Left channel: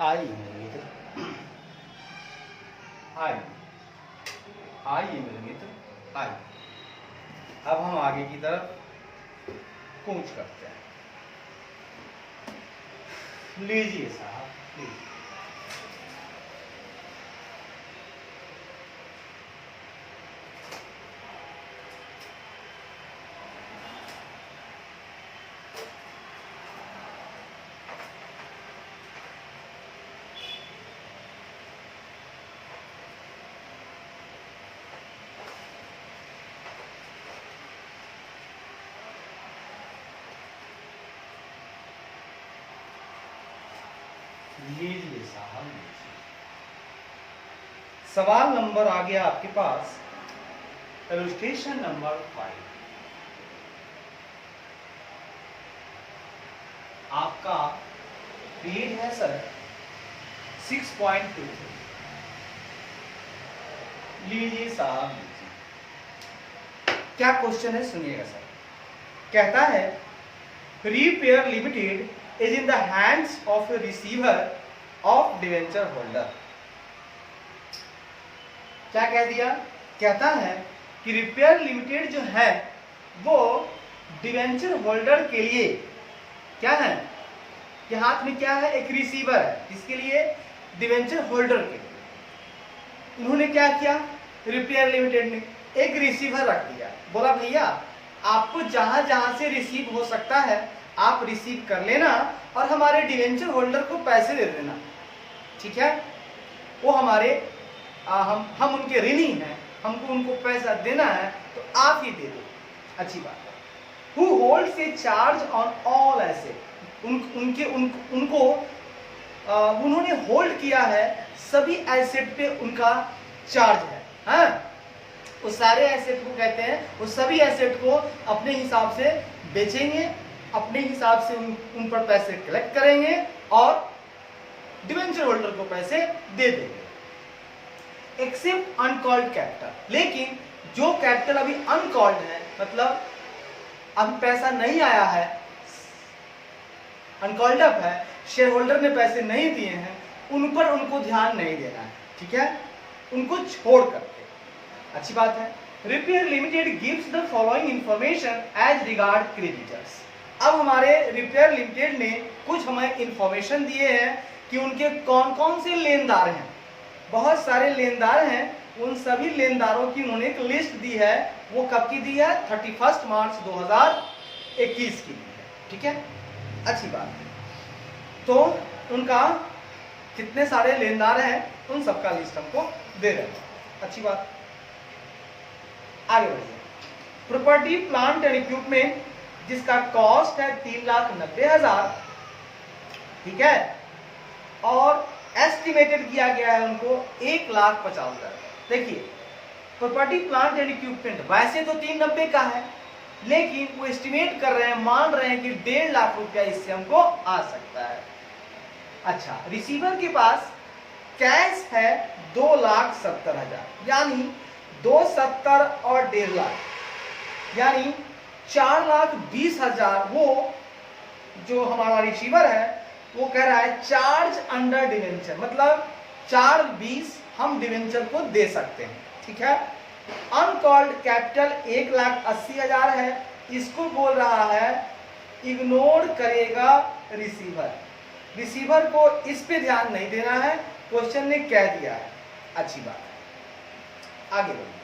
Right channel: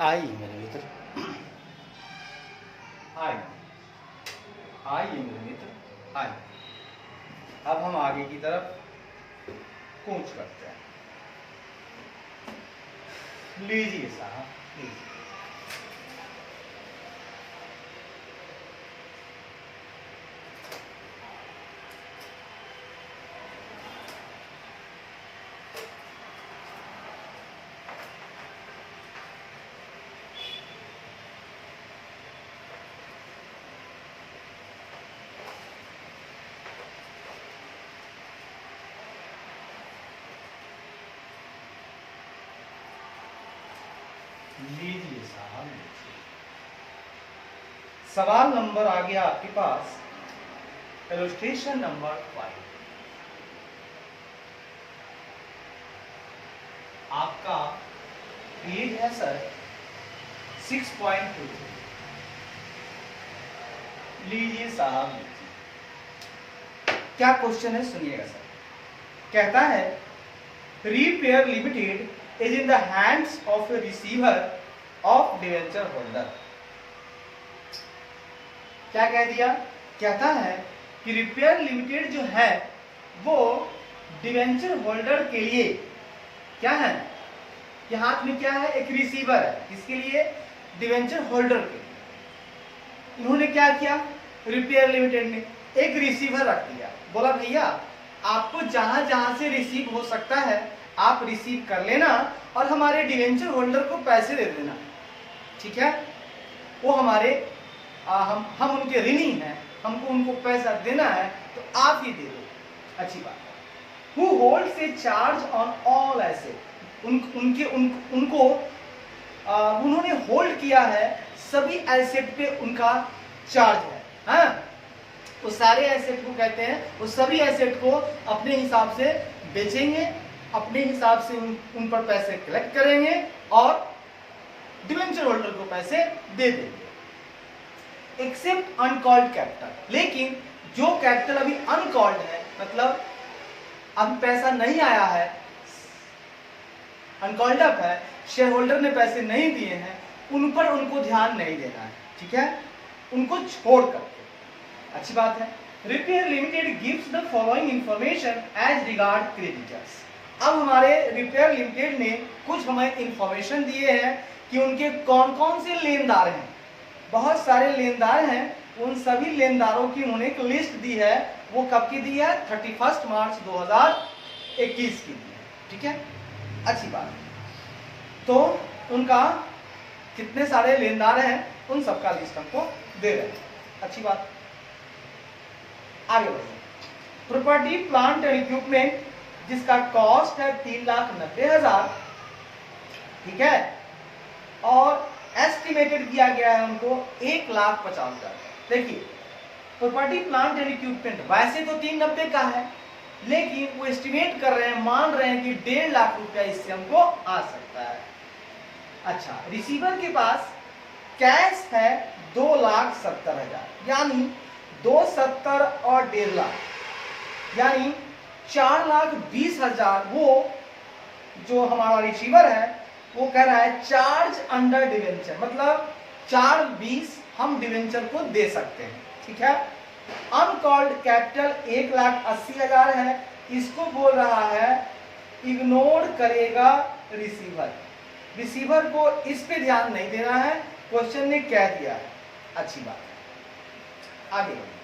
आई मेरे मित्र, आई आइए मेरे मित्र, आई। अब हम आगे की तरफ कूच करते हैं। लीजिए साहब, लीजिए। लीजिए साहब, लीजिए। सवाल नंबर आ गया आपके पास, इलस्ट्रेशन नंबर 5। आपका पेज है सर 6.2। लीजिए साहब, लीजिए। क्या क्वेश्चन है सुनिएगा सर। कहता है repair limited is in the hands of a receiver of debenture holder। क्या कह दिया? कहता है कि रिपेयर लिमिटेड जो है वो डिवेंचर होल्डर के लिए क्या है, कि हाथ में क्या है, एक रिसीवर है। किसके लिए? डिवेंचर होल्डर के लिए। इन्होंने क्या किया, रिपेयर लिमिटेड ने एक रिसीवर रख दिया। बोला भैया आपको जहां जहां से रिसीव हो सकता है आप रिसीव कर लेना और हमारे डिवेंचर होल्डर को पैसे दे देना, ठीक है। वो हमारे हम उनके ऋणी हैं, हमको उनको पैसा देना है तो आप ही दे दो। अच्छी बात है। Who holds A charge on all asset, उनको उन्होंने होल्ड किया है, सभी एसेट पे उनका चार्ज है। हाँ, वो सारे एसेट को कहते हैं, वो सभी एसेट को अपने हिसाब से बेचेंगे, अपने हिसाब से उन पर पैसे कलेक्ट करेंगे और डिवेंचर होल्डर को पैसे दे देंगे। एक्सेप्ट अनकॉल्ड कैपिटल, लेकिन जो कैपिटल अभी अनकॉल्ड है, मतलब अभी पैसा नहीं आया है, अनकॉल्ड अप है, शेयर होल्डर ने पैसे नहीं दिए हैं, उन पर उनको ध्यान नहीं देना है, ठीक है, उनको छोड़ करके। अच्छी बात है। Repair limited gives the following information as regard creditors. अब हमारे रिपेयर लिमिटेड ने कुछ हमें इंफॉर्मेशन दिए हैं कि उनके कौन कौन से लेनदार हैं। बहुत सारे लेनदार हैं, उन सभी लेनदारों की उन्होंने एक लिस्ट दी है। वो कब की दी है? 31 मार्च 2021 की दी है, ठीक है। अच्छी बात है। तो उनका कितने सारे लेनदार हैं उन सबका लिस्ट हमको दे रहे हैं। अच्छी बात। आगे बढ़िए। प्रॉपर्टी प्लांट एंड इक्विपमेंट जिसका कॉस्ट है 3,90,000, ठीक है, और एस्टिमेटेड किया गया है उनको 1,50,000। देखिए प्रॉपर्टी प्लांट एंड इक्विपमेंट वैसे तो 390 का है, लेकिन वो एस्टिमेट कर रहे हैं, मान रहे हैं कि 1.5 लाख रुपया इससे हमको आ सकता है। अच्छा, रिसीवर के पास कैश है 2,70,000, यानी 270 और 1.5 लाख, यानी 4,20,000 वो जो हमारा रिसीवर है वो कह रहा है चार्ज अंडर डिवेंचर, मतलब 4,20 हम डिवेंचर को दे सकते हैं, ठीक है। अनकॉल्ड कैपिटल 1,80,000 है, इसको बोल रहा है इग्नोर करेगा रिसीवर। रिसीवर को इस पे ध्यान नहीं देना है, क्वेश्चन ने कह दिया है। अच्छी बात है। आगे बढ़िए।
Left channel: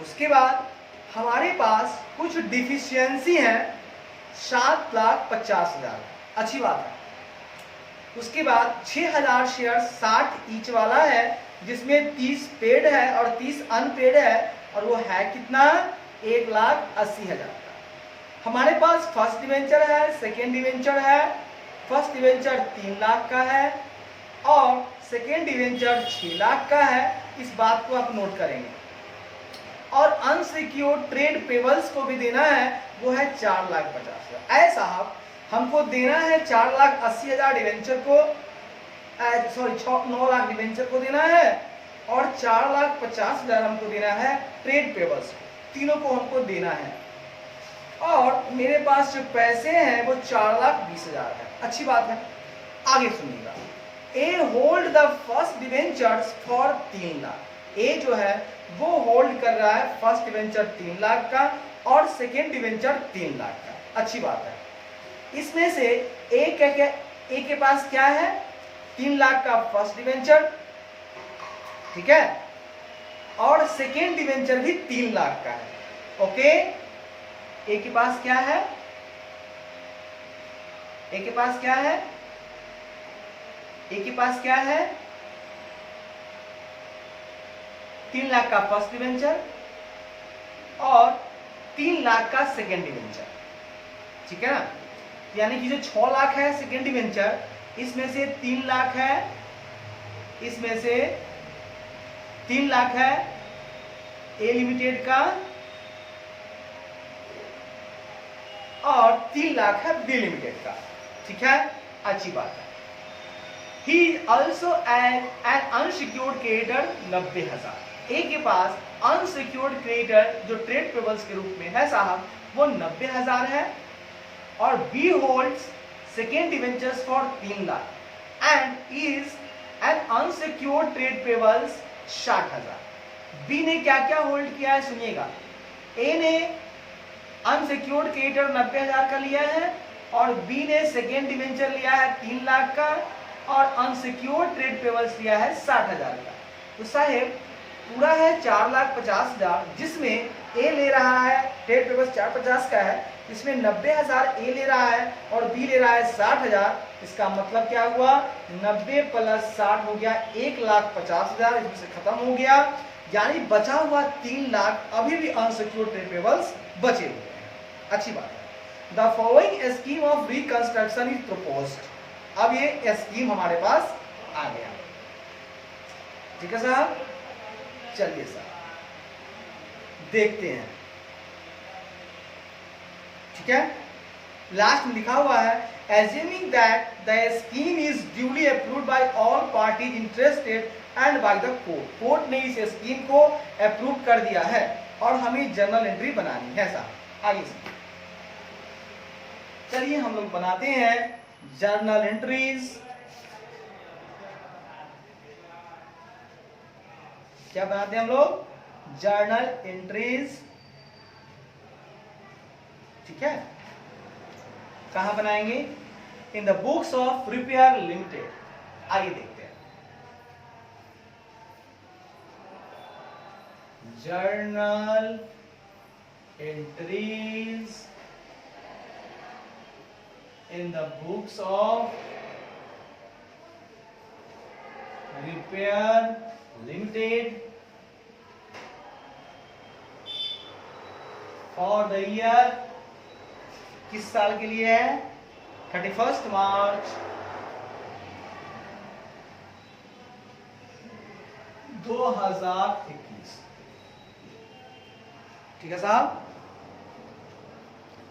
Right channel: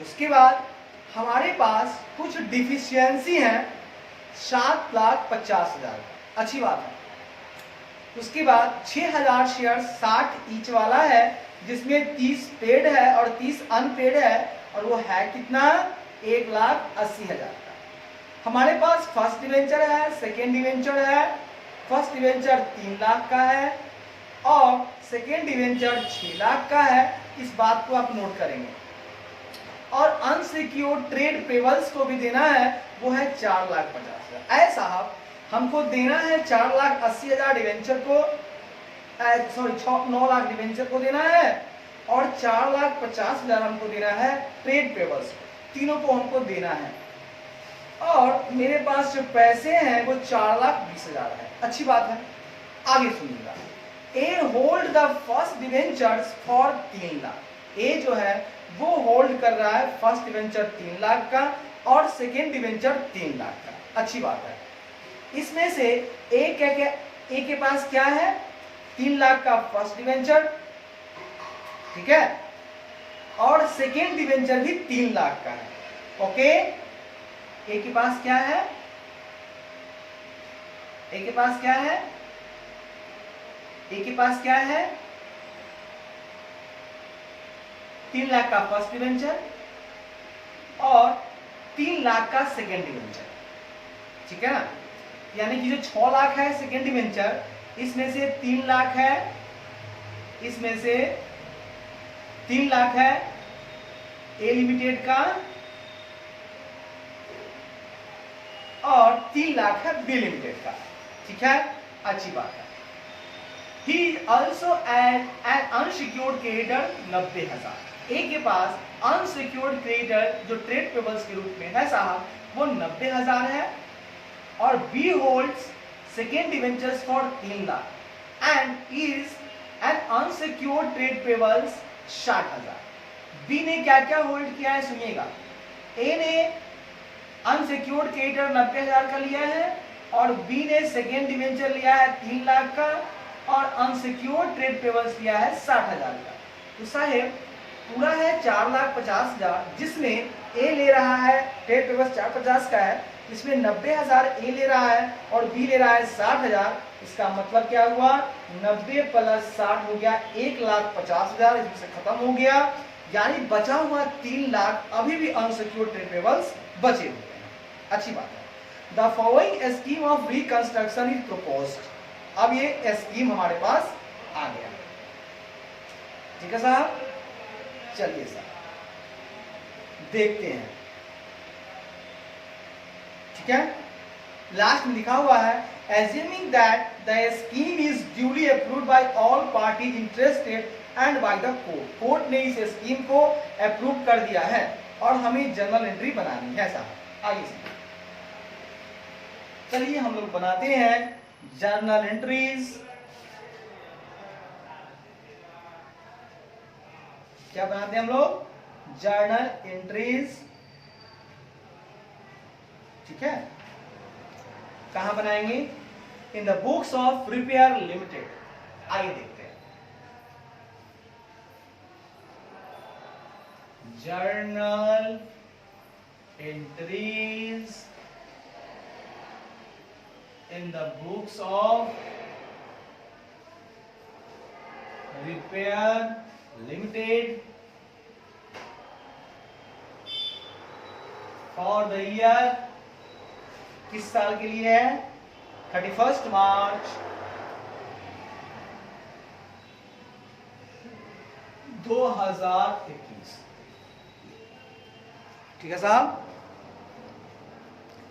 उसके बाद हमारे पास कुछ डिफिशियंसी है 7,50,000। अच्छी बात है। उसके बाद 6,000 शेयर 60 ईच वाला है, जिसमें 30 पेड है और 30 अनपेड है, और वो है कितना? 1,80,000 का। हमारे पास फर्स्ट डिवेंचर है, सेकेंड डिवेंचर है। फर्स्ट डिवेंचर 3 लाख का है और सेकेंड डिवेंचर 6 लाख का है। इस बात को आप नोट करेंगे। और अनसिक्योर्ड ट्रेड पेबल्स को भी देना है, वो है 4,50,000। ऐसा हमको देना है 4,80,000 डिवेंचर को, सॉरी 9 लाख डिवेंचर को देना है, और 4,50,000 हमको देना है ट्रेड पेबल्स को। तीनों को हमको देना है। और मेरे पास जो पैसे हैं वो 4,20,000 है। अच्छी बात है। आगे सुनिएगा, A hold the first debentures for 3 lakh. A जो है वो होल्ड कर रहा है फर्स्ट डिवेंचर 3 लाख का और सेकेंड डिवेंचर 3 लाख का। अच्छी बात है। इसमें से ए के पास क्या है, 3 लाख का फर्स्ट डिवेंचर, ठीक है, और सेकेंड डिवेंचर भी 3 लाख का है। ओके, ए के पास क्या है, ए के पास क्या है, ए के पास क्या है, 3 लाख का फर्स्ट डिवेंचर और 3 लाख का सेकेंड डिवेंचर, ठीक है ना। यानी कि जो 6 लाख है सेकेंड डिवेंचर, इसमें से 3 लाख है, इसमें से 3 लाख है ए लिमिटेड का और 3 लाख है बी लिमिटेड का, ठीक है, अच्छी बात है। He also an unsecured creditor 90,000। A के पास अनसिक्योर्ड क्रेडिटर जो ट्रेड पेबल्स के रूप में है साहब वो 90,000 है और B holds second debentures for 3 lakh and is an unsecured trade payables 60,000। B ने क्या क्या होल्ड किया है सुनिएगा, ए ने अनसिक्योर्ड क्रेडिटर 90,000 का लिया है और बी ने सेकेंड डिवेंचर लिया है 3 लाख का और अनसिक्योर्ड ट्रेड पेबल्स लिया है 60,000 का। तो साहेब पूरा है 4,50,000, जिसमें ए ले रहा है ट्रेड पेबल्स 450 का है, इसमें 90,000 ए ले रहा है और बी ले रहा है 60,000। इसका मतलब क्या हुआ, 90 प्लस 60 हो गया 1,50,000, इसमें से खत्म हो गया, यानी बचा हुआ 3 लाख अभी भी अनसिक्योर्ड ट्रेड पेबल्स बचे हुए हैं। अच्छी बात है। The following scheme of reconstruction is proposed. अब ये स्कीम हमारे पास आ गया, ठीक है साहब। चलिए साहब देखते हैं, ठीक है। लास्ट में लिखा हुआ है assuming that the scheme is duly approved by all parties interested and by the court। Court ने इस स्कीम को अप्रूव कर दिया है और हमें जर्नल एंट्री बनानी है साहब। आइए चलिए हम लोग बनाते हैं जर्नल एंट्रीज। क्या बनाते हैं हम लोग, जर्नल एंट्रीज, ठीक है। कहां बनाएंगे, इन the books of repair limited. आइए देखते हैं, journal entries in the books of repair limited for the year, किस साल के लिए है, 31 मार्च 2021, ठीक है साहब,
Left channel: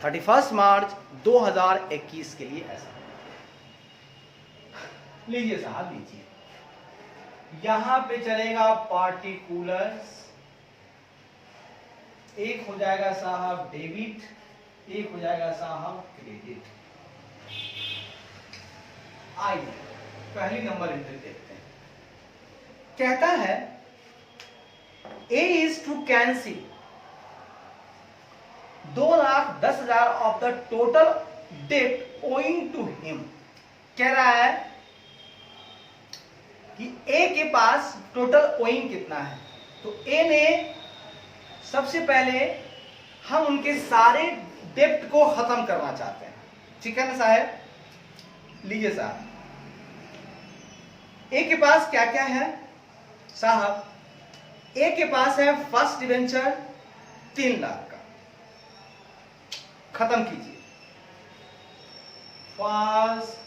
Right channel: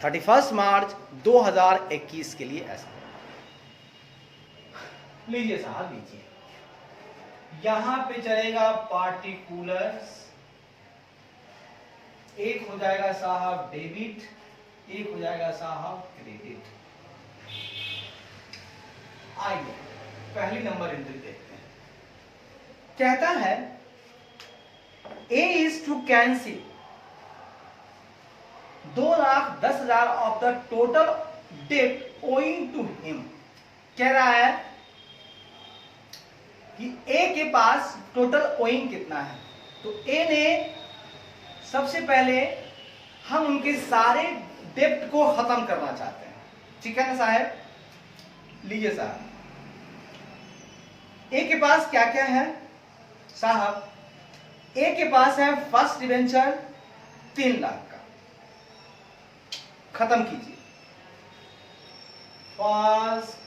31 मार्च 2021 के लिए ऐसा। लीजिए साहब लीजिए, यहां पे चलेगा पार्टिकुलर्स, एक हो जाएगा साहब डेबिट, एक हो जाएगा साहब क्रेडिट। आइए पहली नंबर एंट्री देखते हैं। कहता है A is to cancel 2,10,000 of the total debt owing to him. कह रहा है कि ए के पास टोटल ओइंग कितना है, तो ए ने सबसे पहले हम उनके सारे डेप्ट को खत्म करना चाहते हैं, ठीक है ना साहब। लीजिए साहब, ए के पास क्या क्या है साहब, ए के पास है फर्स्ट डिवेंचर 3 लाख का, खत्म कीजिए, फर्स्ट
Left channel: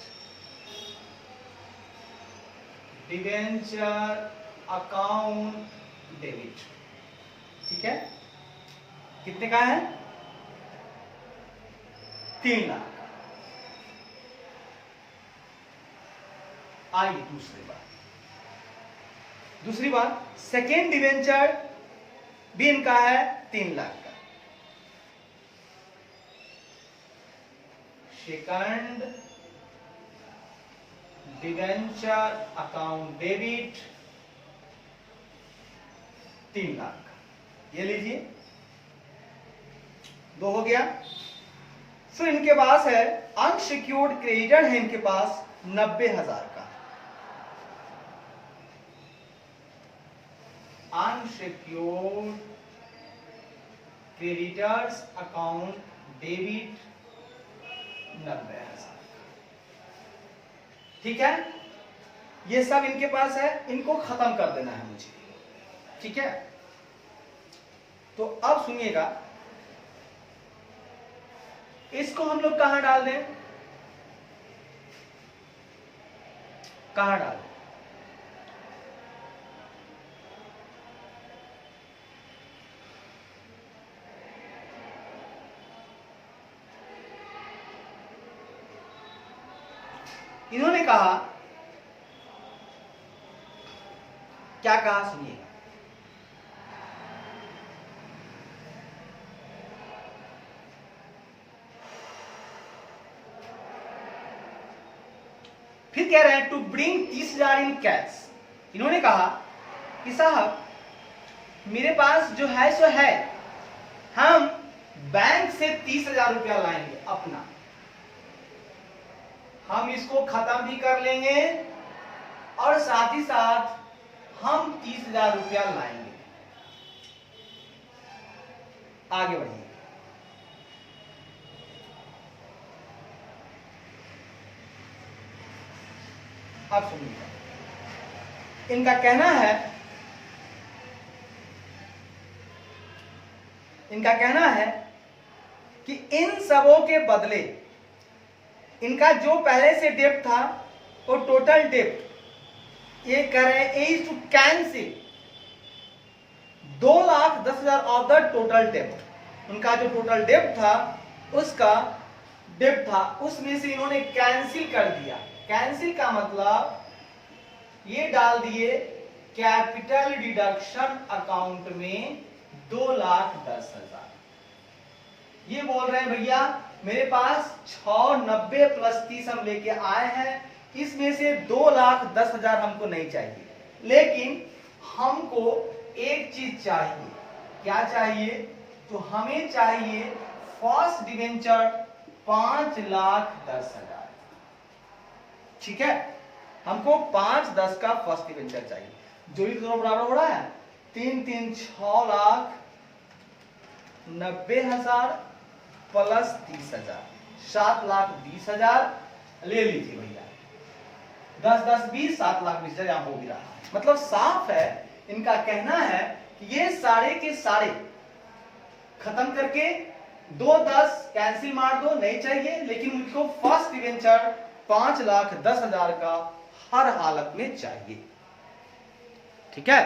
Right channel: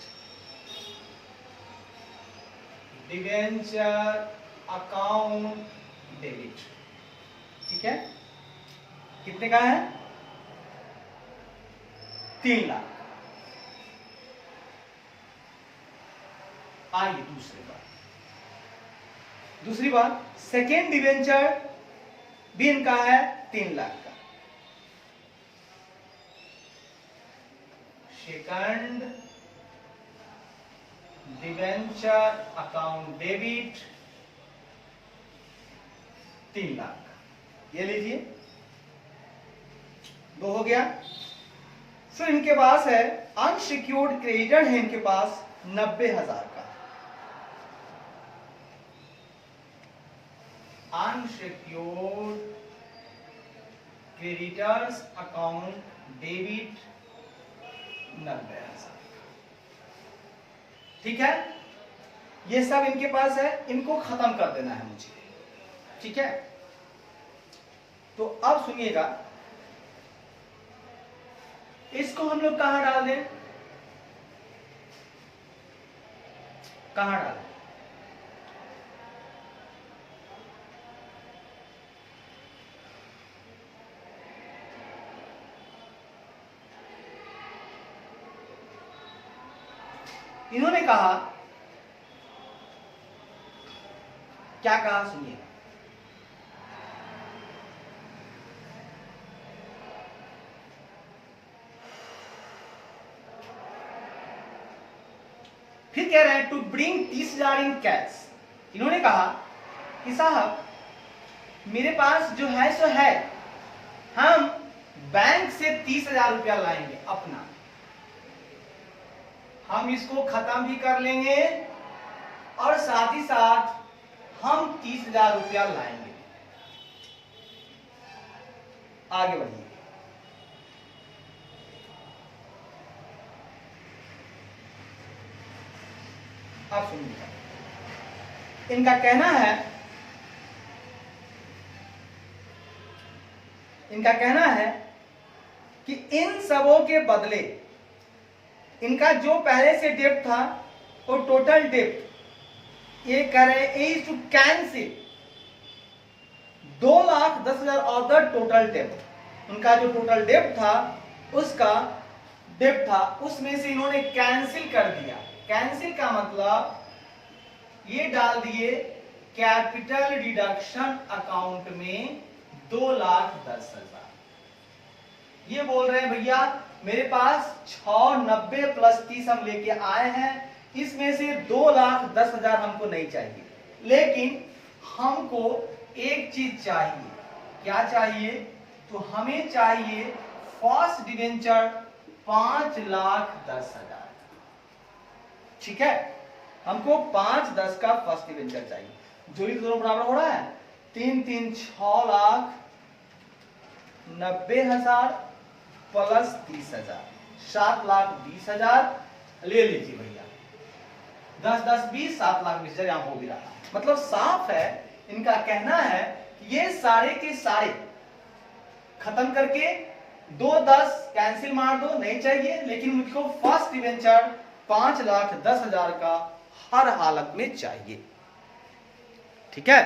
डिवेंचर अकाउंट डेबिट, ठीक है, कितने का है, 3 लाख। आइए दूसरी बात, सेकेंड डिवेंचर भी इनका है 3 लाख का, second debenture account debit 3 lakh का, ये लीजिए 2 हो गया। सो इनके पास है अनसिक्योर्ड क्रेडिटर है इनके पास 90,000 का, अनसिक्योर्ड क्रेडिटर्स अकाउंट डेबिट 90,000। ठीक है, ये सब इनके पास है, इनको खत्म कर देना है मुझे। ठीक है, तो अब सुनिएगा, इसको हम लोग कहां डाल दें, कहां डालें? इन्होंने कहा, क्या कहा सुनिए, फिर कह रहे हैं टू ब्रिंग 30,000 इन कैश। इन्होंने कहा कि साहब मेरे पास जो है सो है, हम बैंक से 30,000 रुपया लाएंगे अपना, हम इसको खत्म भी कर लेंगे और साथ ही साथ हम 30,000 रुपया लाएंगे। आगे बढ़िए, अब सुनिए, इनका कहना है कि इन सबों के बदले इनका जो पहले से डेप्ट था वो टोटल डेप्ट, ये कह रहे हैं is to cancel 2,10,000 of the total डेप्ट। उनका जो टोटल डेप्ट था उसमें से इन्होंने कैंसिल कर दिया। कैंसिल का मतलब ये डाल दिए कैपिटल डिडक्शन अकाउंट में 2,10,000। ये बोल रहे हैं भैया मेरे पास 690 प्लस 30 हम लेके आए हैं, इसमें से 2,10,000 हमको नहीं चाहिए, लेकिन हमको एक चीज चाहिए। क्या चाहिए? तो हमें चाहिए फर्स्ट डिवेंचर 5,10,000। ठीक है, हमको 5,10 का फर्स्ट डिवेंचर चाहिए। जो ही दोनों बराबर हो रहा है 3,3 6,90,000 प्लस 30,000 7,20,000 ले लीजिए भैया। 10-10-20 7,20,000 यहां हो भी रहा है। मतलब साफ है, इनका कहना है ये सारे के सारे खत्म करके 2-10 कैंसिल मार दो, नहीं चाहिए, लेकिन उनको फर्स्ट डिवेंचर 5,10,000 का हर हालत में चाहिए। ठीक है,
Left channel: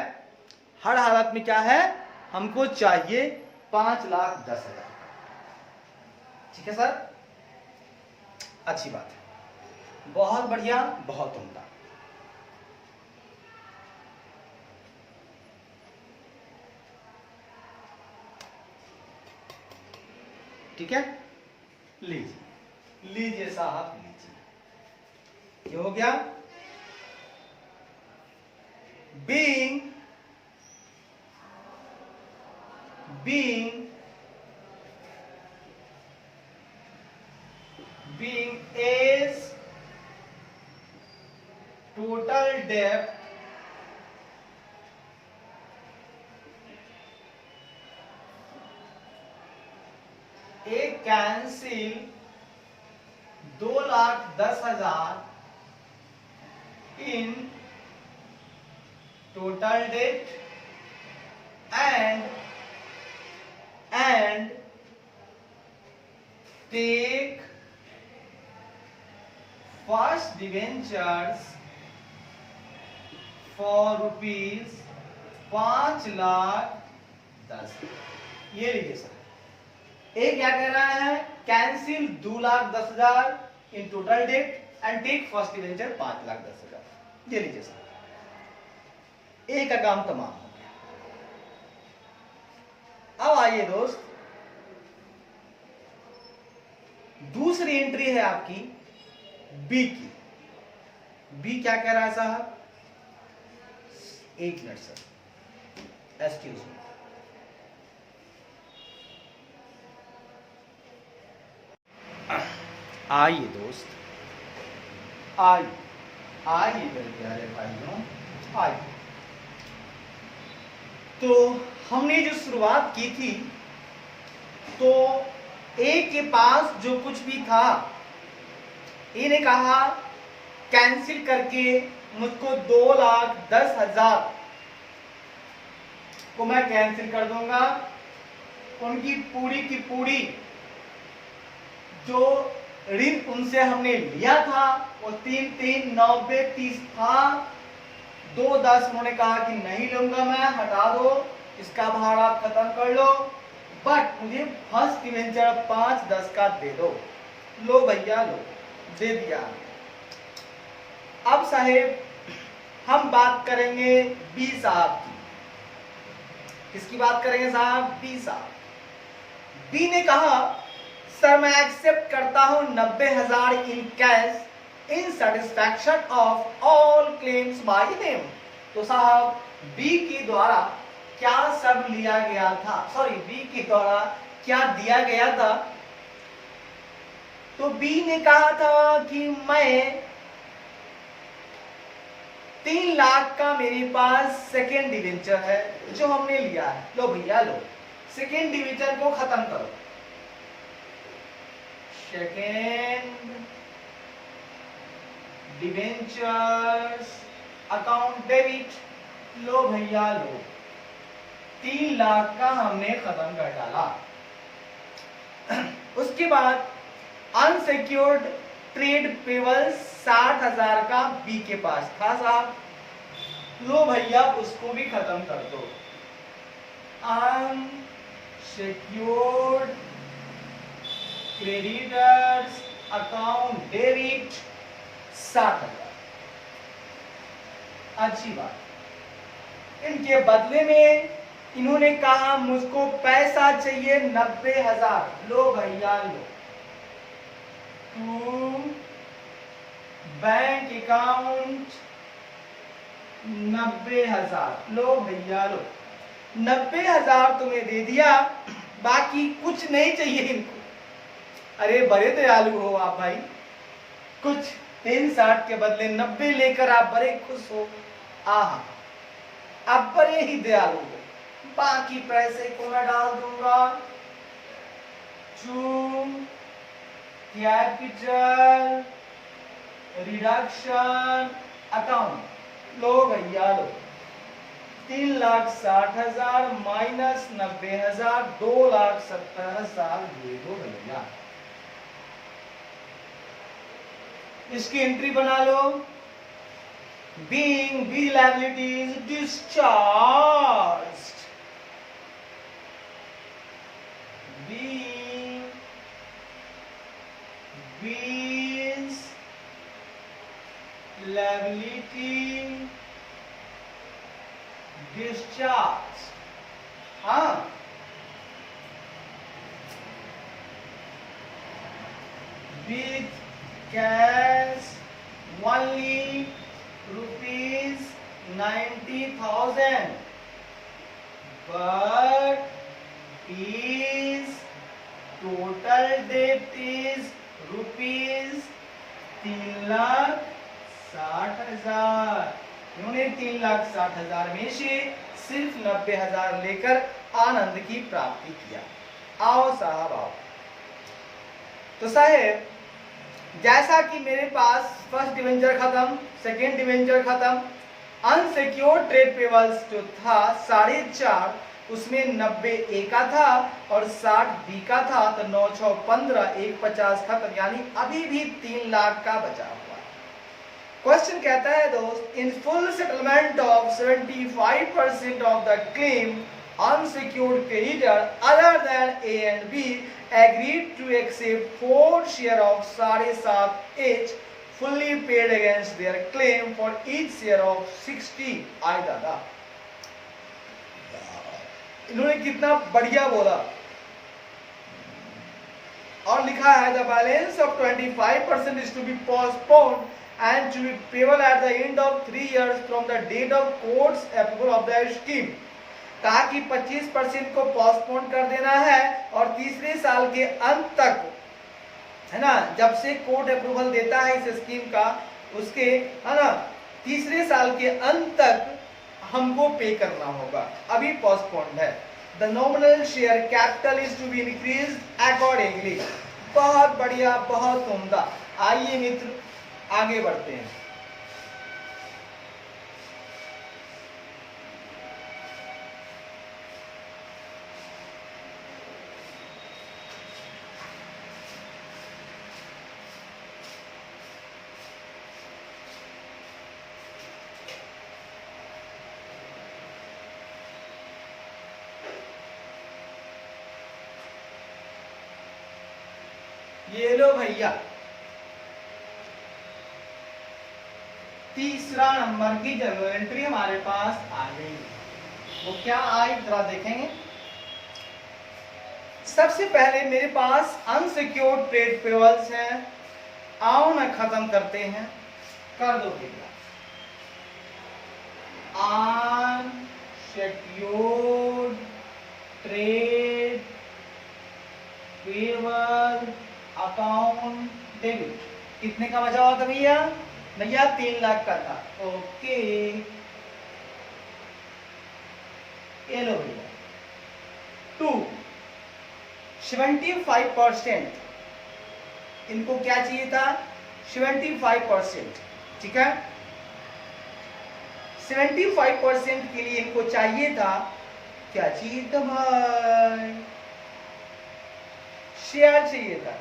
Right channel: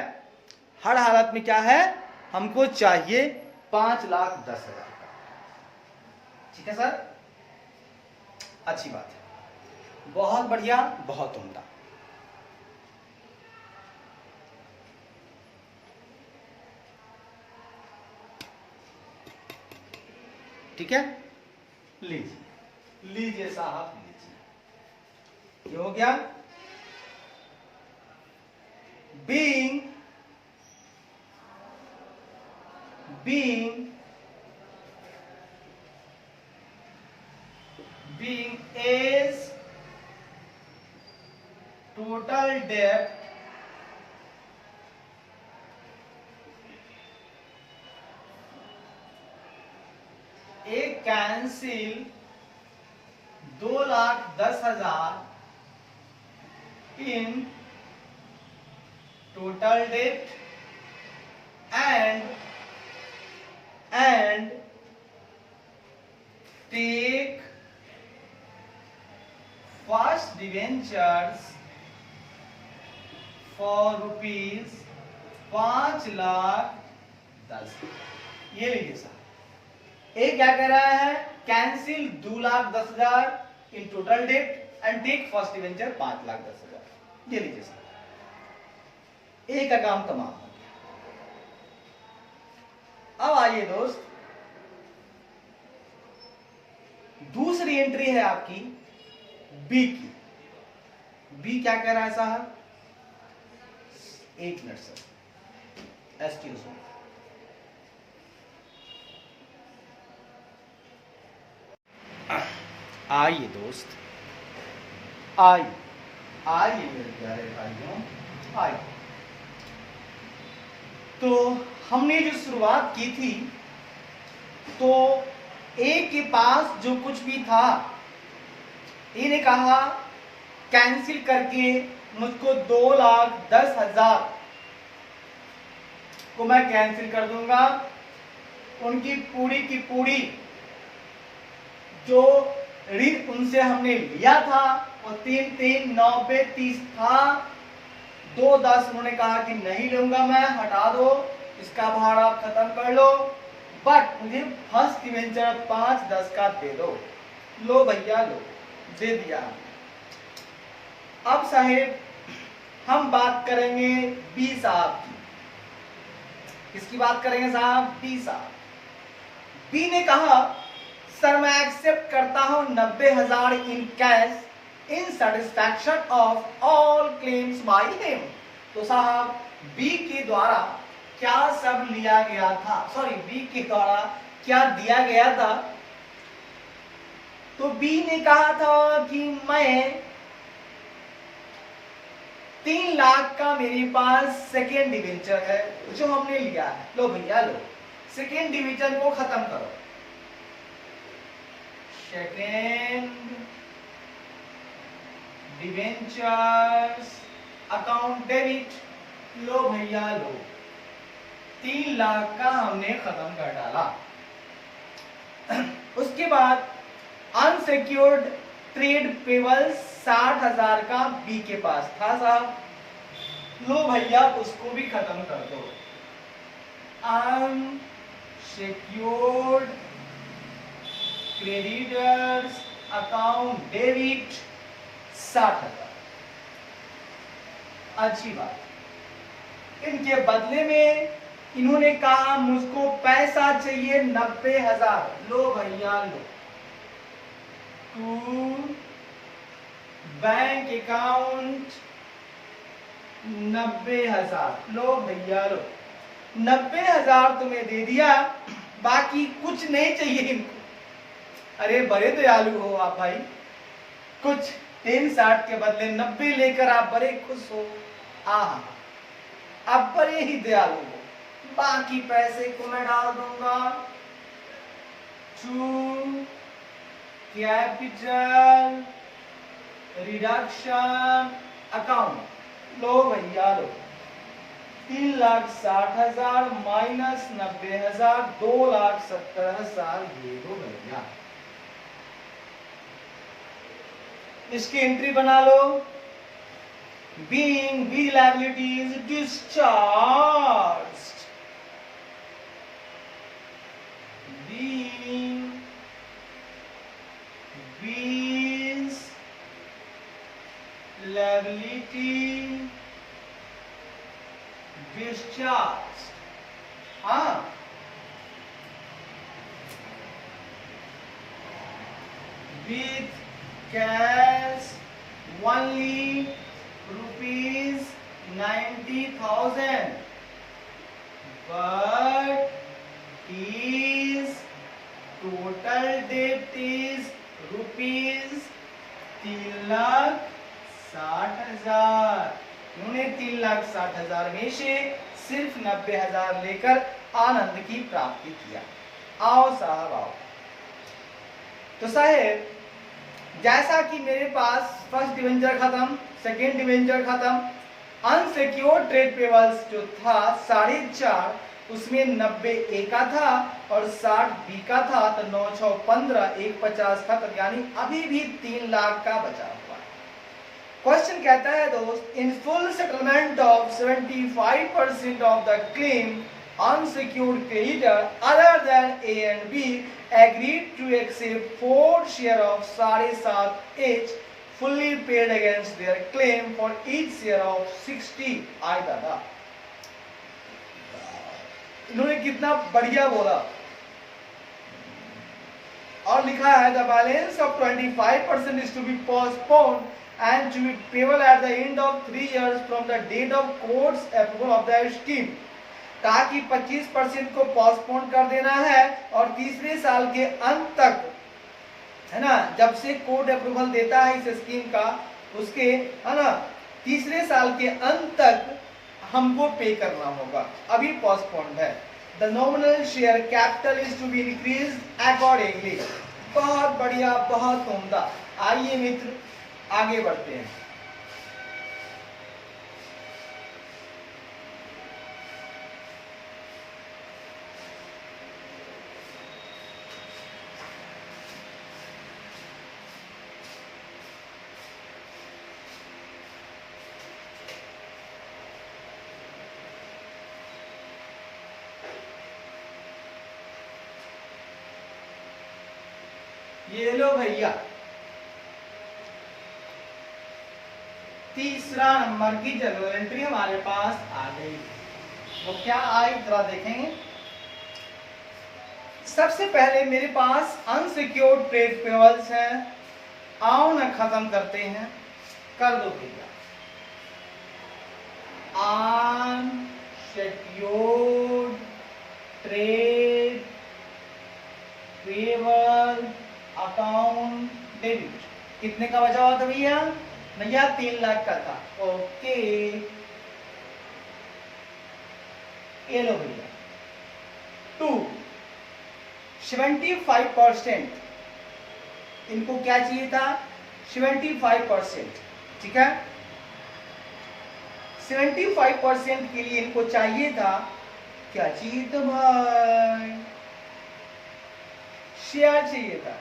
हर हालत में क्या है, हमको चाहिए 5,10,000 का। ठीक है सर, अच्छी बात है, बहुत बढ़िया, बहुत उम्दा। ठीक है, लीजिए साहब लीजिए। ये हो गया being is total debt a cancel 2,10,000 in total debt and take first debentures for rupees 5,10,000। ये लीजिए सर, ये क्या कह रहा है, cancel 2,10,000 in total debt and take first debenture 5,10,000। ये लीजिए सर, एक का काम तमाम हो गया। अब आइए दोस्त, दूसरी एंट्री है आपकी बी की। बी क्या कह रहा है साहब? 1 मिनट सर, एक्सक्यूज मी। आइए दोस्त, आइए आइए मेरे प्यारे भाइयों, आइए। तो हमने जो शुरुआत की थी, तो ए के पास जो कुछ भी था, ए ने कहा कैंसिल करके मुझको 2,10,000 को मैं कैंसिल कर दूंगा। उनकी पूरी की पूरी जो ऋण उनसे हमने लिया था वो 3 90 30 था। 2,10 उन्होंने कहा कि नहीं लूंगा मैं, हटा दो, इसका भाड़ा खत्म कर लो, बट मुझे फर्स्ट डिवेंचर 5-10 का दे दो। लो भैया लो, दे दिया। अब साहेब हम बात करेंगे बी साहब की। किसकी बात करेंगे साहब? बी साहब। बी ने कहा सर मैं एक्सेप्ट करता हूं 90,000 in cash in satisfaction of all claims by him. तो साहब बी के द्वारा क्या सब लिया गया था, सॉरी बी के द्वारा क्या दिया गया था? तो बी ने कहा था कि मैं 3 लाख का मेरे पास सेकेंड डिवेंचर है जो हमने लिया है। लो भैया लो, सेकेंड डिवेंचर को खत्म करो। सेकेंड डिवेंचर्स अकाउंट डेबिट, लो भैया लो, 3 लाख का हमने खत्म कर डाला। उसके बाद अनसिक्योर्ड ट्रेड पेबल 60,000 का बी के पास था साहब, लो भैया उसको भी खत्म कर दो। Unsecured creditors account debit 60,000। अच्छी बात। इनके बदले में इन्होंने कहा मुझको पैसा चाहिए 90,000, लो भैया लो, टू बैंक अकाउंट 90,000, लो भैया लो, 90,000 तुम्हें दे दिया, बाकी कुछ नहीं चाहिए इनको। अरे बड़े दयालु हो आप भाई, कुछ 360 के बदले 90 लेकर आप बड़े खुश हो। आहा, आप बड़े ही दयालु हो। बाकी पैसे को मैं डाल दूंगा टू कैपिटल रिडक्शन अकाउंट, लो भैया लो, 3,60,000 माइनस 90,000, 2,70,000 दे दो भैया। इसकी एंट्री बना लो। Being B liabilities discharged, being B's liability discharged, हाँ with cash only rupees 90,000, but his total debt is rupees 3,60,000। इन्होंने 3,60,000 में से सिर्फ 90,000 लेकर आनंद की प्राप्ति किया। आओ साहब आओ। तो साहेब जैसा कि मेरे पास फर्स्ट डिवेंचर खत्म, सेकेंड डिवेंचर खत्म, अनसिक्योर्ड ट्रेड पेबल्स जो था 4.5, उसमें 90 ए का था और 60 बी का था, तो 9,615, 150 खत्म, यानी अभी भी 3 लाख का बचा हुआ। क्वेश्चन कहता है दोस्त, in full settlement of 75% of the claim unsecured creditor other than A and B agreed to accept 4 share of 7.5 each fully paid against their claim for each share of 60। आई दादा, इन्होंने कितना बढ़िया बोला और लिखा है the balance of 25% is to be postponed and to be payable at the end of 3 years from the date of court's approval of the scheme। कहा कि 25% को पोस्टपोन कर देना है और तीसरे साल के अंत तक, है ना, जब से कोर्ट अप्रूवल देता है इस स्कीम का, उसके, है ना, तीसरे साल के अंत तक हमको पे करना होगा। अभी पोस्टपोन्ड है। The nominal share capital is to be increased accordingly. बहुत बढ़िया, बहुत उम्दा। आइए मित्र आगे बढ़ते हैं। ये लो भैया, तीसरा नंबर की जर्नल एंट्री हमारे पास आ गई। वो क्या आई जरा देखेंगे। सबसे पहले मेरे पास अनसिक्योर्ड ट्रेड पेबल्स हैं। आओ ना खत्म करते हैं, कर दो भैया। Unsecured trade payable account debit कितने का बचा हुआ था भैया? भैया 3 लाख का था। ओके, ये लो भैया। 75%, इनको क्या चाहिए था? 75%, ठीक है। 75% के लिए इनको चाहिए था, क्या चाहिए था भाई? शेयर चाहिए था।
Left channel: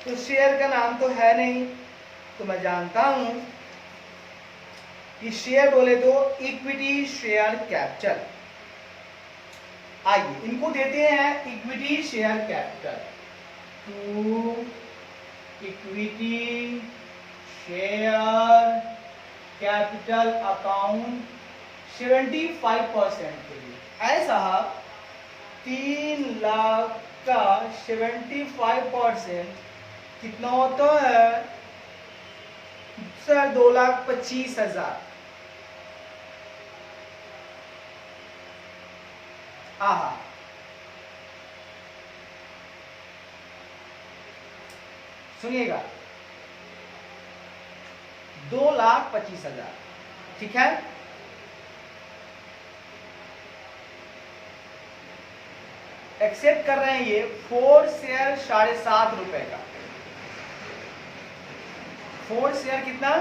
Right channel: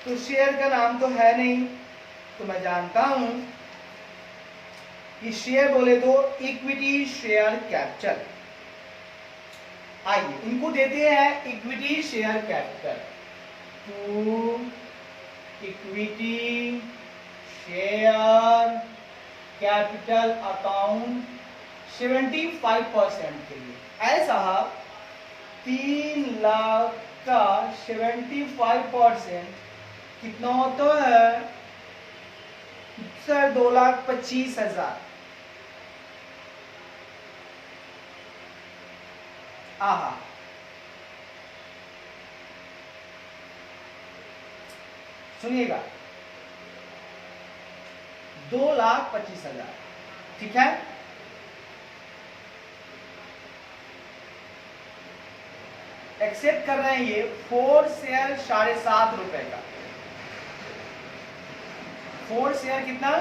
तो शेयर का नाम तो है नहीं, तो मैं जानता हूं कि शेयर बोले तो इक्विटी शेयर कैपिटल। आइए इनको देते हैं equity share capital. To equity share capital account 75% के लिए। ऐसा 3 लाख का 75% कितना होता है सर? 2,25,000। आहा, सुनिएगा, 2,25,000, ठीक है। एक्सेप्ट कर रहे हैं ये 4 शेयर 7.5 रुपए का। 4 शेयर कितना?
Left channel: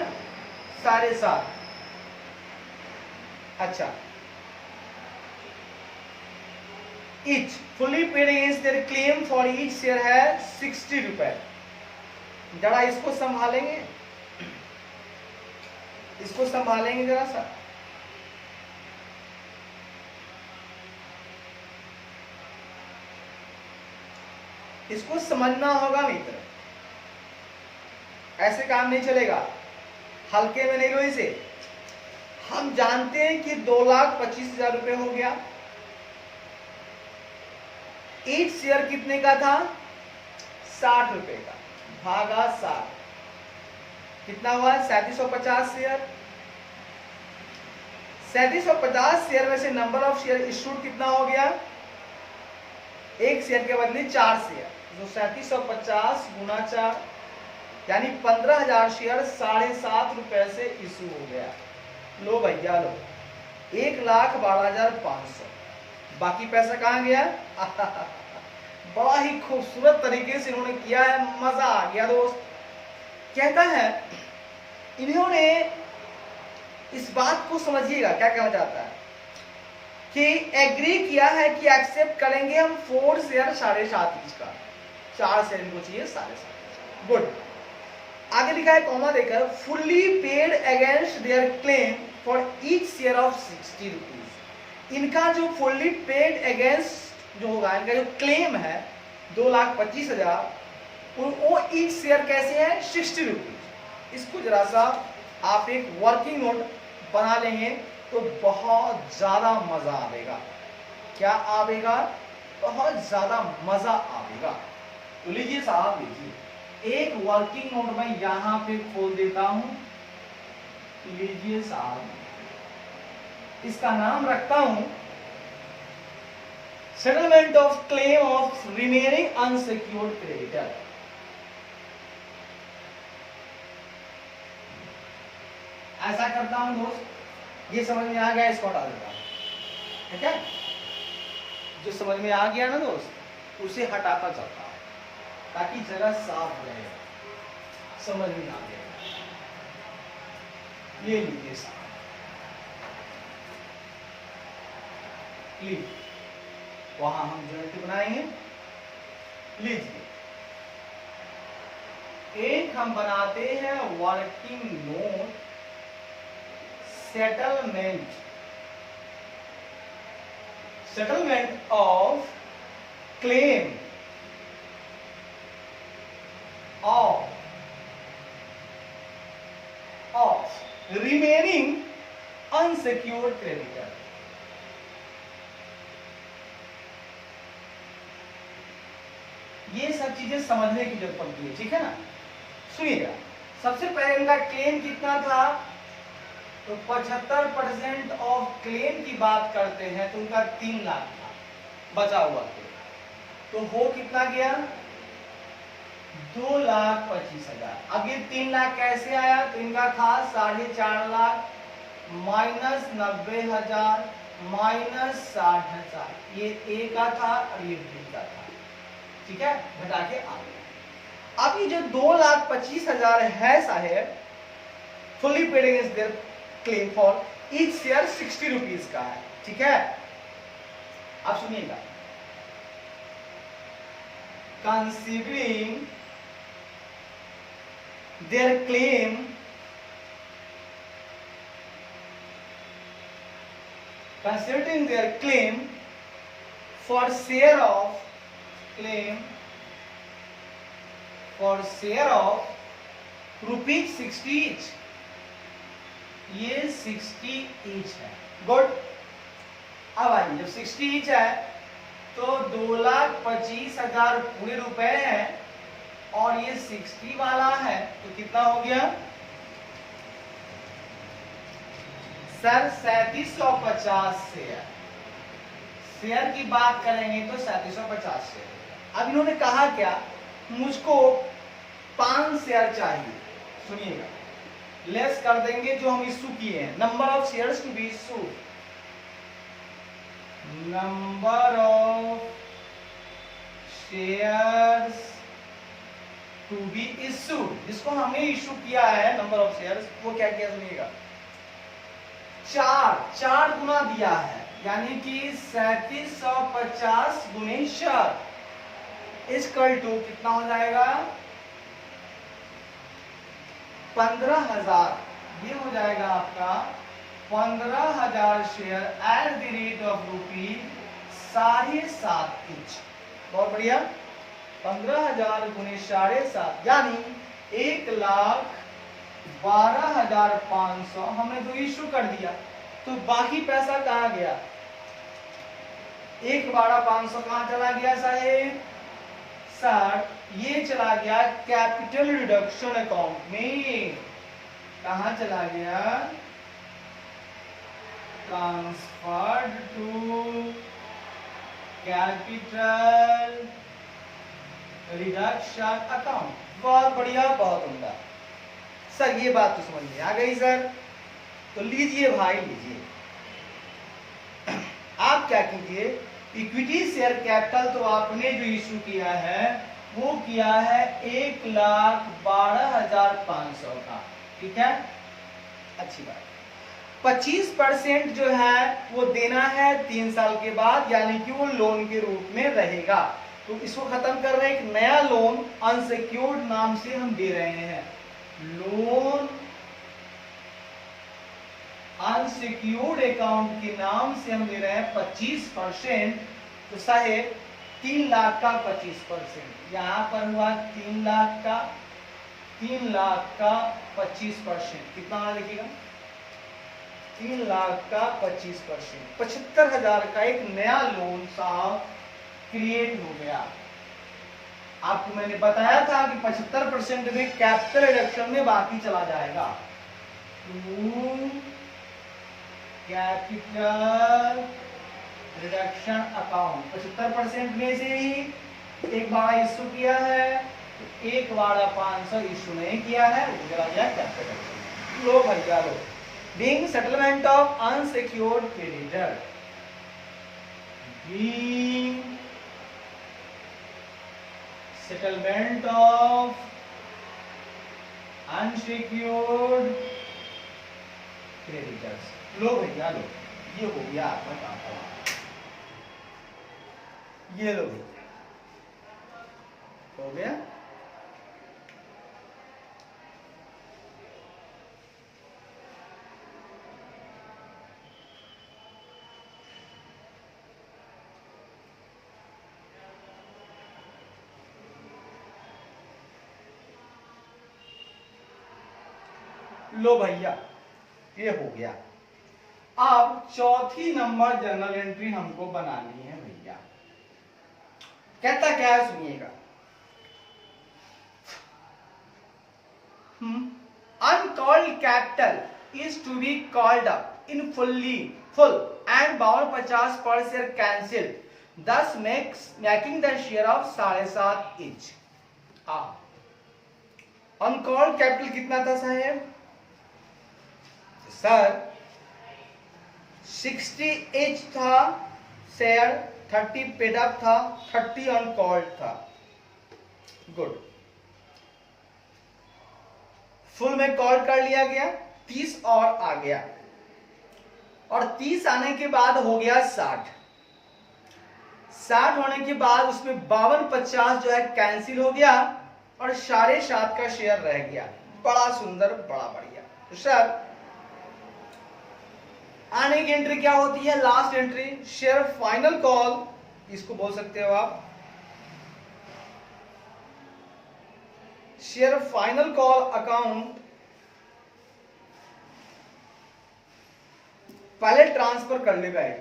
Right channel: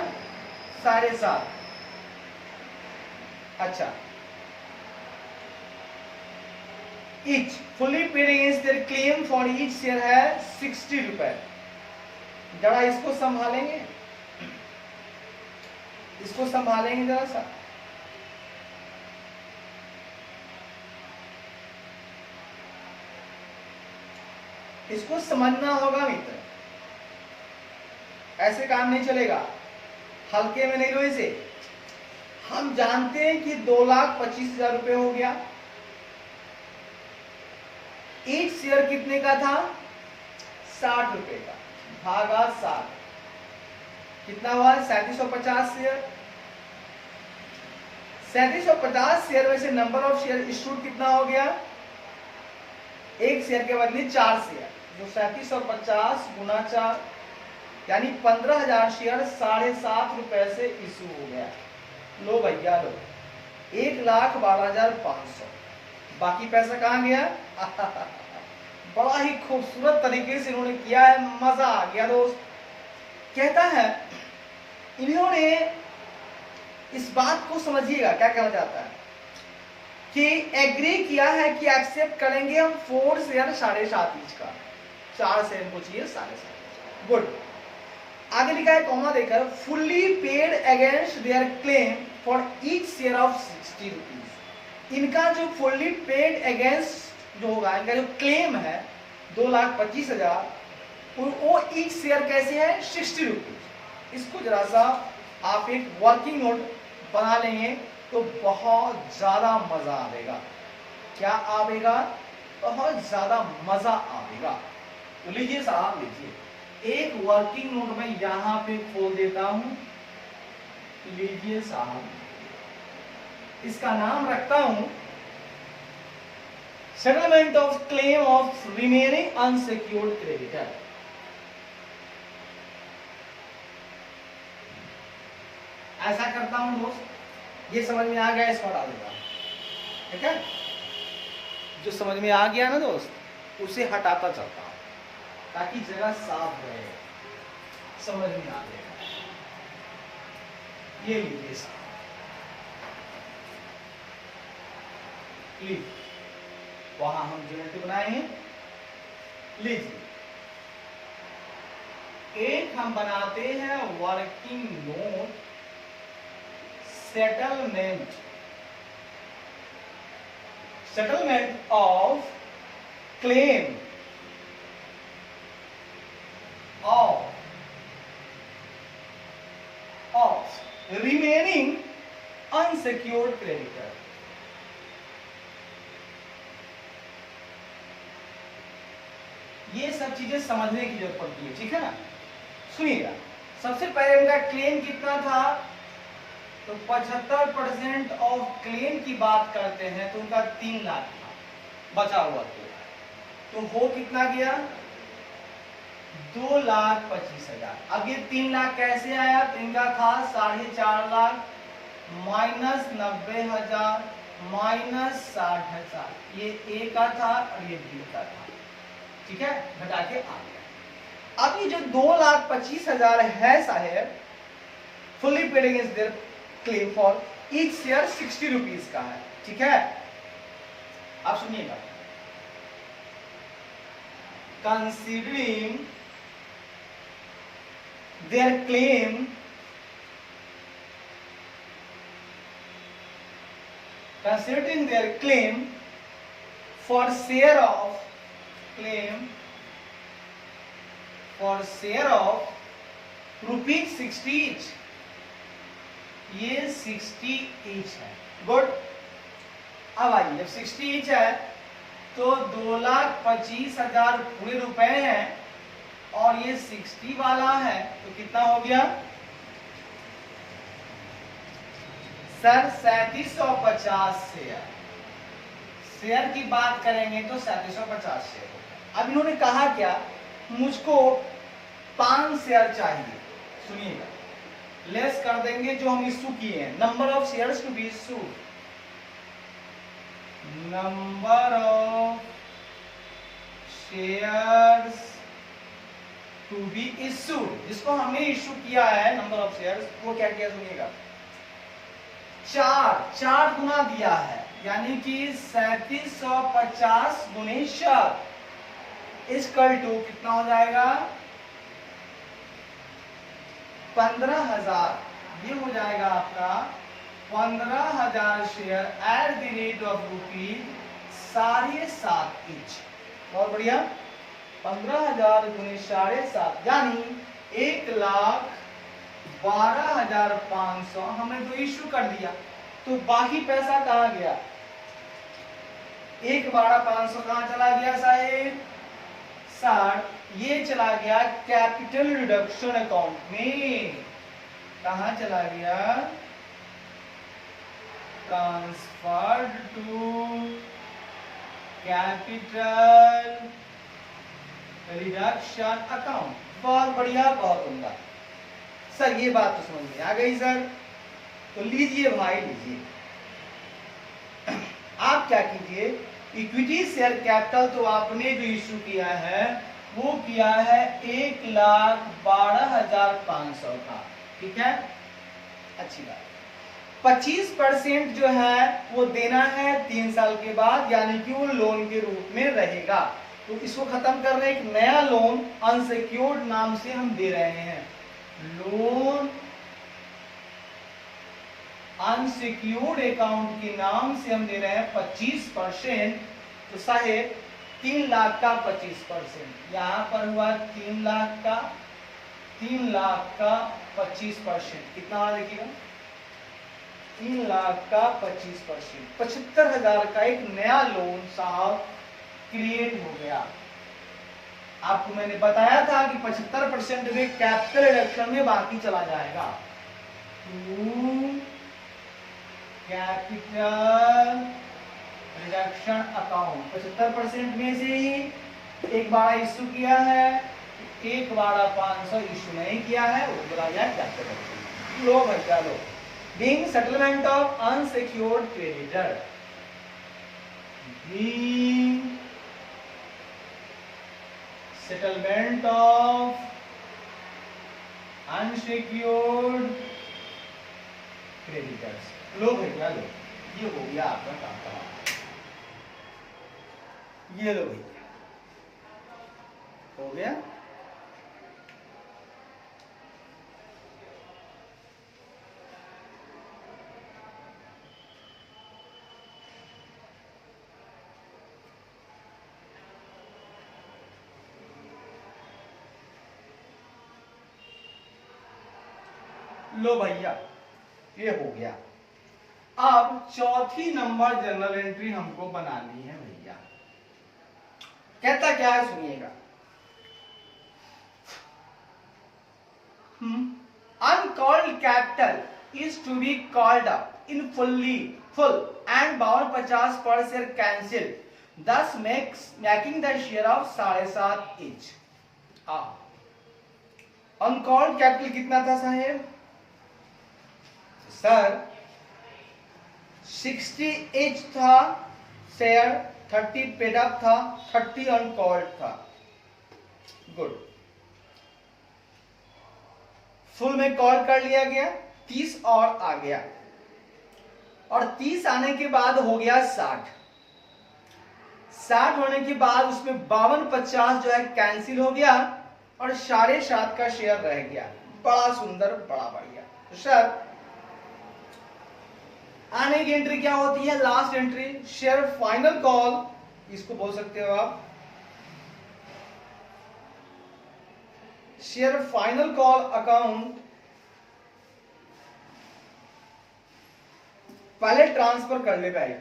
7.5। अच्छा, each fully paid against their claim for each share है 60 रुपए। जरा इसको संभालेंगे, इसको संभालेंगे जरा सा। इसको समझना होगा मित्र, ऐसे काम नहीं चलेगा, हल्के में नहीं लो इसे। हम जानते हैं कि 2,25,000 रुपए हो गया। एक शेयर कितने का था? 60 रुपए का, भागा 60 कितना हुआ? 3750 शेयर। 3750 शेयर में से नंबर ऑफ शेयर इशूड कितना हो गया? एक शेयर के बदले 4 शेयर, जो 3750 गुना 4 यानी 15,000 शेयर 7.5 रुपए से इशू हो गया। लो भैया लो, 1,12,500। बाकी पैसा कहाँ गया? बड़ा ही खूबसूरत तरीके से उन्होंने किया है, मजा आ गया दोस्त। कहता है इन्होंने, इस बात को समझिएगा क्या कहना चाहता है, कि एग्री किया है कि एक्सेप्ट करेंगे हम 4 शेयर 7.5 इंच का। 4 शेयर इनको चाहिए 7.5। गुड। आगे लिखा है कॉमा देकर, fully paid against their claim for each share of 60 rupees. इनका जो फुल्ली पेड अगेंस्ट जो होगा, इनका जो क्लेम है 2,25,000, वो ईच शेयर कैसे है? 60 रुपीज। इसको जरा सा आप एक वर्किंग नोट बना लेंगे तो बहुत ज्यादा मजा आएगा। क्या आएगा? बहुत ज्यादा मजा आएगा। तो लीजिए साहब, लीजिए एक वर्किंग नोट मैं यहां पे खोल देता हूं, लीजिए साहब, इसका नाम रखता हूं settlement of claim of remaining unsecured creditor. ऐसा करता हूं दोस्त, ये समझ में आ गया, इसको हटा देता हूं, ठीक है। जो समझ में आ गया ना दोस्त, उसे हटाता चलता हूं ताकि जगह साफ रहे, समझ में आ गया। ये लीजिए साहब, वहां हम यूनिटी बनाएंगे। लीजिए, एक हम बनाते हैं working note settlement of claim of remaining unsecured creditor. ये सब चीजें समझने की जरूरत पड़ती है, ठीक है ना। सुनिएगा, सबसे पहले उनका क्लेम कितना था, तो 75% ऑफ क्लेम की बात करते हैं तो उनका 3 लाख था बचा हुआ, तो हो कितना गया, 2,25,000। अब ये 3 लाख कैसे आया, तो इनका था 4.5 लाख माइनस 90,000 माइनस 60,000, ये ए का था और ये बी का था, ठीक है, घटा के आ गया। अब ये जो 2,25,000 है साहेब, fully paid against their claim for each share 60 rupees का है, ठीक है। आप सुनिएगा, considering their claim for share of rupees 60 each, ये 60 ईच है, गुड। अब आइए, जब 60 ईच है तो 2,25,000 पूरे रुपए हैं और ये 60 वाला है, तो कितना हो गया सर, 3750 शेयर की बात करेंगे तो 3750 शेयर। अब इन्होंने कहा क्या, मुझको 5 शेयर चाहिए। सुनिएगा, लेस कर देंगे जो हम इशू किए हैं, number of shares to be issued, number of shares to be issued, जिसको हमने इशू किया है नंबर ऑफ शेयर्स, वो क्या किया सुनिएगा, 4 गुना दिया है, यानी कि 3750 गुने 4 इक्वल टू कितना हो जाएगा 15,000। ये हो जाएगा आपका 15,000 share at the rate of ₹7.5 each. बहुत बढ़िया, 15,000 गुने 7.5 यानी 1,12,500 हमने तो इशू कर दिया, तो बाकी पैसा कहाँ गया, 1,12,500 कहाँ चला गया साहेब, 60, ये चला गया कैपिटल रिडक्शन अकाउंट में। कहाँ चला गया, transferred to capital reduction account. बहुत बढ़िया, बहुत उम्दा सर, ये बात तो समझ में आ गई सर। तो लीजिए भाई, लीजिए, आप क्या कीजिए, इक्विटी शेयर कैपिटल तो आपने जो इशू किया है वो किया है 1,12,500 का, ठीक है, अच्छी बात। 25% जो है वो देना है 3 साल के बाद, यानी कि वो लोन के रूप में रहेगा। तो इसको खत्म कर रहे हैं, एक नया लोन अनसिक्योर्ड नाम से हम दे रहे हैं, लोन अनसिक्योर्ड अकाउंट के नाम से हम दे रहे हैं 25%। तो साहेब 3 लाख का 25%, यहां पर हुआ 3 लाख का 25%, कितना हुआ देखिएगा, 3 लाख का 25%, 75,000 का एक नया लोन साहब क्रिएट हो गया। आपको मैंने बताया था कि 75% में कैपिटल रिडक्शन में बाकी चला जाएगा टू कैपिटल रिडक्शन अकाउंट। 75% में से ही एक बार इश्यू किया है, एक बार 500 इश्यू नहीं किया है, वो चला जाए कैपिटल रिडक्शन। लो भैया लो, being settlement of unsecured creditor, being settlement of unsecured creditors. लो भैया लो, ये हो गया आपका काम, ये लो भैया हो गया। लो भैया ये हो गया। अब चौथी नंबर जर्नल एंट्री हमको बनानी है भैया। कहता क्या है सुनिएगा, uncalled capital is to be called up in full and 5250 share cancel, thus making the share of 7.5 each। Uncalled capital कितना था साहब? सर 60 एच था शेयर, 30 पेड अप था, 30 अनकॉल्ड था। गुड, फुल में कॉल कर लिया गया, 30 और आ गया, और 30 आने के बाद हो गया 60। 60 होने के बाद उसमें 5250 जो है कैंसिल हो गया और 7.5 का शेयर रह गया। बड़ा सुंदर, बड़ा बढ़िया। तो सर आने की एंट्री क्या होती है? Last entry share final call, इसको बोल सकते हो आप शेयर फाइनल कॉल अकाउंट। पहले ट्रांसफर कर ले भाई,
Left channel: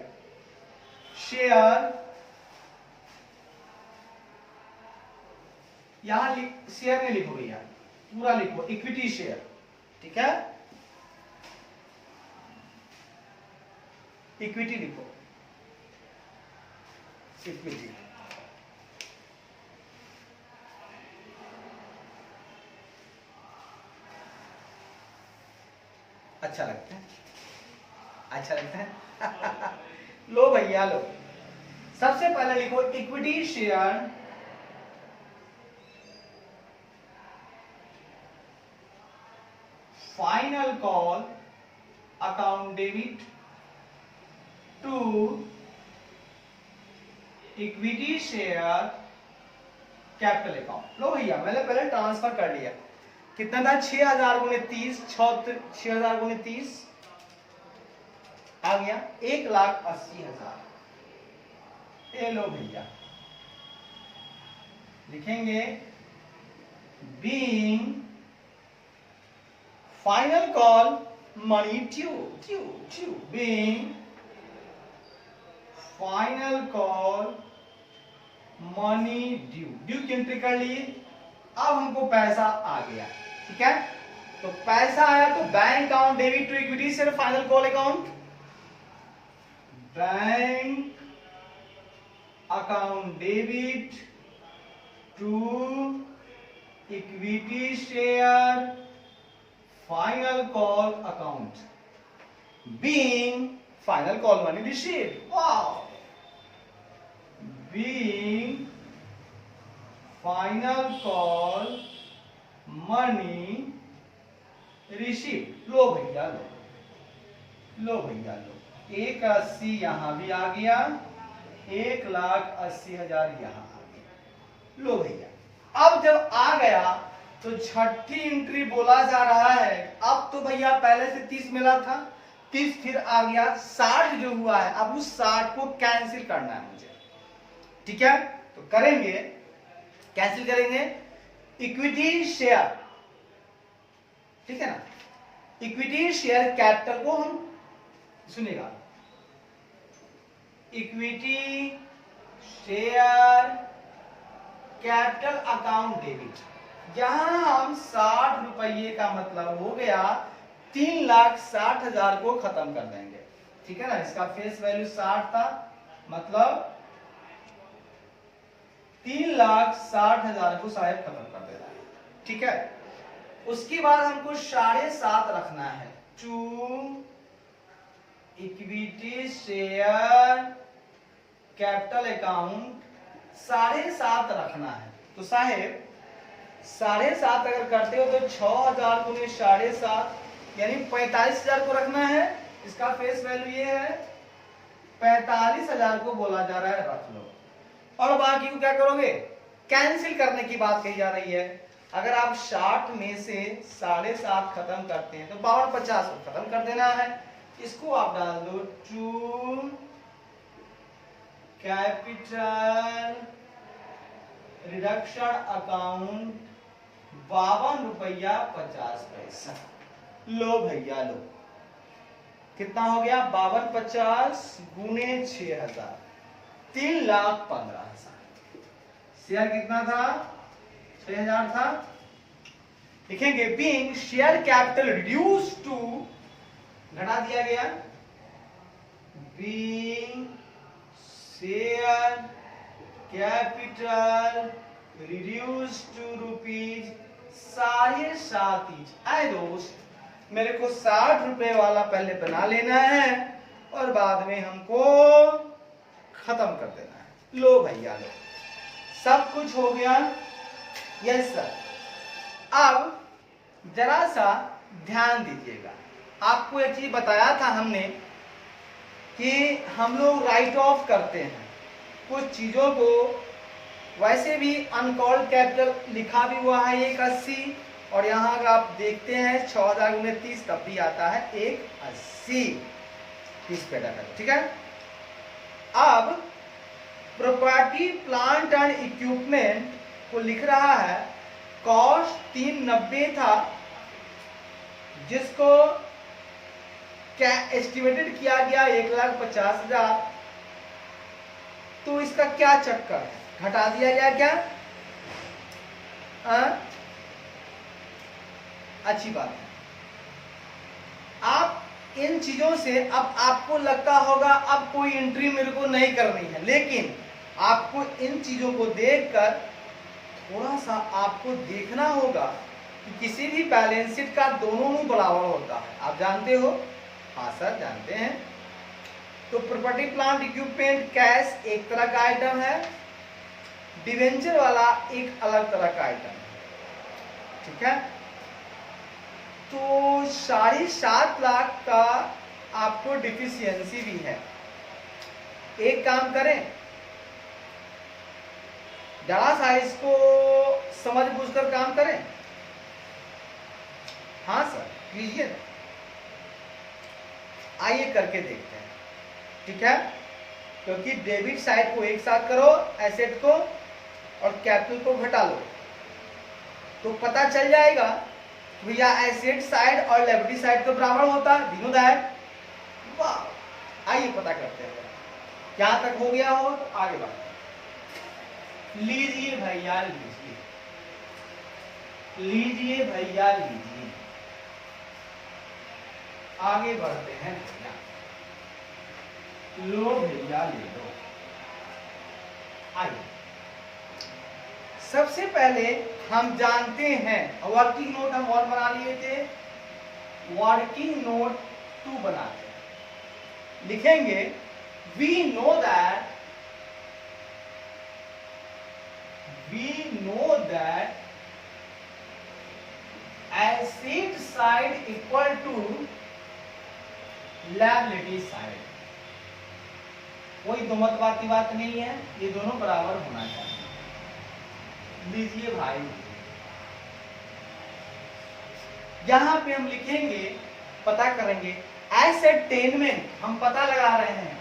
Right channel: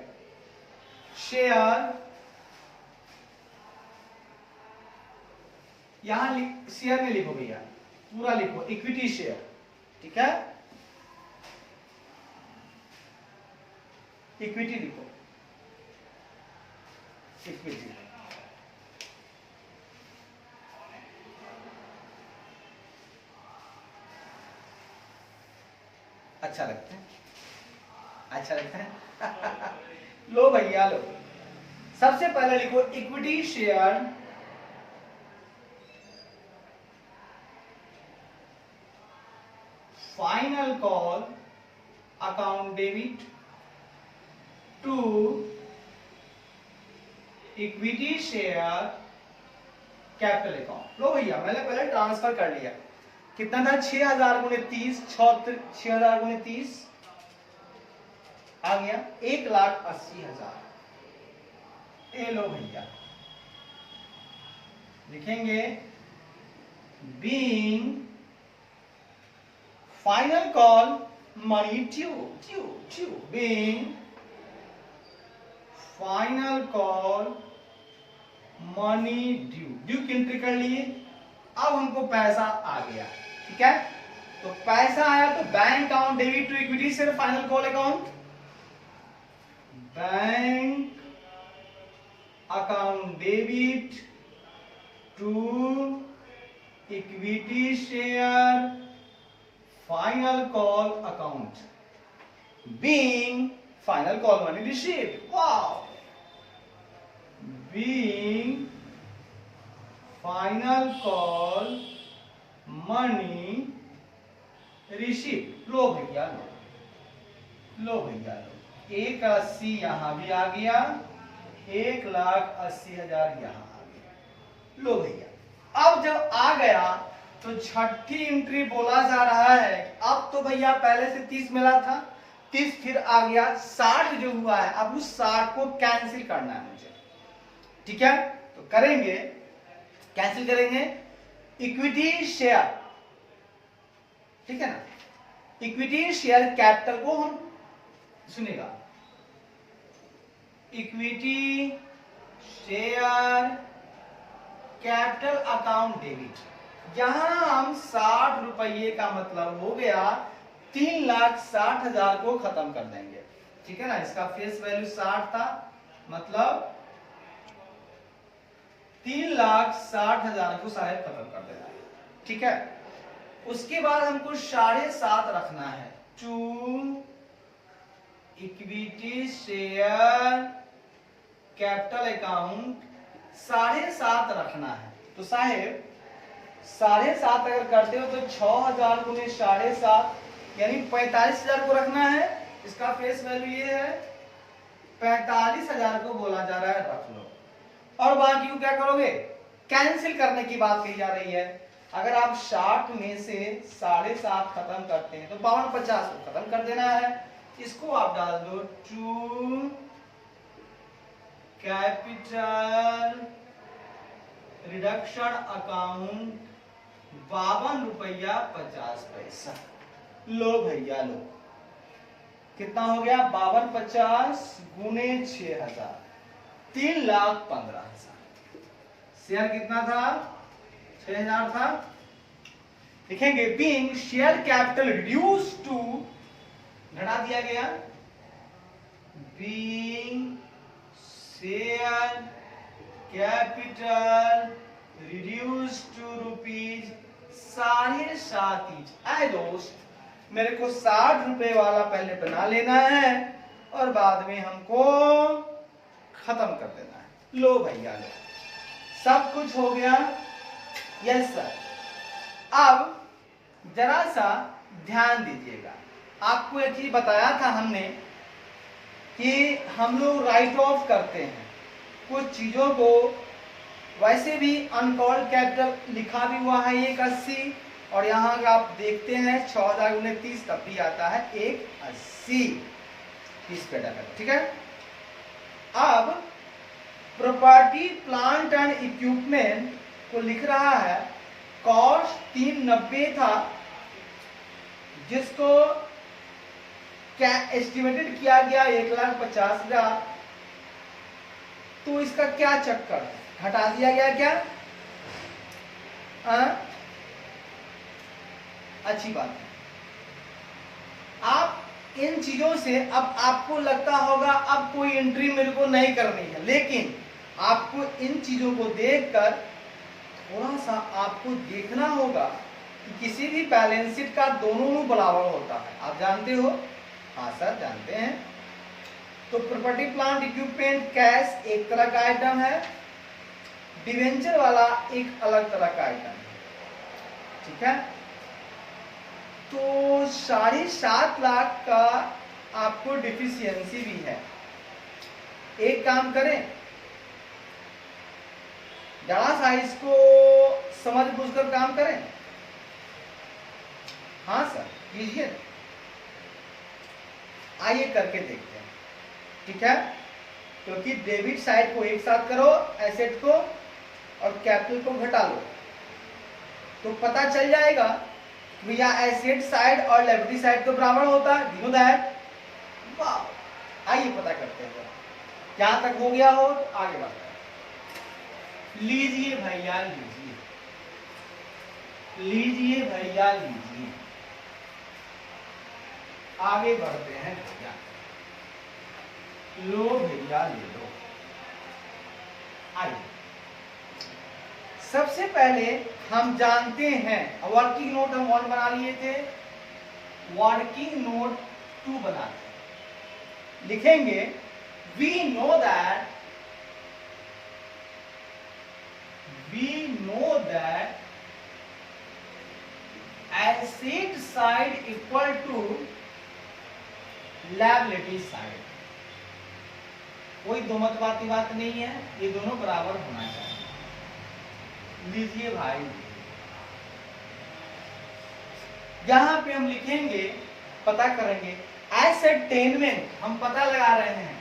शेयर यहां शेयर में लिखो भैया, पूरा लिखो इक्विटी शेयर, ठीक है, इक्विटी लिखो, इक्विटी। अच्छा लगता है, अच्छा लगता है। लो भैया लो, सबसे पहले लिखो equity share final call account debit to equity share capital account. लो भैया मैंने पहले ट्रांसफर कर लिया, कितना था? 6000 गुणे 30, 6000 गुणे 30 आ गया 1,80,000। ए लो भैया लिखेंगे being final call money due, being final call money due की एंट्री कर लिए। अब हमको पैसा आ गया, ठीक है, तो पैसा आया तो bank account debit to equity share final call account, bank account debit to equity share final call account, being final call money received. Wow, being final call money received. लो भैया लो, लो भैया लो, 1,80 यहां भी आ गया, 1,80,000 यहां आ गया। लो भैया अब जब आ गया तो छठी एंट्री बोला जा रहा है। अब तो भैया पहले से 30 मिला था, 30 फिर आ गया, 60 जो हुआ है, अब उस 60 को कैंसिल करना है मुझे, ठीक है, तो करेंगे, कैंसिल करेंगे इक्विटी शेयर, ठीक है ना, इक्विटी शेयर कैपिटल को हम सुनेगा, equity share capital account debit. यहां हम 60 रुपये का मतलब हो गया 3,60,000 को खत्म कर देंगे, ठीक है ना। इसका फेस वैल्यू 60 था, मतलब 3,60,000 को शायद खत्म कर देना है, ठीक है। उसके बाद हमको 7.5 रखना है, to equity share capital account 7.5 रखना है। तो साहेब 7.5 अगर करते हो तो 6,000 गुने 7.5 यानी 45,000 को रखना है। इसका फेस वैल्यू ये है, 45,000 को बोला जा रहा है रख लो। और बाकी को क्या करोगे, कैंसिल करने की बात कही जा रही है। अगर आप 60 में से 7.5 खत्म करते हैं तो 52,50 को खत्म कर देना है। इसको आप डाल दो, टू कैपिटल रिडक्शन अकाउंट 52 रुपया 50 पैसा। लो भैया लो, कितना हो गया, 5250 गुने 6,000, 3,15,000। शेयर कितना था, 6,000 था। लिखेंगे being share capital reduce to, घटा दिया गया, being share capital reduce to rupees 7.5 each. आए दोस्त, मेरे को 60 रुपए वाला पहले बना लेना है और बाद में हमको खत्म कर देना है। लो भैया लो, सब कुछ हो गया। Yes sir. अब जरा सा ध्यान दीजिएगा, आपको एक चीज बताया था हमने कि हम लोग राइट ऑफ करते हैं कुछ चीजों को। वैसे भी अनकॉल्ड कैपिटल लिखा भी हुआ है 180, और यहां का आप देखते हैं 6,000 गुने 30 तब भी आता है 180, 30 पे डाला, ठीक है। अब प्रॉपर्टी प्लांट एंड इक्विपमेंट को लिख रहा है, कॉस्ट 390 था जिसको क्या एस्टिमेटेड किया गया 1,50,000। तो इसका क्या चक्कर है, घटा दिया गया क्या? अच्छी बात है। आप इन चीजों से अब आपको लगता होगा अब कोई एंट्री मेरे को नहीं करनी है, लेकिन आपको इन चीजों को देखकर थोड़ा सा आपको देखना होगा कि किसी भी बैलेंस शीट का दोनों बराबर होता है। आप जानते हो? हाँ सर जानते हैं। तो प्रॉपर्टी प्लांट इक्विपमेंट कैश एक तरह का आइटम है, डिवेंचर वाला एक अलग तरह का आइटम है, ठीक है। तो 7.5 लाख का आपको डिफिशियंसी भी है। एक काम करें, जरा सा इसको समझ बूझकर काम करें। हाँ सर कीजिए, आइए करके देखते हैं, ठीक है। क्योंकि डेबिट साइड को एक साथ करो, एसेट को और कैपिटल को घटा लो तो पता चल जाएगा भैया एसेट साइड और लायबिलिटी साइड तो बराबर होता है, दिनों दायक। वाह, आइए पता करते हैं। यहां तक हो गया हो तो आगे बढ़ते हैं। लीजिए भैया लीजिए, लीजिए भैया लीजिए, आगे बढ़ते हैं भैया। लो भैया ले लो। आइए, सबसे पहले हम जानते हैं, वर्किंग नोट हम 1 बना लिए थे, वर्किंग नोट 2 बनाते हैं। लिखेंगे we know that asset side equal to liability side. कोई दो मत बात नहीं है, ये दोनों बराबर होना चाहिए। लीजिए भाई, यहां पे हम लिखेंगे, पता करेंगे एसेटेनमेंट, हम पता लगा रहे हैं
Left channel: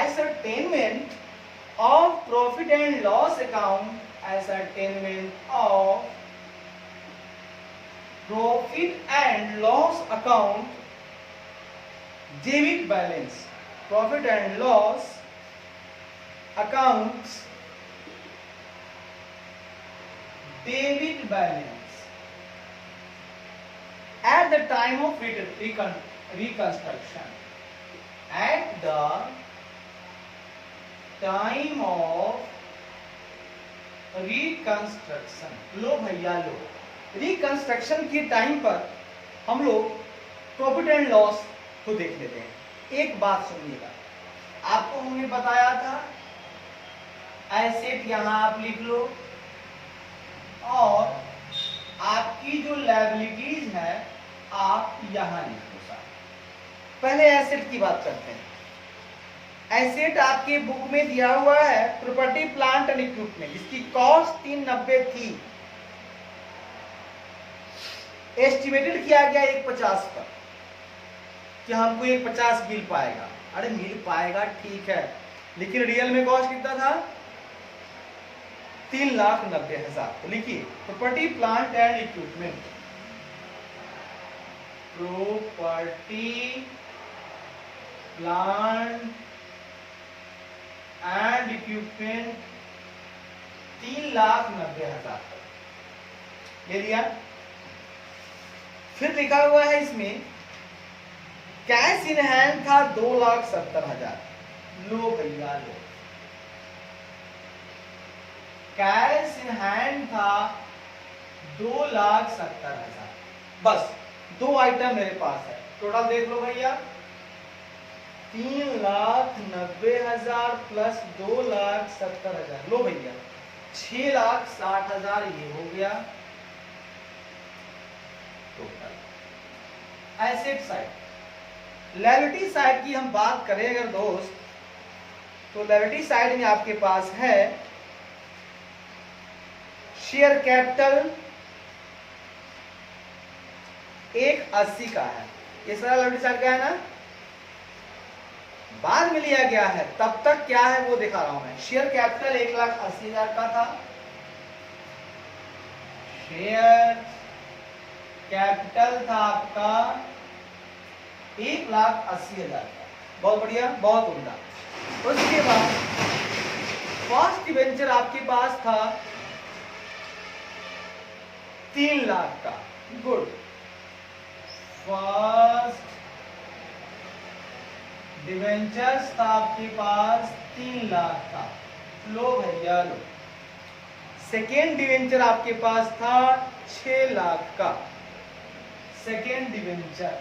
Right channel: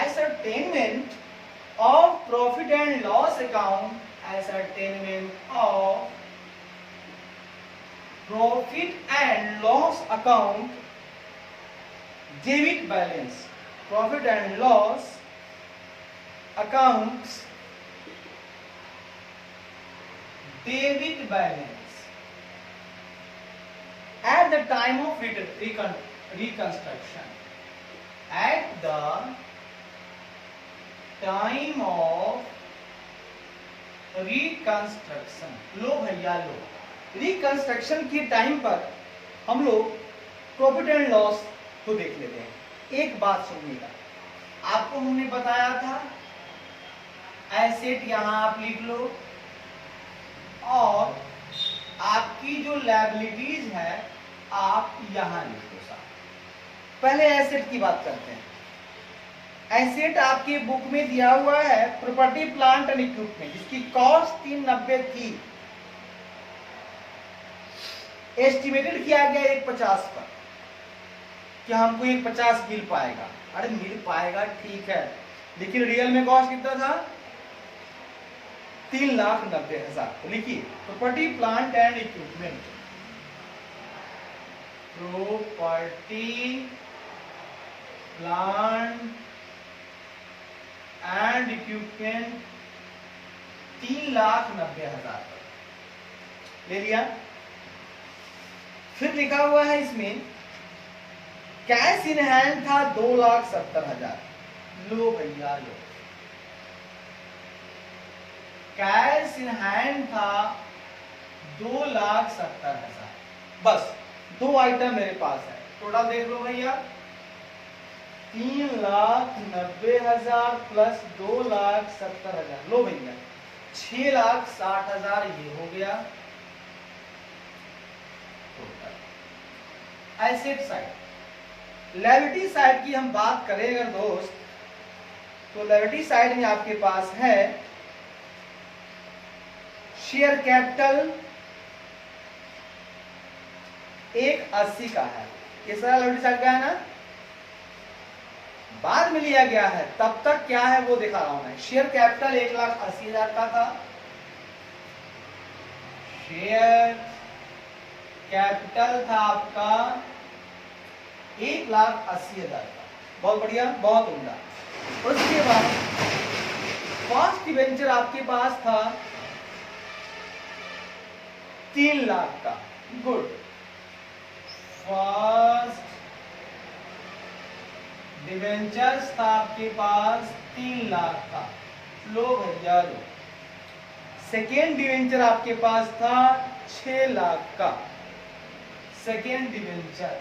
ascertainment of profit and loss account, ascertainment of profit and loss account debit balance, profit and loss accounts debit balance at the time of reconstruction. At the time of reconstruction. लो भैया लो, रिकंस्ट्रक्शन के time पर हम लोग profit and loss को देख लेते हैं। एक बात सुनिएगा, आपको हमने बताया था एसेट यहां आप लिख लो और आपकी जो लायबिलिटीज है आप यहां लिख लो। पहले एसेट की बात करते हैं। एसेट आपके बुक में दिया हुआ है प्रॉपर्टी प्लांट एंड इक्विपमेंट, जिसकी कॉस्ट 390 थी, एस्टिमेटेड किया गया 150 पर कि हमको 150 मिल पाएगा। अरे मिल पाएगा ठीक है, लेकिन रियल में कॉस्ट कितना था? 3,90,000। तो लिखिए property plant and equipment, property plant and equipment 3,90,000 ले लिया। फिर लिखा हुआ है इसमें कैश इन हैंड था 2,70,000। लो भैया लो, कैश इन हैंड था 2,70,000। बस दो आइटम मेरे पास है, टोटल देख लो भैया 3,90,000 प्लस 2,70,000। लो भैया 6,60,000 ये हो गया total. Asset side, liability side की हम बात करें अगर दोस्त, तो लायबिलिटी साइड में आपके पास है शेयर कैपिटल 180 का है। ये सारा लायबिलिटी साइड का है ना, बाद में लिया गया है, तब तक क्या है वो दिखा रहा हूं मैं। शेयर कैपिटल 1,80,000 का था, शेयर कैपिटल था आपका 1,80,000 का। बहुत बढ़िया, बहुत उम्दा। उसके बाद फर्स्ट डिवेंचर आपके पास था 3 लाख का। गुड, फर्स्ट डिवेंचर्स था आपके पास 3 लाख का। लो भैया लो। सेकेंड डिवेंचर आपके पास था 6 लाख का। सेकेंड डिवेंचर,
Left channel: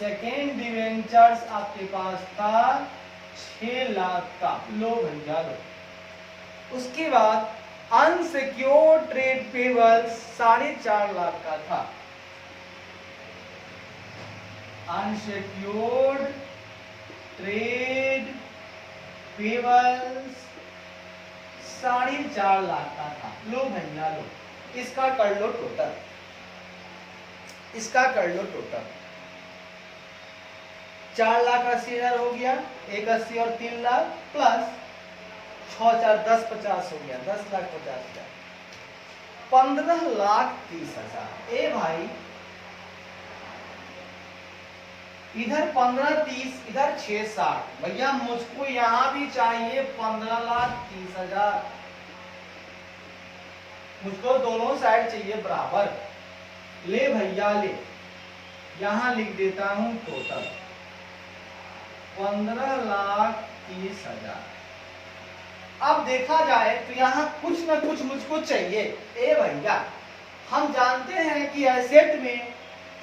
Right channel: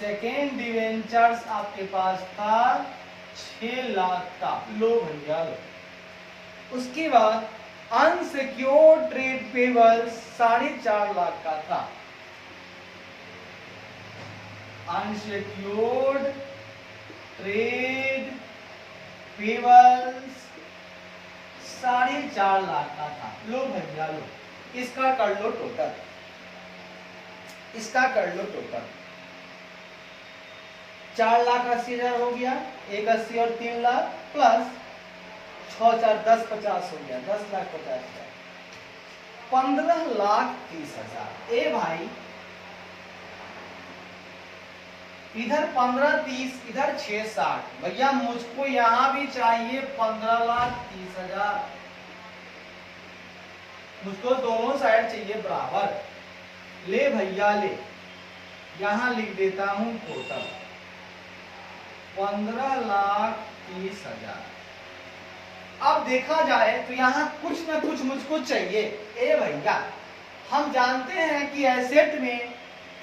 सेकेंड डिवेंचर्स आपके पास था 6 लाख का। लो भैया लो। उसके बाद अनसिक्योर्ड ट्रेड पेबल्स 4.5 लाख का था। अनसिक्योर्ड ट्रेड पेबल्स 4.5 लाख का था। लो भैया लो, इसका कर लो टोटल, इसका कर लो टोटल। 4,80,000 हो गया, 1,80 और 3 लाख प्लस 6 4 10 50 हो गया, 10,50,000, 15,30,000। ए भाई इधर 15,30, इधर 6,60। भैया मुझको यहां भी चाहिए 15,30,000। मुझको दोनों साइड चाहिए बराबर। ले भैया ले, यहां लिख देता हूं टोटल 15,30,000। अब देखा जाए तो यहाँ कुछ न कुछ मुझको चाहिए। ए भैया हम जानते हैं कि एसेट में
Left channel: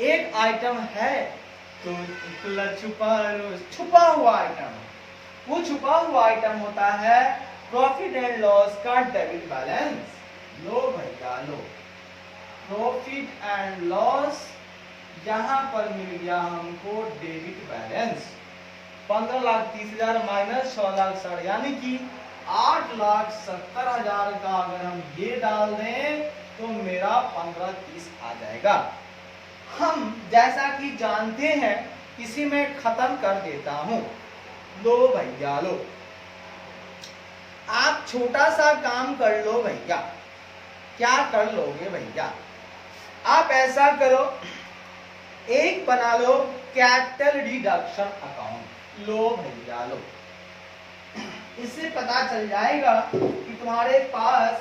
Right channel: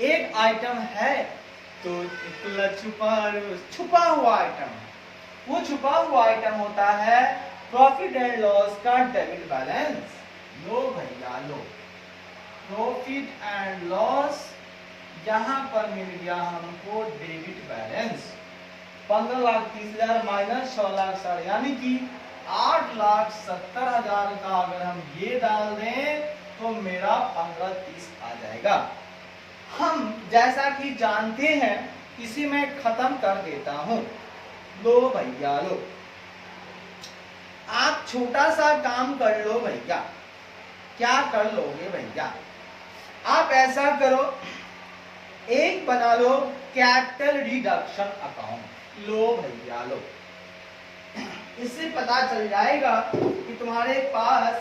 एक आइटम है तो छुपा हुआ आइटम। वो छुपा हुआ आइटम होता है प्रॉफिट एंड लॉस का डेबिट बैलेंस। लो भैया लो, प्रॉफिट एंड लॉस यहां पर मिल गया हमको डेबिट बैलेंस। 15,30,000 माइनस 6,60,000 यानी कि 8,70,000 का अगर हम ये डाल दें तो मेरा 15,30 आ जाएगा। हम जैसा कि जानते हैं इसी में खत्म कर देता हूं। लो भैया लो, आप छोटा सा काम कर लो भैया। क्या कर लोगे भैया? आप ऐसा करो, एक बना लो कैपिटल डिडक्शन अकाउंट। लो भैया लो, इससे पता चल जाएगा कि तुम्हारे पास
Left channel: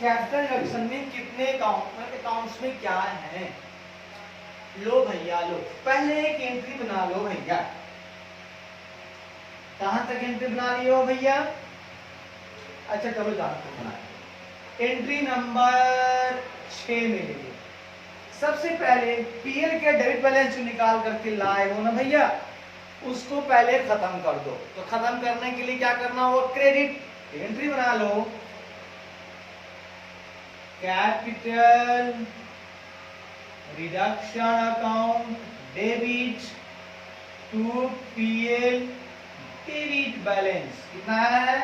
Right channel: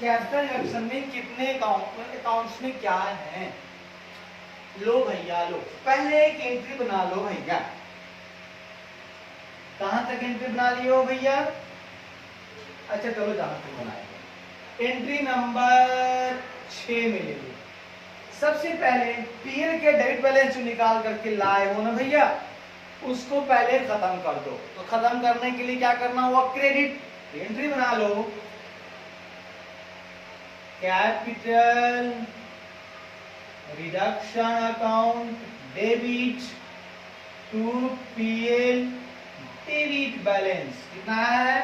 कैपिटल रिडक्शन में कितने अकाउंट्स में क्या है। लो भैया लो, पहले एक एंट्री बना लो भैया। कहां तक एंट्री बना लियो भैया? अच्छा चलो जहां तक बनाए। एंट्री नंबर 6 में ले लो। सबसे पहले पीएल के डेबिट बैलेंस निकाल करके लाए हो ना भैया, उसको पहले खत्म कर दो। तो खत्म करने के लिए क्या करना होगा? क्रेडिट एंट्री बना लो। Capital reduction account debit to PL debit balance कितना है?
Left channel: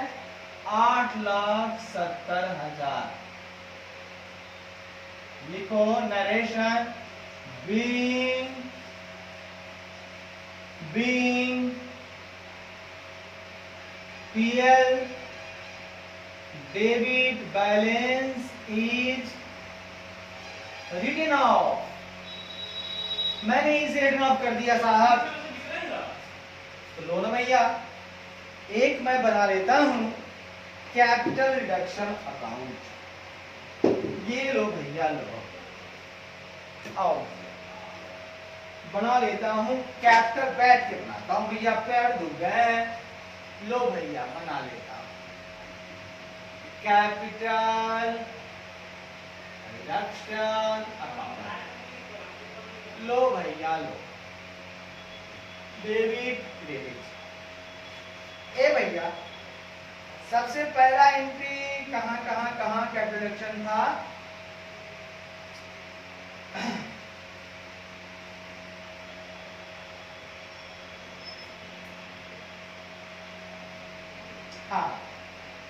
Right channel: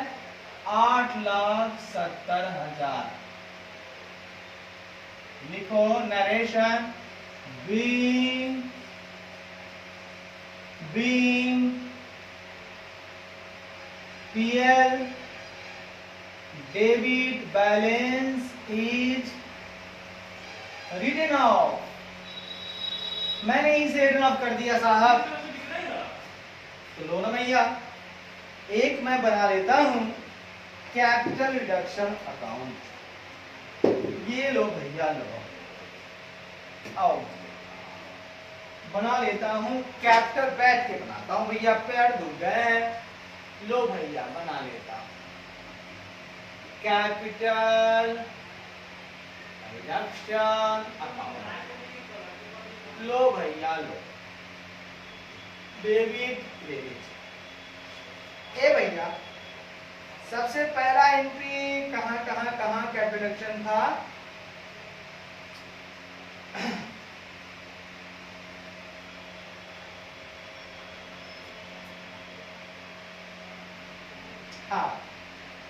8,70,000। लिखो narration being PL debit balance is written off। मैंने इसे रिटन ऑफ कर दिया साहब। तो लो ना भैया, एक मैं बना लेता हूं कैपिटल रिडक्शन अकाउंट। ये लो भैया लो, आओ बना लेता हूं कैपिटल, बैठ के बनाता हूं भैया, पैर दुख गए। लो भैया बना लेता हूं कैपिटल रिडक्शन अकाउंट। लो भैया लो, डेबिट क्रेडिट। ए भैया सबसे पहला एंट्री कहां कैपिटल रिडक्शन था? हाँ,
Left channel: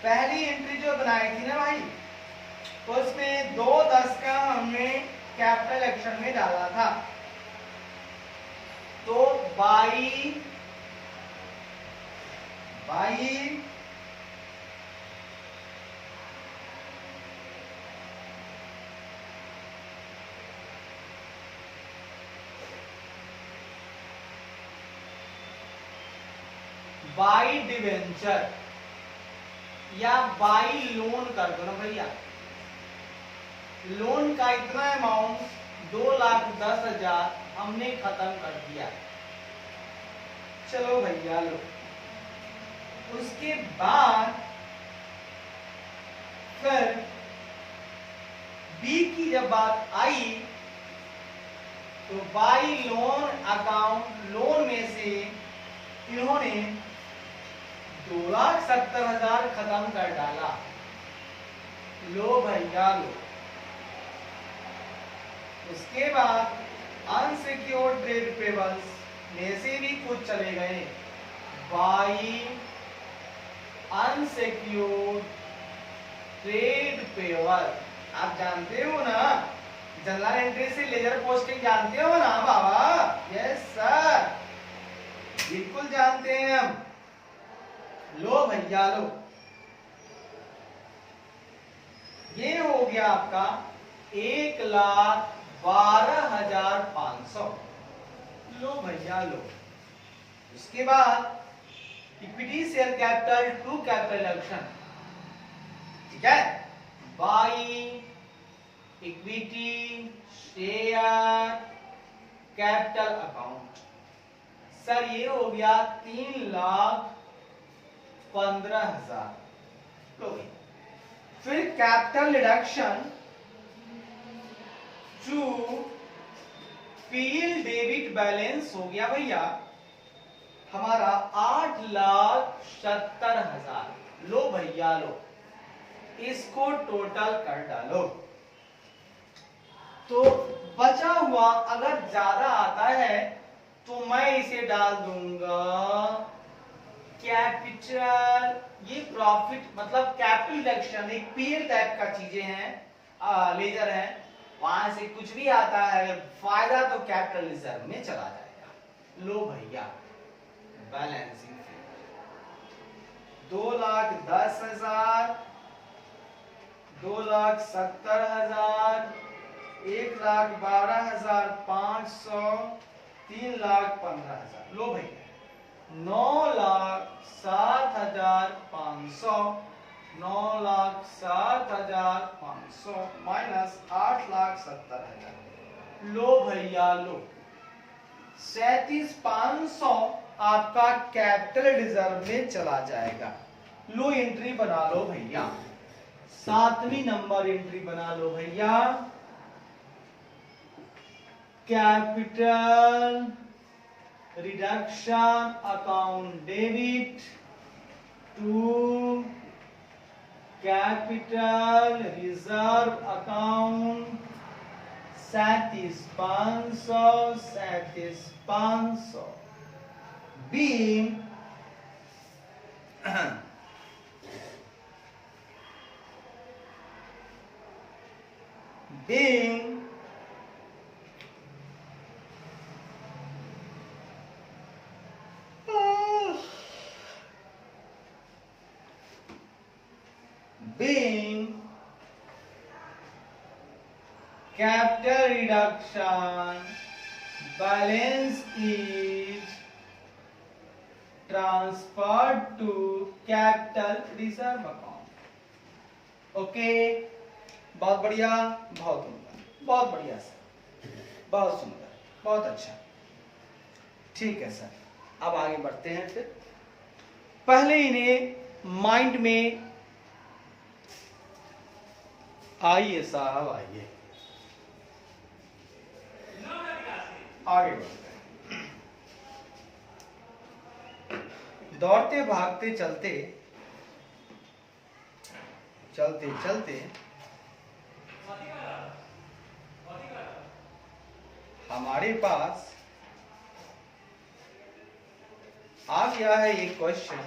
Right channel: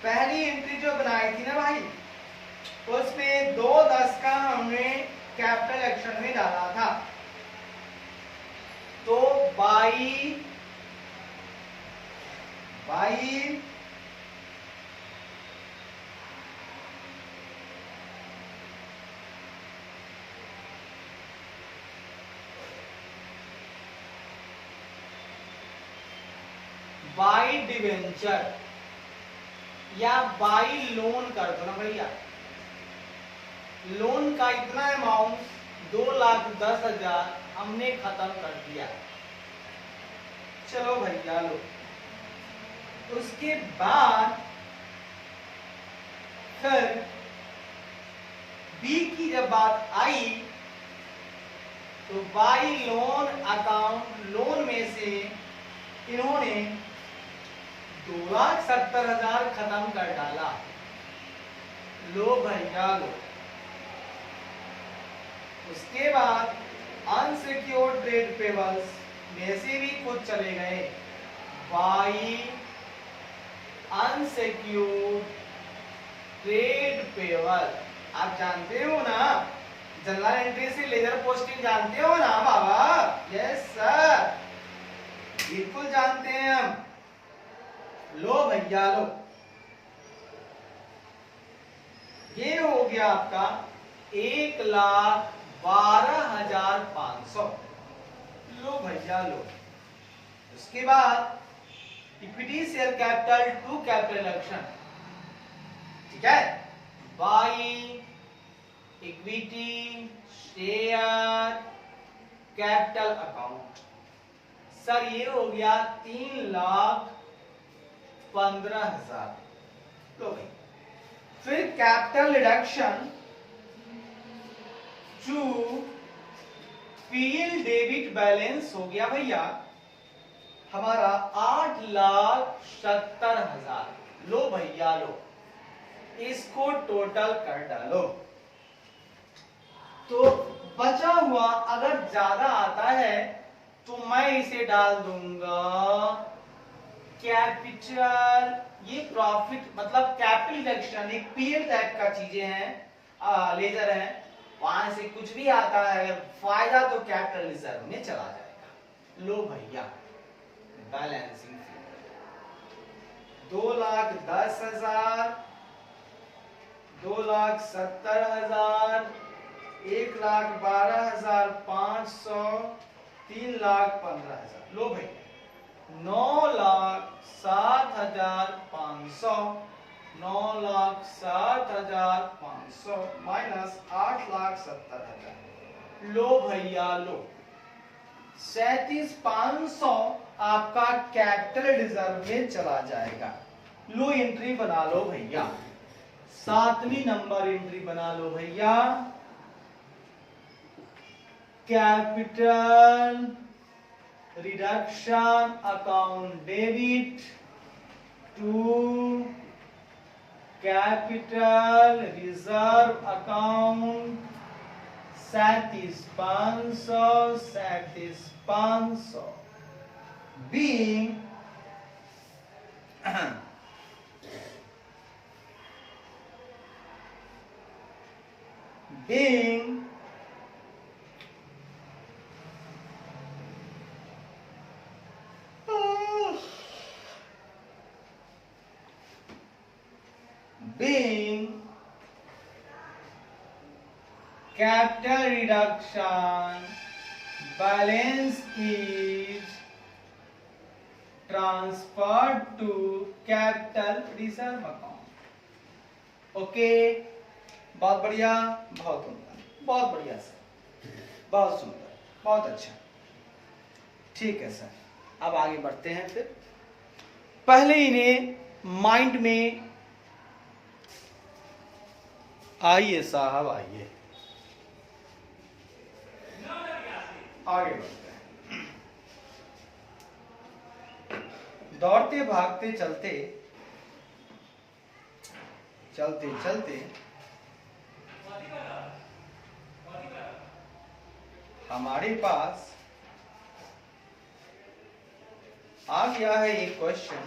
पहली एंट्री जो बनाई थी ना भाई, तो उसमें 2/10 का हमने कैपिटल एक्शन में डाला था। तो बाई बाई डिवेंचर या बाई लोन कर दो ना भैया। लोन का इतना अमाउंट 2,10,000 हमने खत्म कर दिया। चलो भैया लो, उसके बाद फिर बी की जब बात आई तो बाई लोन अकाउंट, लोन में से इन्होंने 2,70,000 खत्म कर डाला। लो भैया लो, उसके बाद अनसिक्योर्ड ट्रेड पेबल्स में से भी कुछ चले गए। बाई अनसिक्योर्ड ट्रेड पेबल, आप जानते हो ना, जनरल एंट्री से लेजर पोस्टिंग जानते हो ना बाबा? यस सर, बिल्कुल जानते हैं हम। लो भैया लो, ये हो गया आपका 1,12,500। लो भैया लो, उसके बाद equity share capital to capital reduction, ठीक है? By equity share capital account. Sir ये हो गया 3,15,000। लो भाई, फिर capital reduction to PL debit balance हो गया भैया हमारा 8,70,000। लो भैया लो, इसको टोटल कर डालो। तो बचा हुआ अगर ज्यादा आता है तो मैं इसे डाल दूंगा कैपिटल, ये प्रॉफिट मतलब कैपिटल रिडक्शन एक पीएल टाइप का चीजें हैं, लेजर है, वहां से कुछ भी आता है अगर फायदा तो कैपिटल रिजर्व में चला जाएगा। लो भैया बैलेंसिंग 2,10,000, 2,70,000, 1,12,500, 3,15,000। लो भाई 9,07,500, 9,07,500 माइनस 8,70,000। लो भैया लो, 37,500 आपका कैपिटल रिजर्व में चला जाएगा। लो एंट्री बना लो भैया, 7वीं नंबर एंट्री बना लो भैया। Capital reduction account debit to capital reserve account 37,500 being capital reduction balance is transferred to capital reserve account। Okay, बहुत बढ़िया, बहुत उम्दा, बहुत बढ़िया सर, बहुत सुंदर, बहुत अच्छा। ठीक है सर, अब आगे बढ़ते हैं। फिर पहले इन्हें माइंड में आइए साहब, आइए आगे बढ़ते हैं। दौड़ते भागते चलते चलते चलते हमारे पास आ गया है एक क्वेश्चन।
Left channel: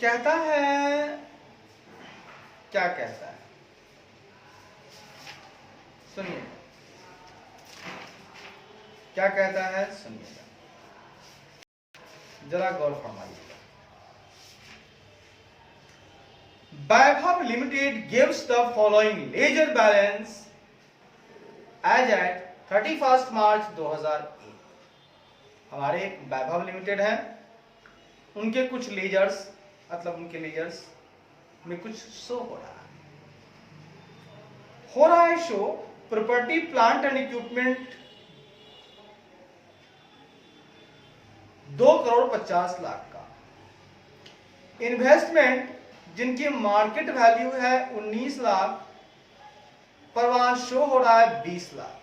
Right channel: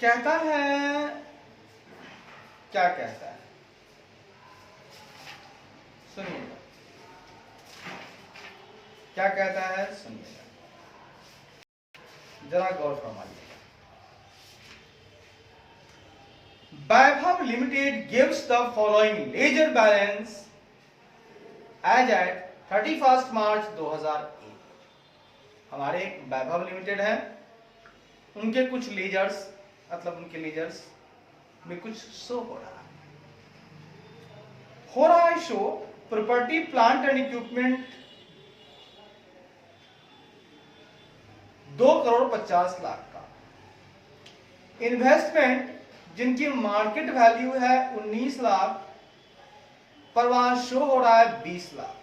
कहता है, क्या कहता है सुनिएगा, क्या कहता है सुनिएगा, जरा गौर फरमाइएगा। Vaibhav limited gives the following ledger balance as at 31 March 2001। हमारे वैभव लिमिटेड है, उनके कुछ लेजर्स, मतलब उनके लेजर्स में कुछ शो हो रहा है show. Property plant and equipment 2,50,00,000 का। इन्वेस्टमेंट जिनकी मार्केट वैल्यू है 19 लाख, पर वहां शो हो रहा है 20 लाख।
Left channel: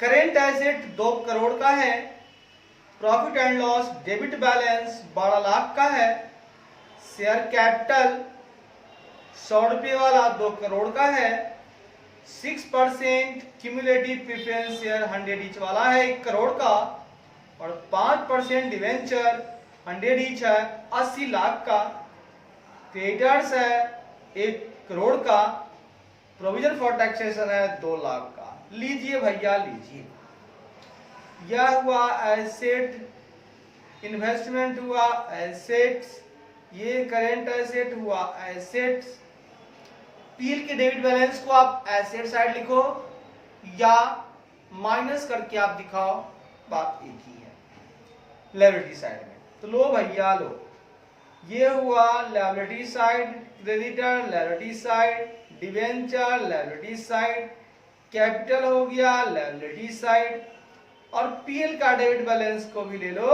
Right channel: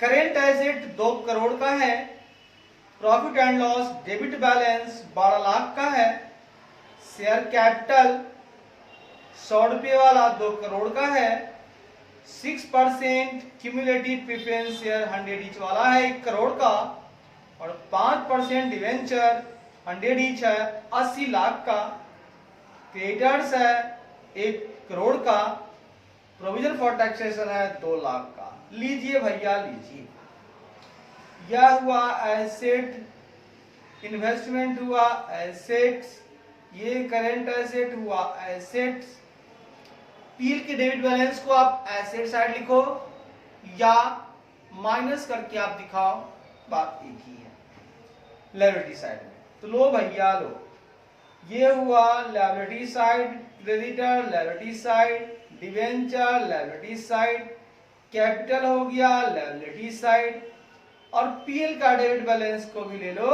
करेंट एसेट 2 करोड़ का है। Profit and loss debit balance 12 lakh का है। शेयर कैपिटल 100 रुपये वाला 2 करोड़ का है। 6% क्यूमुलेटिव प्रेफरेंस शेयर 100 ईच वाला है 1 करोड़ का, और 5% डिवेंचर 100 ईच है 80 लाख का। क्रेडिटर्स है 1 करोड़ का। प्रोविजन फॉर टैक्सेशन है 2 लाख का। लीजिए भैया लीजिए, यह हुआ एसेट, इन्वेस्टमेंट हुआ एसेट्स, ये करेंट एसेट हुआ एसेट्स। पीएल के डेबिट बैलेंस को आप एसेट साइड लिखो या माइनस करके आप दिखाओ, बात एक ही है। लायबिलिटी साइड में तो लो भैया लो, ये हुआ liability side, creditor liability side, debenture liability side, capital हो गया लायबिलिटी साइड, और पीएल का डेबिट बैलेंस को भी ले लो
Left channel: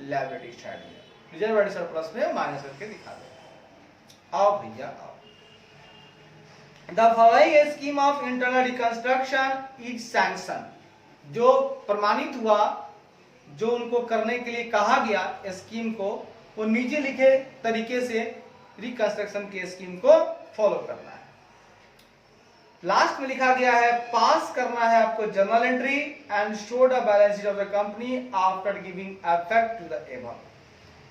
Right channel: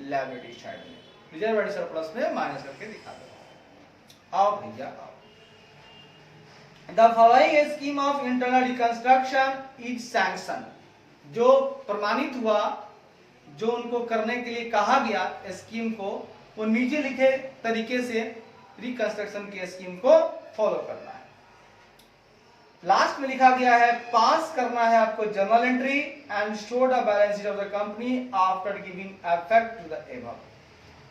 लायबिलिटी साइड में। रिजर्व एंड सरप्लस में माइनस करके दिखा दो। आओ भैया आओ। The following scheme of internal reconstruction is sanctioned। जो प्रमाणित हुआ, जो उनको करने के लिए कहा गया स्कीम को, वो नीचे लिखे तरीके से रिकंस्ट्रक्शन की स्कीम को फॉलो करना है। लास्ट में लिखा गया है पास करना है आपको journal entry and show the balance sheet of the company after giving effect to the above.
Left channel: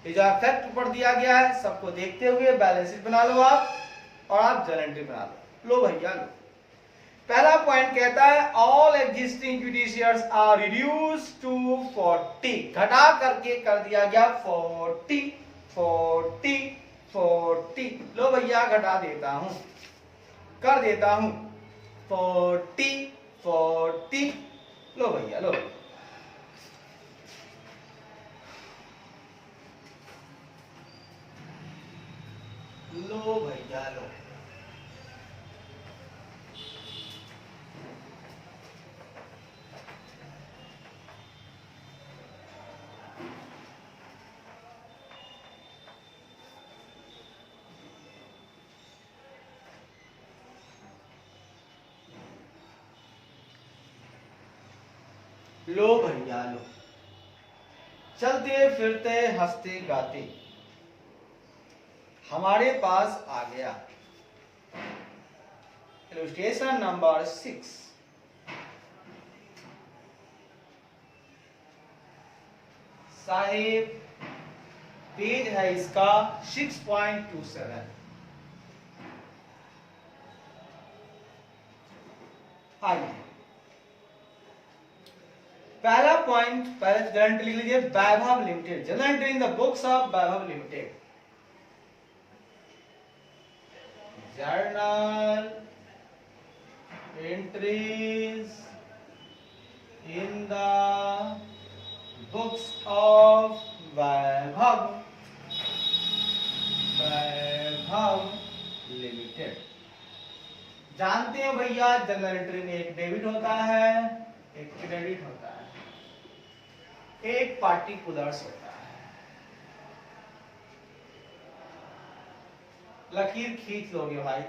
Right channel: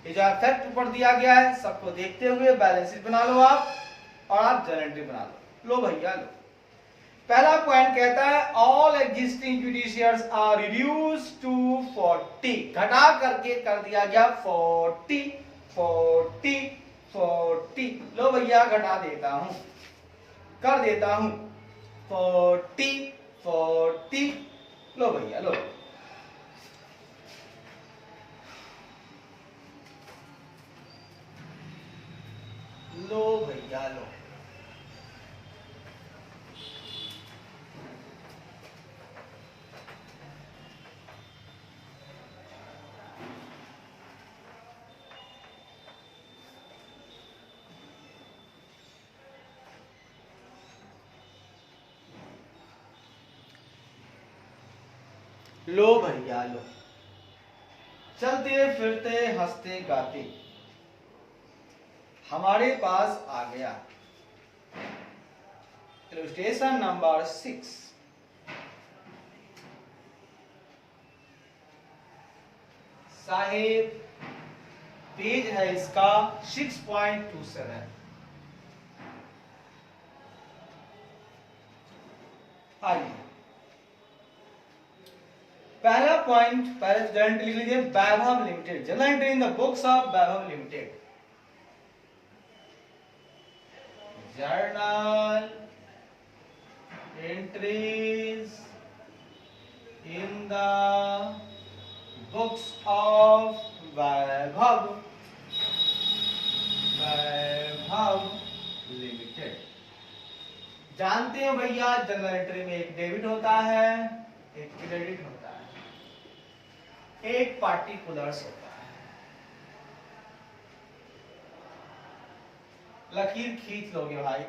ये जो इफेक्ट ऊपर दिया गया है सबको देखते हुए बैलेंस शीट बना लो आप, और आप जर्नल एंट्री बना लो। लो भैया लो, पहला पॉइंट कहता है all existing equity shares are reduced to 40। घटा करके कर दिया गया 40 40 40। लो भैया घटा देता हूं, कर देता हूं 40 40। लो भैया लो, लो भैया लो। लो भैया लो। चलते फिरते हंसते गाते हमारे पास आ गया इलस्ट्रेशन नंबर 6। साहेब पेज है इसका 6.27। आइए पहला पॉइंट पहले जनरल एंट्री लीजिए, Vaibhav limited. General entry in the books of Vaibhav limited. Journal entries in the books of Vaibhav limited. जानते हो भैया जनरल एंट्री में एक डेबिट होता है, एक क्रेडिट होता है, एक पार्टिकुलर्स होता है। लकीर खींच लोगे भाई।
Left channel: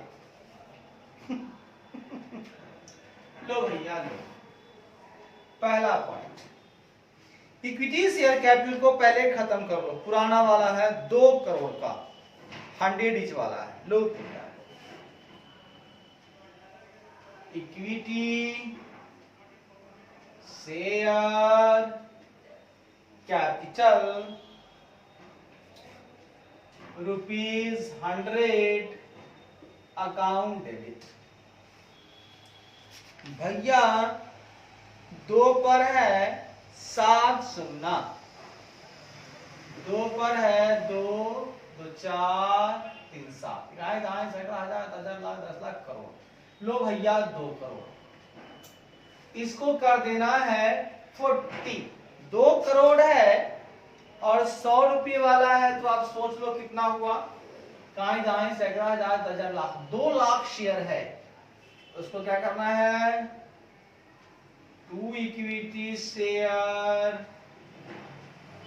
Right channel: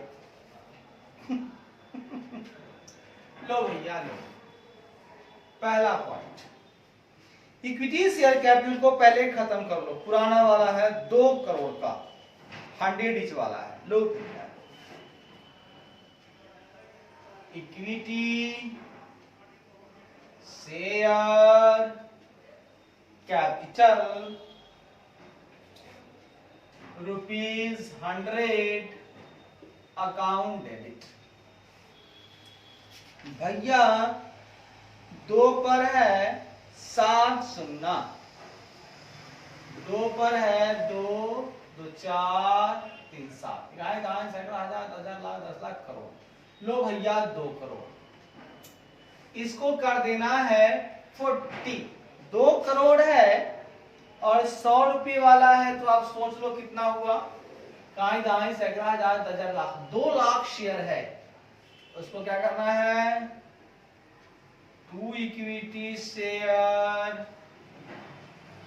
लो भैया लो, पहला पॉइंट इक्विटी शेयर कैपिटल को पहले खत्म कर लो। पुराना वाला है 2 करोड़ का, 100 ईच वाला है। लो भैया equity share capital ₹100 account debit. भैया 2 पर है 7 शून्य, 2 पर है 2 2 4 3 7, दाएं दाएं सेंटर 1000 लाख 10 लाख करोड़। लो भैया 2 करोड़, इसको कर देना है 40। 2 करोड़ है और 100 रुपये वाला है, तो आप सोच लो कितना हुआ। दाएं दाएं सेंटर 1000 लाख, 2 लाख शेयर है, उसको क्या करना है 2 इक्विटी शेयर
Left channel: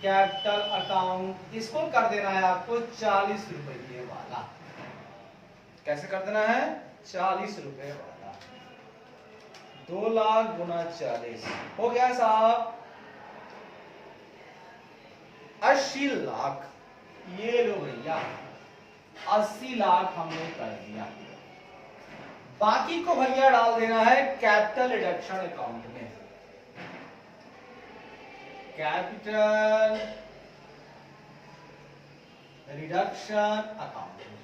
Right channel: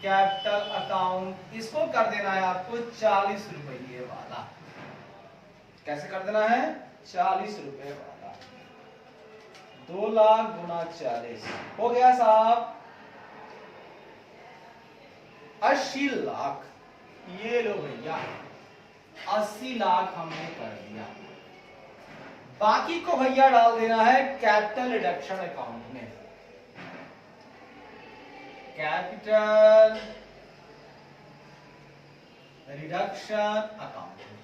कैपिटल अकाउंट, इसको कर देना है आपको 40 रुपये वाला। कैसे कर देना है 40 रुपये वाला। 2 लाख गुना 40 हो गया साहब 80 लाख। ये लो भैया 80 लाख हमने कर दिया। बाकी को भैया डाल देना है कैपिटल रिडक्शन अकाउंट में। कैपिटल रिडक्शन अकाउंट में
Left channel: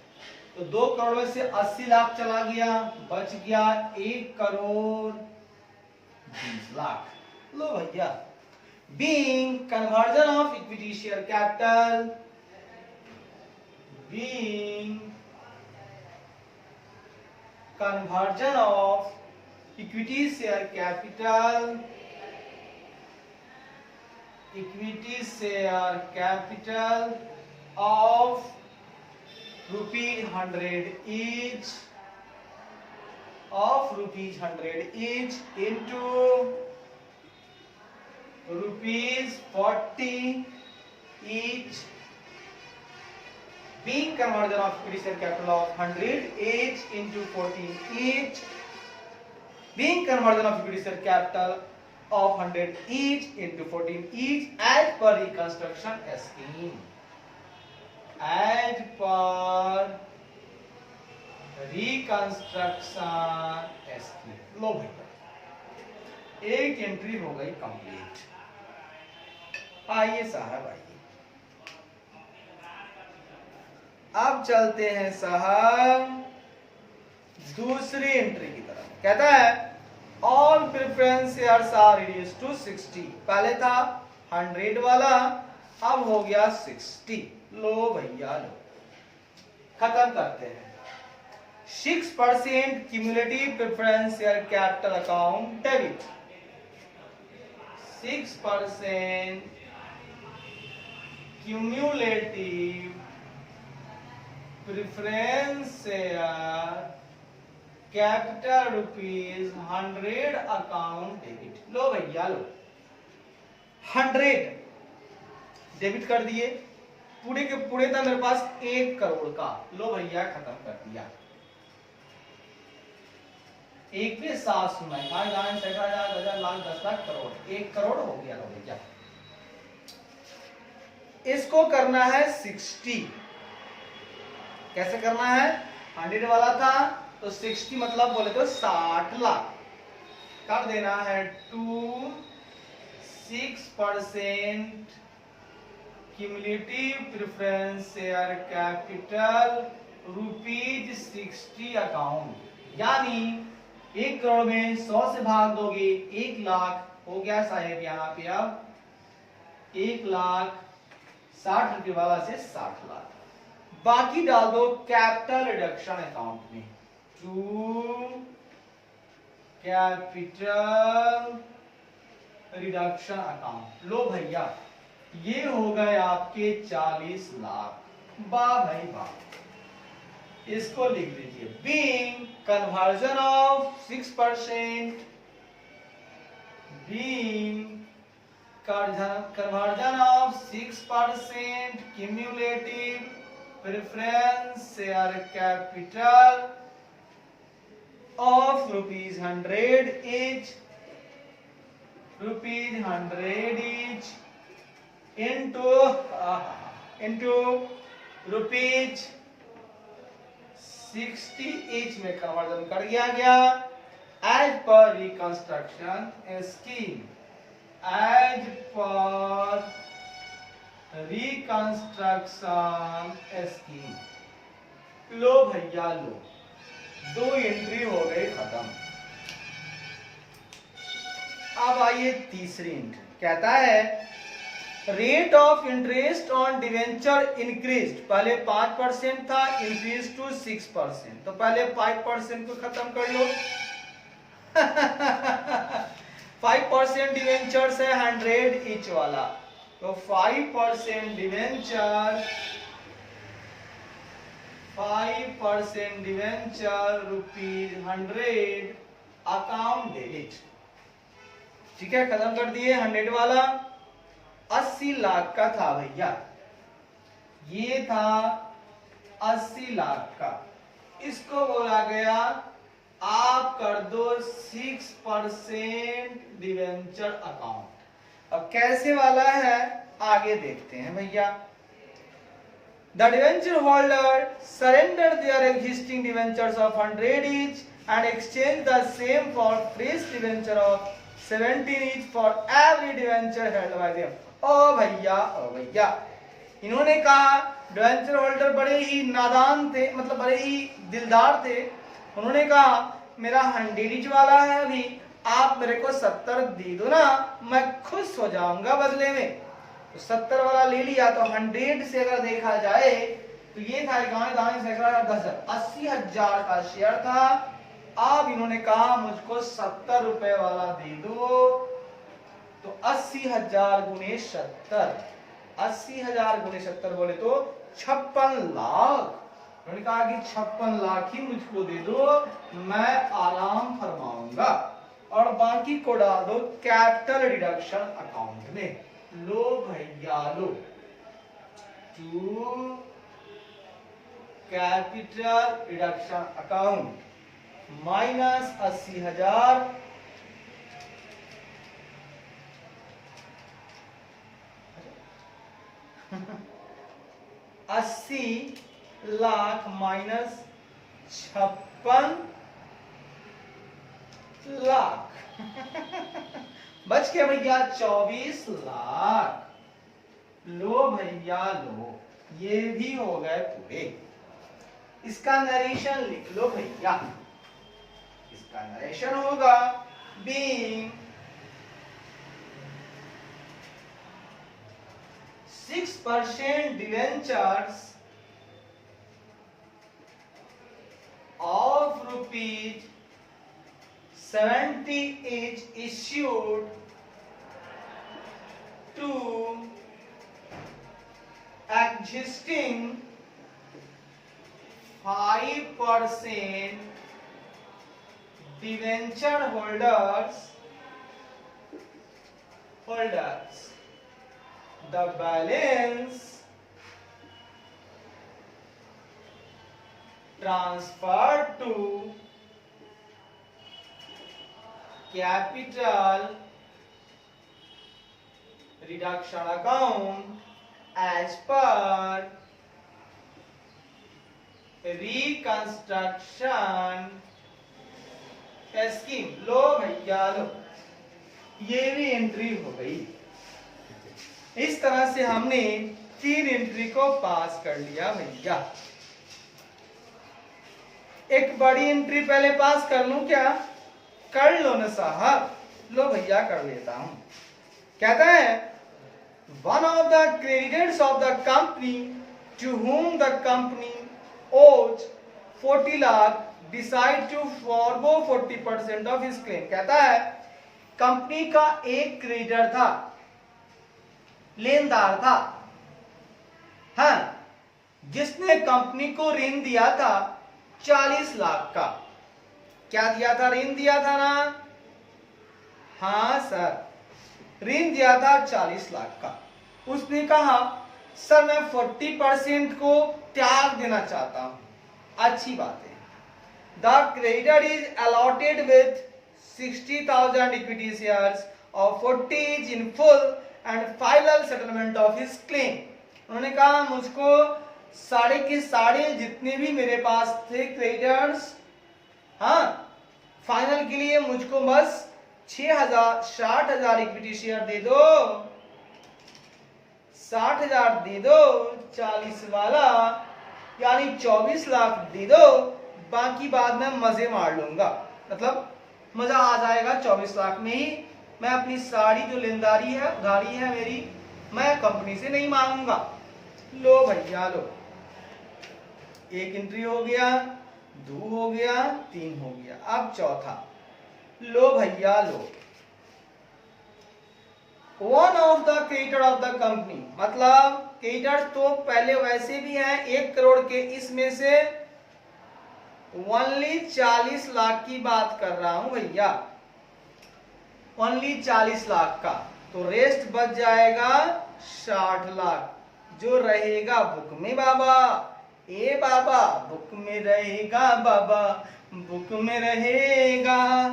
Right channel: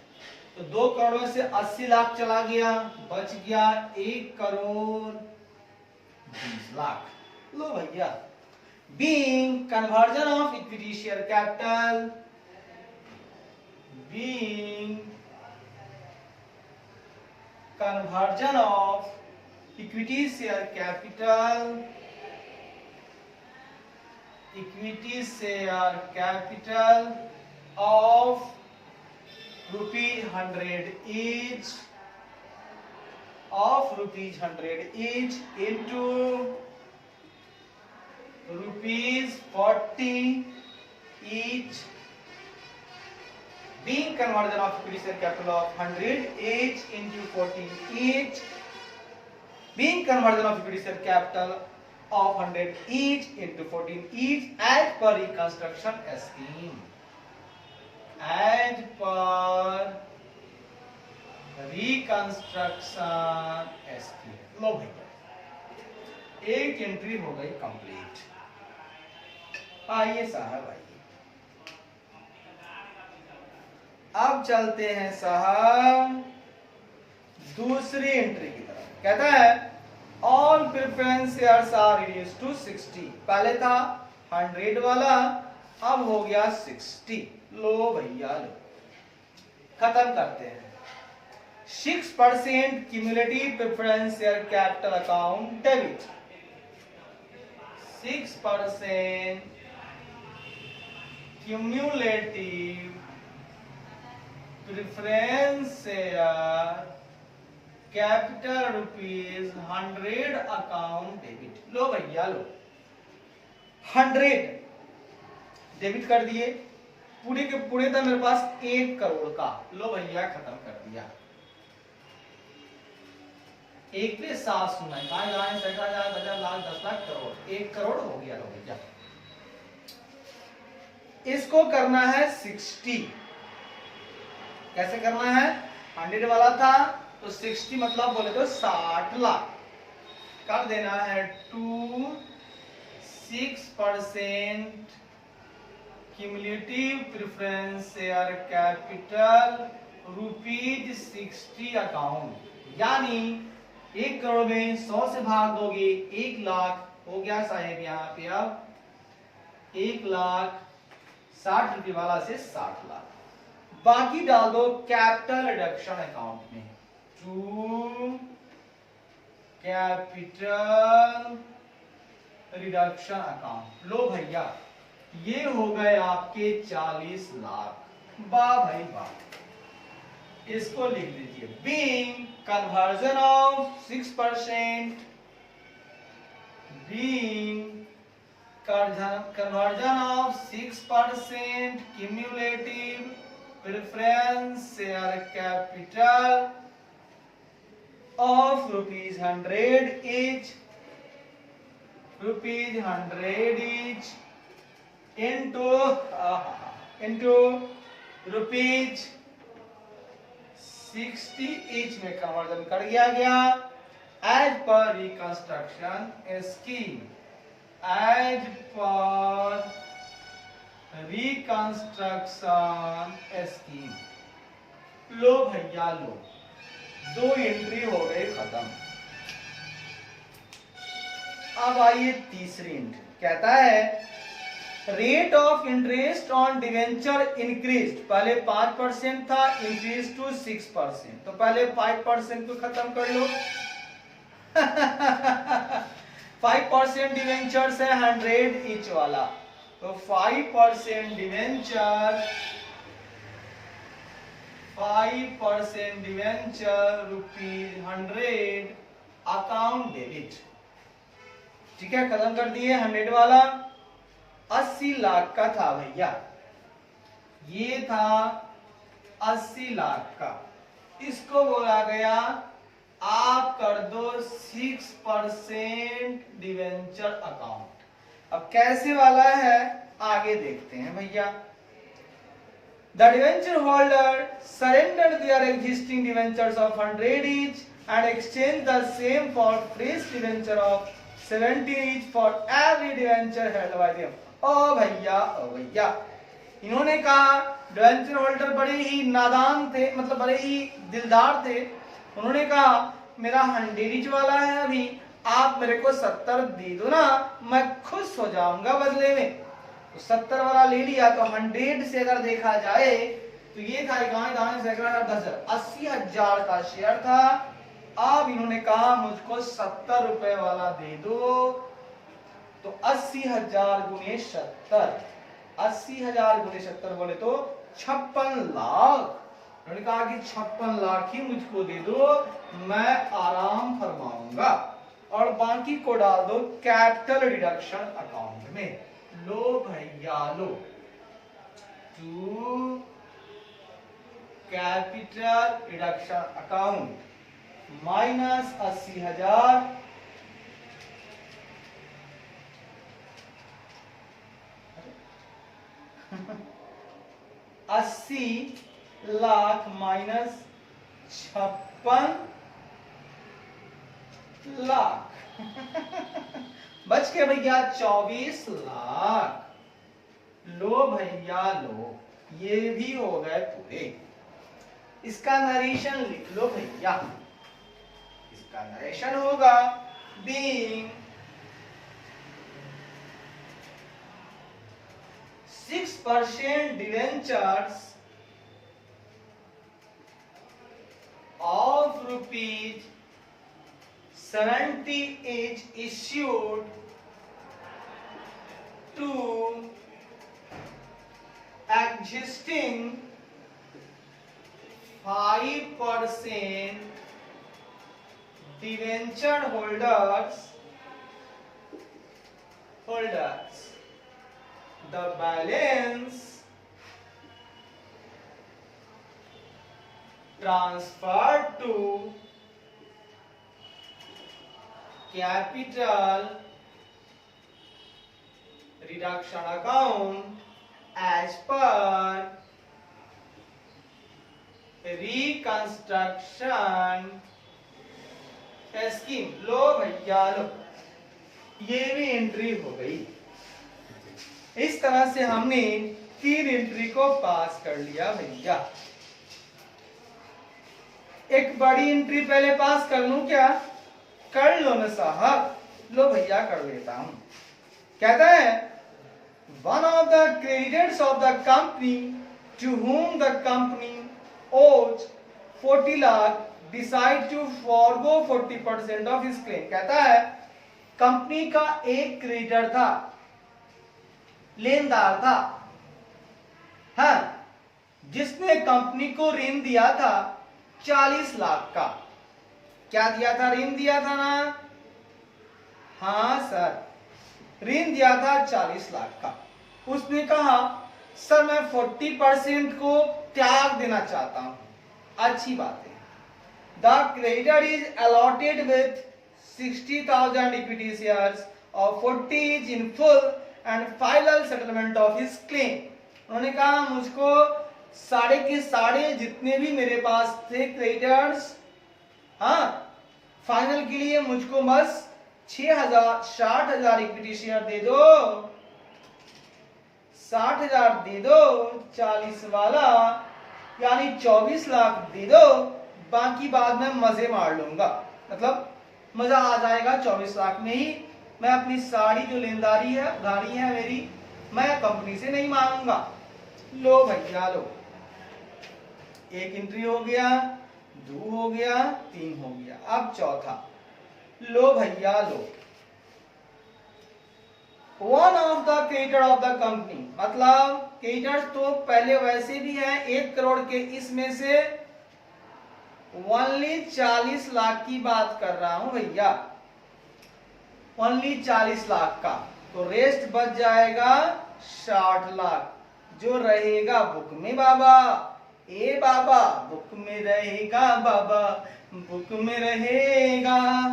तो 2 करोड़ में से 80 लाख चला गया, बच गया 1 करोड़ 20 लाख। लो भैया being conversion of equity share capital, being conversion of equity share capital, equity share capital of ₹100 each, of ₹100 each into ₹40 each, being conversion of equity share capital of 100 each into 14 each, being conversion of equity share capital of 100 each into 14 each as per reconstruction scheme, as per reconstruction scheme। लो भैया एक entry हो गई complete. आइए साहब आइए, अब चलते हैं साहब दूसरी एंट्री की तरफ। कहता है all preference shares are reduced to 60। पहले था 100 वाला, अब हो गया 60। लो भैया लो, खत्म करते हैं। 6% cumulative preference share capital account debit. 6% cumulative preference share capital rupees 100 account debit. लो भैया लो 100 डेबिट कर दिए, पूरे के पूरे था मेरे पास 1 करोड़ का, लो भैया खत्म कर दिया। 1 पे 7 सुना है, 10,000 लाख 10 लाख करोड़, 1 करोड़ हो गया। लो भैया इसको करना है 60। कैसे करना है? 100 वाला था तो 60 मतलब बोले तो 60 लाख कर देना है। 6% cumulative preference share capital rupees 60 account, यानी 1 करोड़ में 100 से भाग दोगे 1 लाख हो गया साहेब। यहाँ पे अब 1,60,000 रुपए वाला से 60 लाख, बाकी डाल दो कैपिटल रिडक्शन अकाउंट में। To capital reduction account. लो भैया ये हो गए आपके 40 लाख। वाह भाई वाह। इसको लिख लीजिए, being conversion of 6%, being conversion of 6% cumulative preference share capital of rupees 100 each, into rupees 60 each में कन्वर्जन कर दिया गया as per reconstruction scheme, as per reconstruction scheme। लो भैया लो 2 एंट्री हो गई खत्म। अब आइए तीसरी एंट्री, कहता है rate of interest on debenture increase. पहले 5% था, इंक्रीज टू 6%। तो पहले 5% को खत्म कर लो। 5% डिवेंचर है 100 ईच वाला, तो 5% डिवेंचर रुपीज 100 अकाउंट डेबिट। ठीक है, खत्म कर दिए। 100 वाला 80 लाख का था भैया, ये था 80 लाख का। इसको बोला गया आप कर दो 6% डिवेंचर अकाउंट। अब कैसे वाला है आगे देखते हैं भैया। The debenture holder surrender their existing debentures of 100 each and exchange the same for fresh debenture of 70 each for every debenture held by them। ओ भैया इन्होंने कहा, डिवेंचर होल्डर बड़े ही नादान थे, मतलब बड़े ही दिलदार थे। उन्होंने कहा मेरा 100 वाला है, अभी आप मेरे को 70 दे दो ना, मैं खुश हो जाऊंगा बदले में। तो 70 वाला ले लिया। तो 100 से अगर देखा जाए तो ये था गाने दाने सैकड़ा 80,000 का शेयर था। अब इन्होंने कहा मुझको 70 रुपए वाला दे दो, तो 80,000 गुने 70, 80,000 गुने 70 बोले तो 56 लाख। उन्होंने कहा कि 56 लाख ही मुझको दे दो, मैं आराम फरमाऊंगा, और बाकी को डाल दो कैपिटल रिडक्शन अकाउंट में। लो भैया लो, to capital reduction account minus 80,000 80 lakh minus 56 lakh बच के भैया 24 लाख। लो भैया लो, ये भी हो गए पूरे। इसका नरेशन लिख लो भैया। इसका नरेशन होगा being 6% debentures of rupees 70 is issued to existing 5% debenture holders. The balance transferred to capital reduction account as per reconstruction scheme. लो भैया लो, ये भी एंट्री हो गई। इस तरह से हमने 3 एंट्री को पास कर लिया भैया। एक बड़ी एंट्री पहले पास कर लूं क्या? कर लो ना साहब। लो भैया कर लेता हूं। कहता है one of the creditors of the company to whom the company owes 40 lakh decide to forgo 40% of his claim. कहता है कंपनी का एक क्रेडिटर था, लेनदार था, हाँ, जिसने कंपनी को ऋण दिया था 40 लाख का। क्या दिया था? ऋण दिया था ना? हाँ सर, ऋण दिया था 40 लाख का। उसने कहा सर मैं 40% को त्याग देना चाहता हूं। अच्छी बात है। The creditor is allotted with 60,000 equity shares और 40 is in full and final settlement of his claim. उन्होंने कहा मुझको साढ़े के साढ़े जितने भी मेरे पास थे क्रेडिटर्स, हाँ, फाइनल के लिए मुझको बस 60,000 इक्विटी शेयर दे दो, 60,000 दे दो, 40 वाला यानी 24 लाख दे दो, बाकी बाद में मजे मार लूंगा। मतलब मजा आ जाएगा 24 लाख में ही। मैं अपनी सारी जो लेनदारी है, उधारी है मेरी, मैं कंपनी से नहीं मांगूंगा। लो भैया लो, एक एंट्री हो गया, 2 हो गया, 3 हो गया, अब चौथा। लो भैया लो, one of the creditor of the company, मतलब क्रेडिटर तो पहले वैसे भी हैं 1 करोड़ के, इसमें से ओनली 40 लाख की बात कर रहा हूं भैया, ओनली 40 लाख का, तो रेस्ट बच जाएगा 60 लाख, जो रहेगा बुक में बाबा। ए बाबा बुक में रहेगा बाबा, बुक में रहेगा,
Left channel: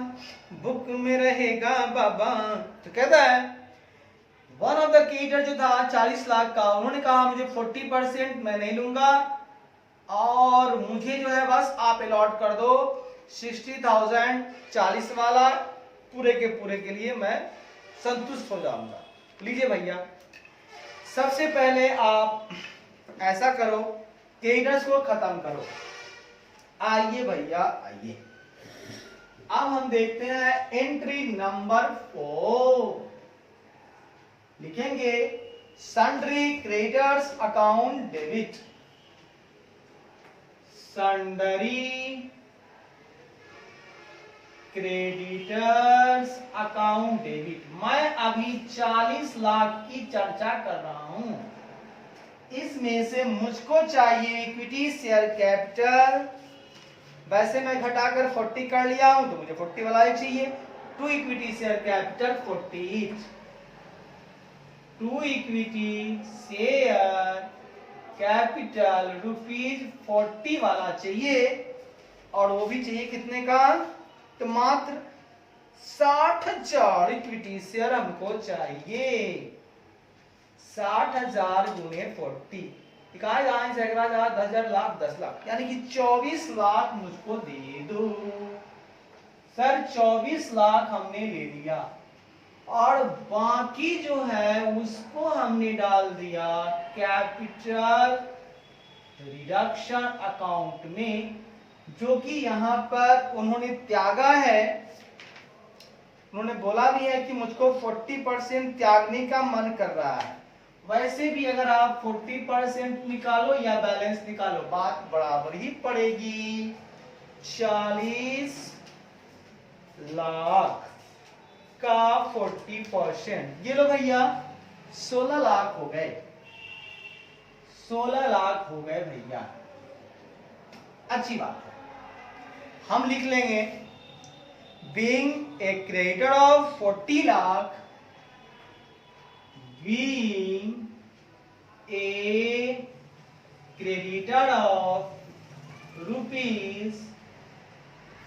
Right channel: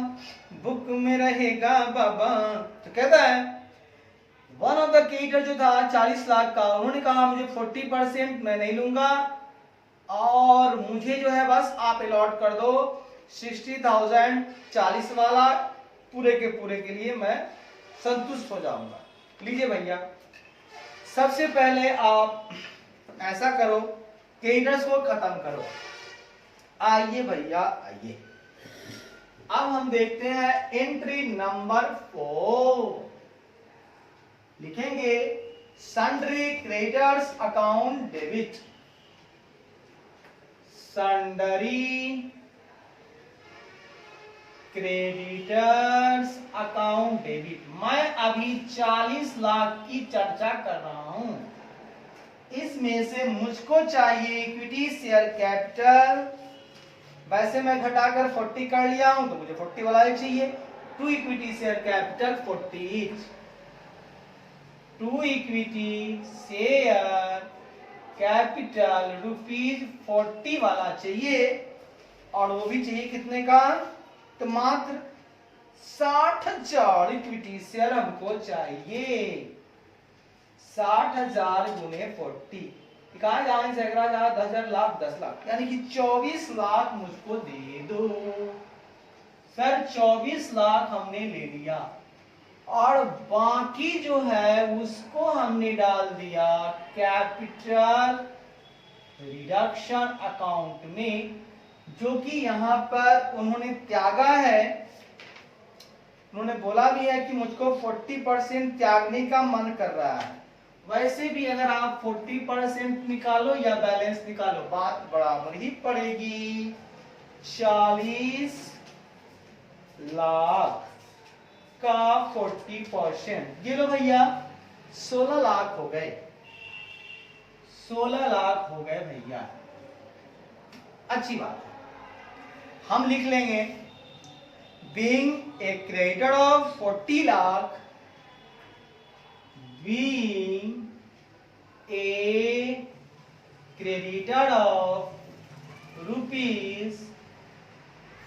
बुक में रहेगा बाबा। तो कहता है वन ऑफ द क्रेडिटर जो था 40 लाख का, उन्होंने कहा मुझे 40% मैं नहीं लूंगा और मुझे जो है बस आप अलॉट कर दो 60,000, 40 वाला, पूरे के लिए मैं संतुष्ट हो जाऊंगा। लीजिए भैया, सबसे पहले आप ऐसा करो, क्रेडिटर्स को खत्म करो। आइए भैया आइए, अब हम देखते हैं एंट्री नंबर 4। लिखेंगे sundry creditors account debit, sundry creditors account debit. मैं अभी 40 लाख की चर्चा कर रहा हूं, इसमें से मुझको चाहिए इक्विटी शेयर कैपिटल। वैसे मैं घटाकर 40 कर लिया हूं, तो मुझे 40 वाला ही चाहिए। 2 equity share capital 40, 2 equity share capital ₹40 वाला चाहिए, और वो भी चाहिए कितने का? तो मात्र 60,000 इक्विटी शेयर हमको चाहिए। 60,000 गुणे 40, 10,000 लाख 10 लाख, यानी कि 24 लाख मुझको दे दो। सर 24 लाख हमने ले लिया और बाकी जो है उसको हमने डाल दिया कैपिटल रिडक्शन अकाउंट में, जो कि यहां पर उन्होंने त्यागा है। उन्होंने बोला भी है कि मुझको 40% त्यागने का मन कर रहा है। वैसे भी अगर आप 40% निकालो या बैलेंस निकालो, बात बराबर ही पड़ेगी। 40 लाख का 40%, ये लो भैया 16 लाख हो गए, 16 लाख हो गए भैया। अच्छी बात है, हम लिख लेंगे being a creditor of 40 lakh, being a creditor of rupees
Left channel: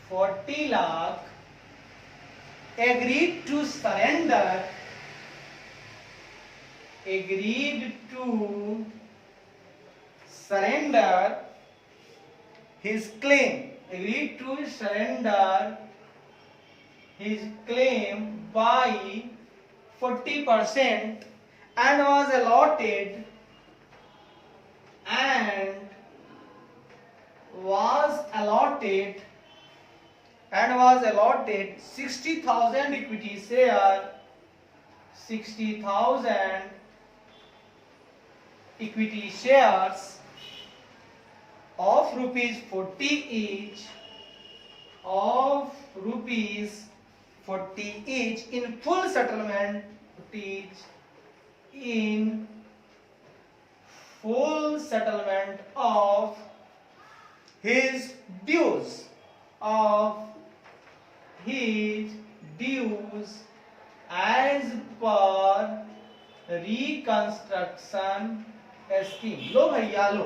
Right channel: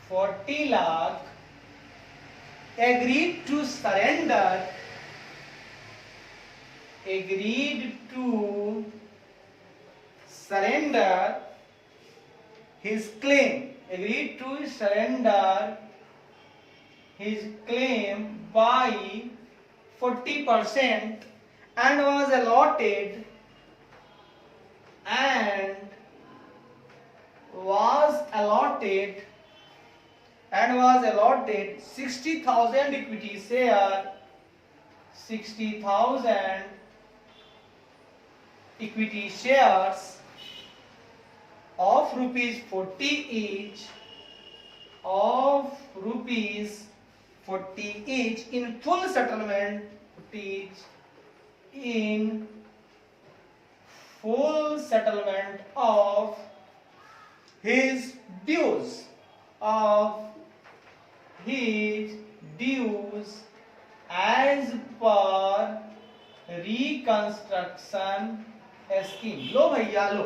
40 lakh agreed to surrender his claim by 40% and was allotted 60,000 equity share, 60,000 equity shares of rupees 40 each, in full settlement, of his dues, as per reconstruction scheme। लो भैया लो,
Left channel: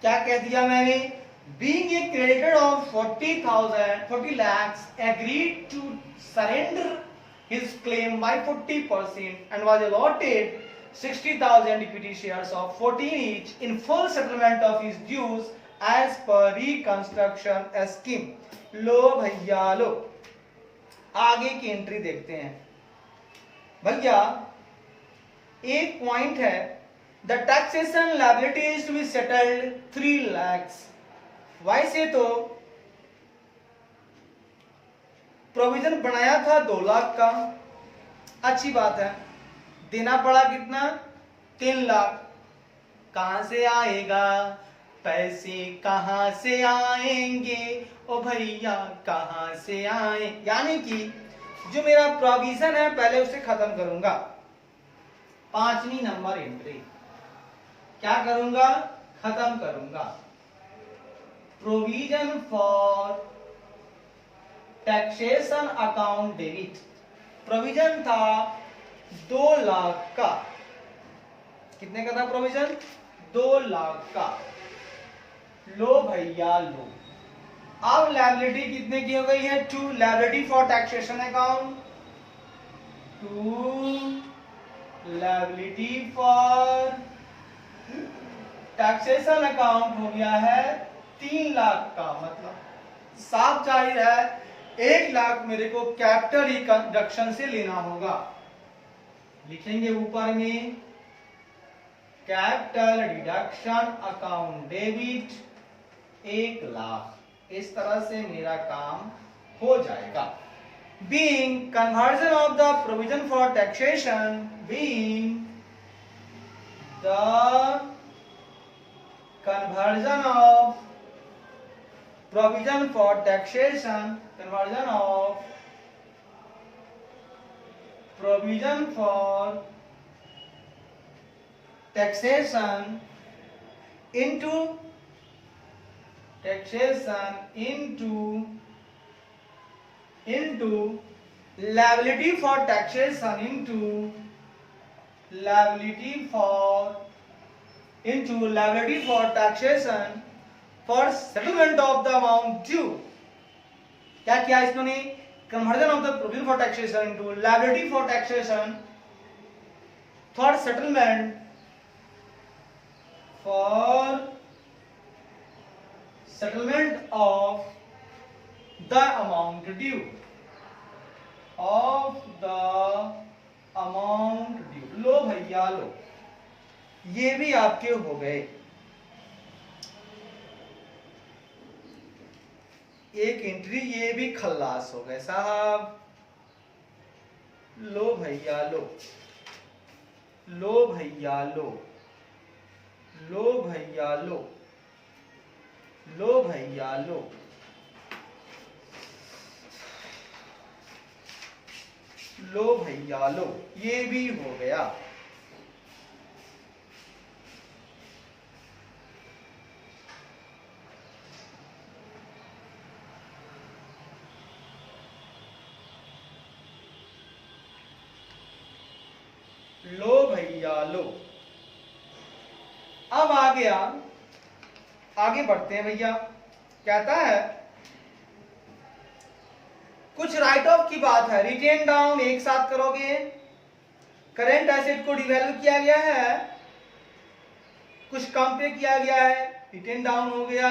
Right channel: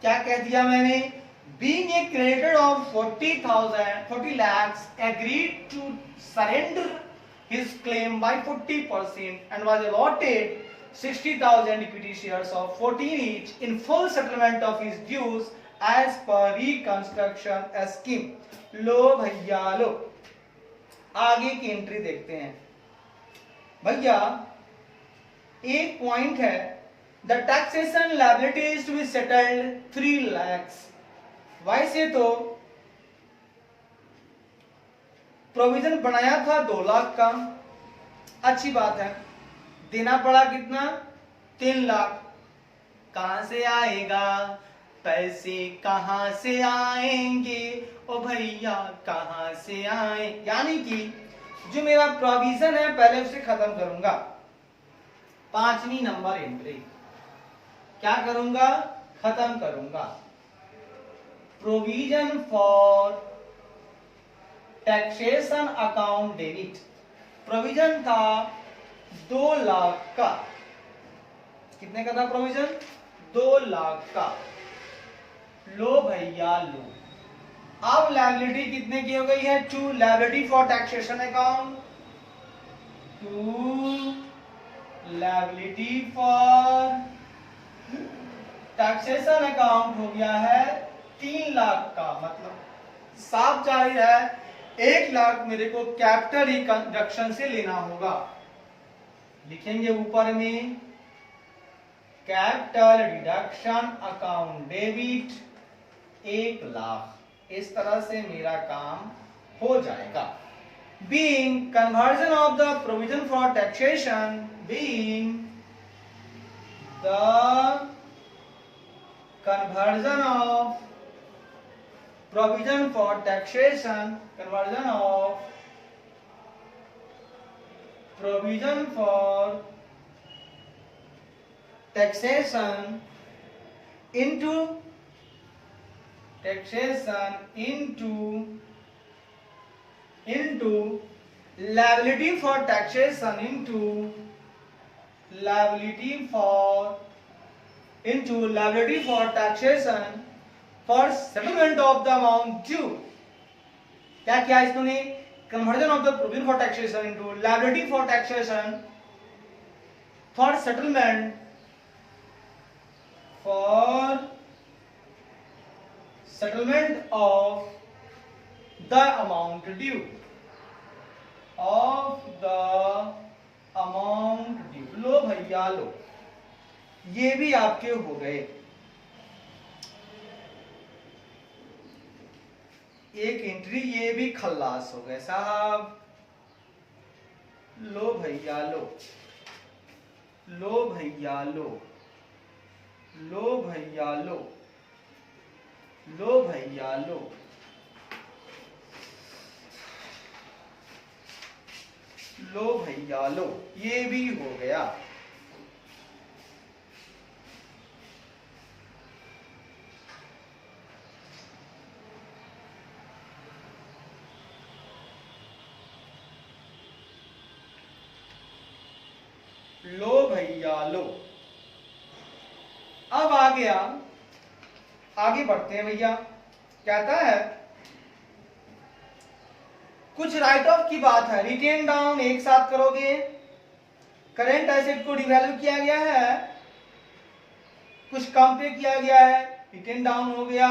क्या कह दिया मैंने? Being a creditor of 40 lakhs agreed to surrender his claim by 40% and was allotted 60,000 equity shares of 14 each in full settlement of his dues as per reconstruction scheme। लो भैया लो, आगे की entry देखते हैं भैया। एक पॉइंट है, the taxation liability is to be settled 3 lakhs। वैसे तो प्रोविजन बनाया था 2 लाख का, अच्छी बात है, देना पड़ा कितना? 3 लाख। कहां से आएगा पैसे, कहां से आएंगे ओ भैया, कहां से आए? यानी कि जो मेरा प्रोविजन है पहले उसे खत्म करूंगा। 5वीं नंबर एंट्री क्या करूंगा? खत्म करूंगा। Provision for taxation account debit, provision था 2 लाख का। कितने का था प्रोविजन? 2 लाख का। लो भैया लो, अब लायबिलिटी कितने की हो गई है? 2 liability for taxation account, 2 liability for taxation account हो गया है 3 लाख का। मतलब साफ जाहिर है 1 लाख मेरे को कैपिटल रिडक्शन से लेना होगा। लिखेंगे ऊपर में capital reduction account debit 1 lakh. इस तरह से मेरा काम हो जाएगा। Being conversion of the provision for taxation, being the conversion of provision for taxation, conversion of provision for taxation into liability for taxation into liability for taxation for settlement of the amount due। क्या किया इसने? conversion of the provision for taxation into liability for taxation for settlement of the amount due, लो भैया लो, ये भी आपके हो गए। एक एंट्री ये भी खल्लास हो गए साहब। लो भैया लो, लो भैया लो, लो भैया लो, लो भैया लो, लो भैया लो, ये भी हो गया। लो भैया लो। अब आ गया, आगे बढ़ते हैं भैया। कहता है कुछ राइट ऑफ की बात है, रिटेन डाउन एक साथ करोगे, करेंट एसेट को डिवैल्यू किया गया है, कुछ कम पे किया गया है, रिटेन डाउन हो गया,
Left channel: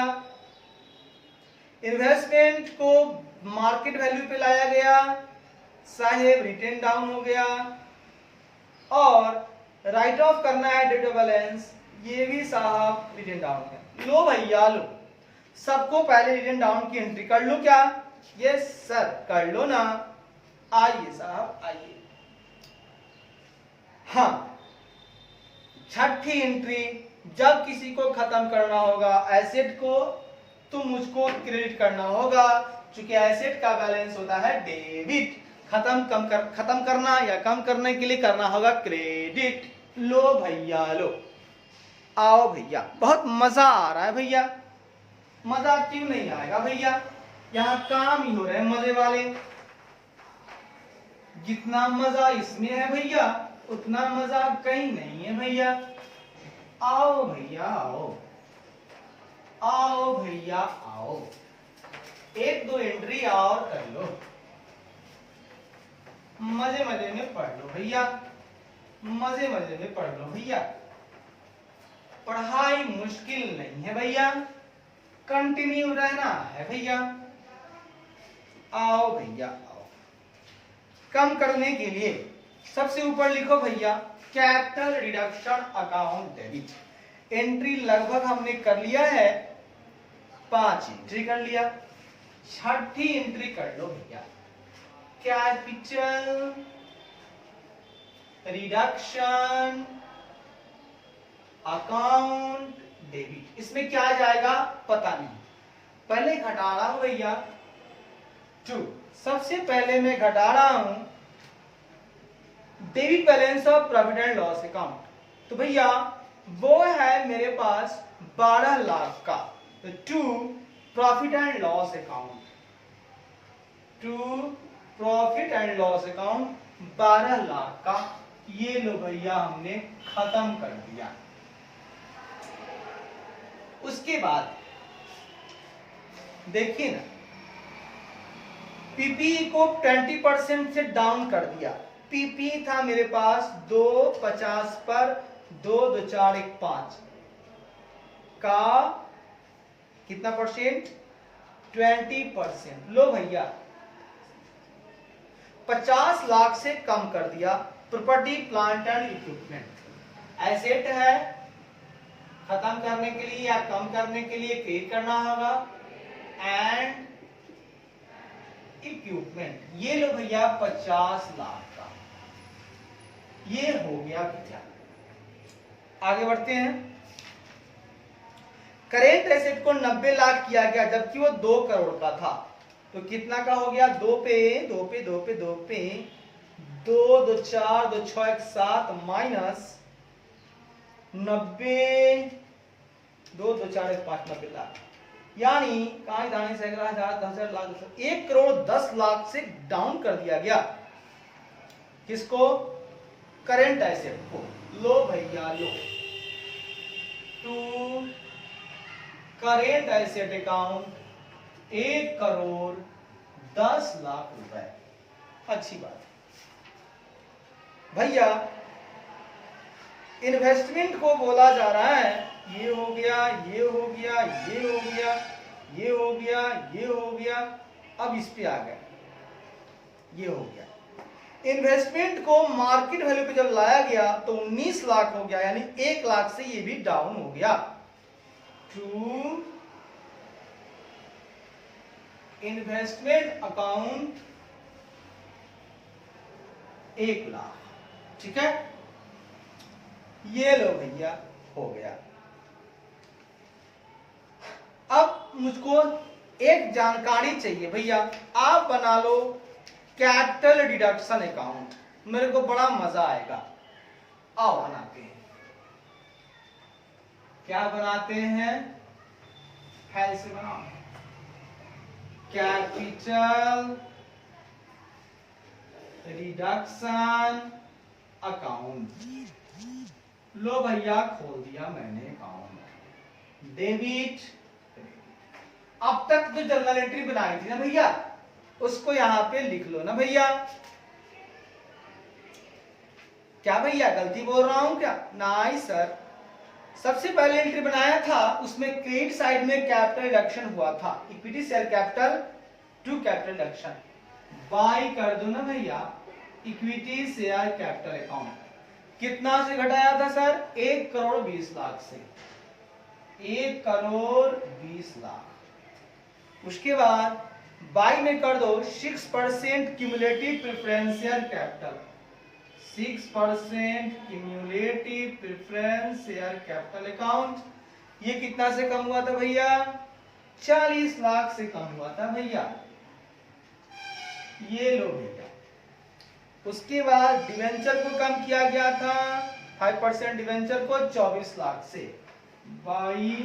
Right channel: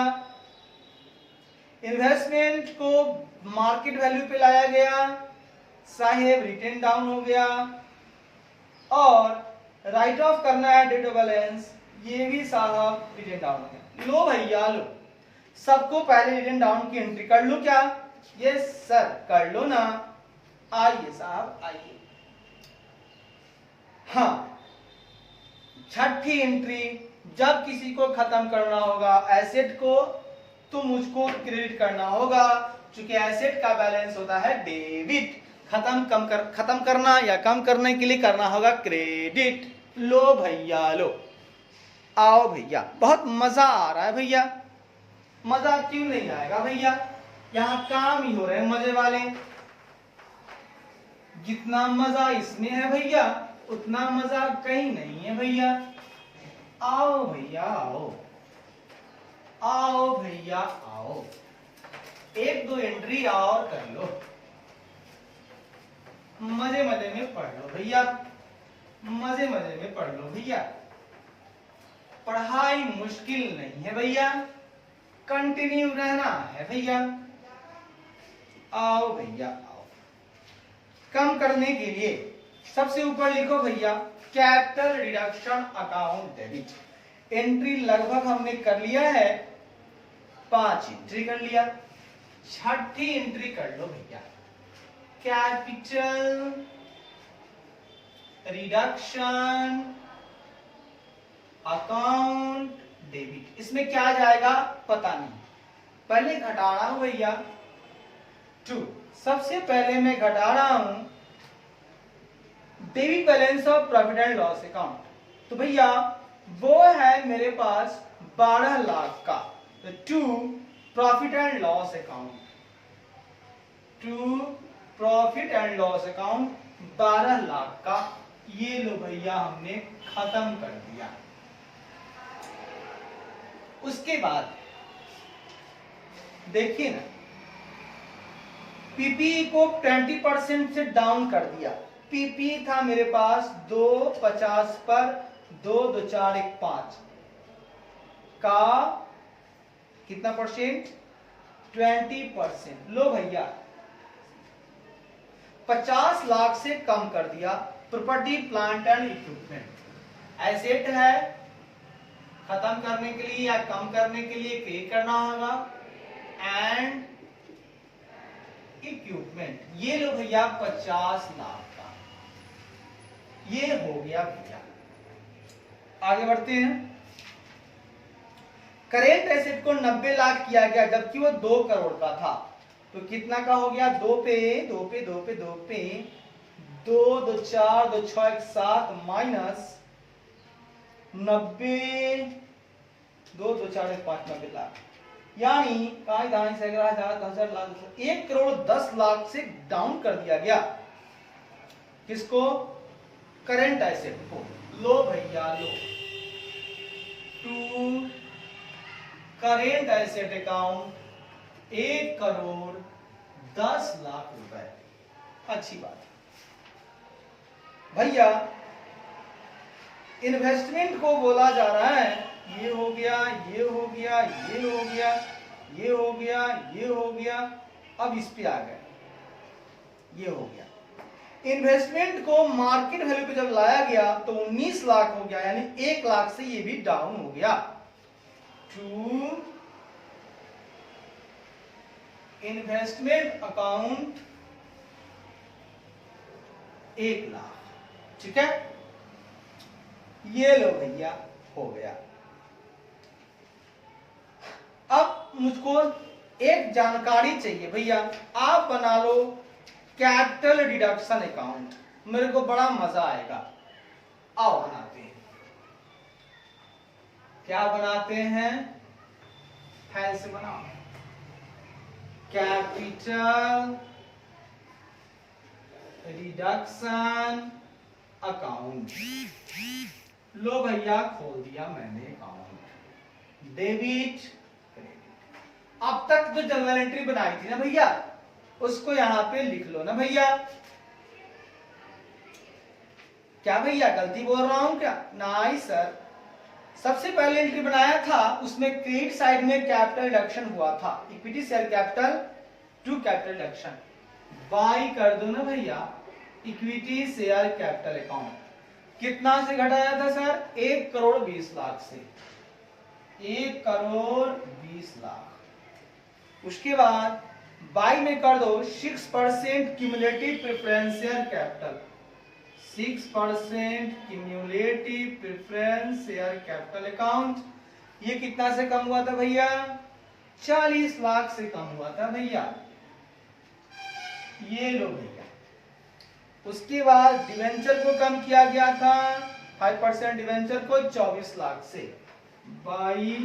इन्वेस्टमेंट को मार्केट वैल्यू पे लाया गया, साहेब रिटेन डाउन हो गया, और राइट ऑफ करना है डेट बैलेंस, ये भी साहब रिटेन डाउन है। लो भैया लो, सबको पहले रिटेन डाउन की एंट्री कर लो क्या? यस सर कर लो ना, आइए साहब आइए। हाँ, छठी एंट्री, जब किसी को खत्म करना होगा एसेट को तो मुझको क्रेडिट करना होगा, क्योंकि एसेट का बैलेंस होता है डेबिट, खत्म करना या कम करने के लिए करना होगा क्रेडिट। लो भैया लो, आओ भैया, बहुत मजा आ रहा है भैया। मजा क्यों नहीं आएगा भैया, यहाँ काम ही हो रहे हैं मजे वाले। जितना मजा इसमें है भैया उतना मजा कहीं नहीं है भैया। आओ भैया आओ, आओ भैया आओ, एक दो एंट्री और कर लो, मजे मजे में पढ़ लो भैया, मजे मजे में पढ़ लो भैया। पढ़ाई मुश्किल नहीं है भैया, कंटिन्यू रहना है भैया। आओ भैया आओ। कम करने के लिए सबसे ऊपर लिखो भैया capital reduction account debit. Entry लगभग हमने कर लिया है, 5 एंट्री कर लिया, छठी एंट्री कर लो भैया, कैपिटल रिडक्शन अकाउंट डेबिट। इसमें क्या जाएगा पता नहीं, पहले घटाना हो भैया 2। सबसे पहले मैं घटा रहा हूं debit balance of profit and loss account. तो भैया वो है मेरे पास 12 लाख का, तो to profit and loss account, to profit and loss account 12 lakh का, ये लो भैया हमने खत्म कर दिया। उसके बाद देखिए ना, पीपी को 20% से डाउन कर दिया। पीपी था मेरे पास 250 पर 2 2 4 1 5 का कितना परसेंट, 20%। लो भैया 50 लाख से कम कर दिया। Property plant and equipment asset है, खत्म करने के लिए या कम करने के लिए क्रिएट करना होगा, एंड इक्विपमेंट, ये लो भैया 50 लाख का, ये हो गया भैया। आगे बढ़ते हैं। करेंट एसेट को 90 लाख किया गया जबकि वो 2 करोड़ का था, तो कितना का हो गया, 2 पे 2 पे 2 पे 2 पे 2 2 4 2 6 1 7 माइनस 90 2 2 4 1 5 90 लाख, यानी कहा दाने से 10,000 लाख 1 करोड़ 10 लाख से डाउन कर दिया गया। किसको, करेंट एसेट को। लो भैया लो, to current asset account 1 crore 10 lakh रुपए। अच्छी बात भैया। इन्वेस्टमेंट को बोला जा रहा है, ये हो गया, ये हो गया, ये हो गया, ये हो गया, ये हो गया, अब इस पे आ गए, ये हो गया। इन्वेस्टमेंट को मार्केट वैल्यू पे जब लाया गया तो 19 लाख हो गया, यानी 1 लाख से ये भी डाउन हो गया। टू इन्वेस्टमेंट अकाउंट 1 लाख, ठीक है, ये लो भैया हो गया। अब मुझको एक जानकारी चाहिए भैया, आप बना लो कैपिटल डिडक्शन अकाउंट, मेरे को बड़ा मजा आएगा। आओ बनाते हैं। क्या बनाते हैं? है से बनाओ, कैपिटल डिडक्शन अकाउंट। लो भैया खोल दिया मैंने अकाउंट, डेबिट। अब तक जो जर्नल एंट्री बनाई थी ना भैया, उसको यहां पे लिख लो ना भैया। क्या भैया गलती बोल रहा हूं क्या? नहीं सर, सबसे पहले एंट्री बनाया था उसमें क्रेडिट साइड में कैपिटल रिडक्शन हुआ था, equity share capital to capital reduction. By कर दो ना भैया इक्विटी शेयर कैपिटल अकाउंट। कितना से घटाया था सर? 1,20,00,000 से, 1,20,00,000। उसके बाद बाई में कर दो 6% cumulative preference share capital, 6% cumulative preference share capital account. ये कितना से कम हुआ था भैया? 40 लाख से कम हुआ था भैया। ये लो भैया। उसके बाद डिवेंचर को कम किया गया था 5% डिवेंचर को 24 लाख से, बाई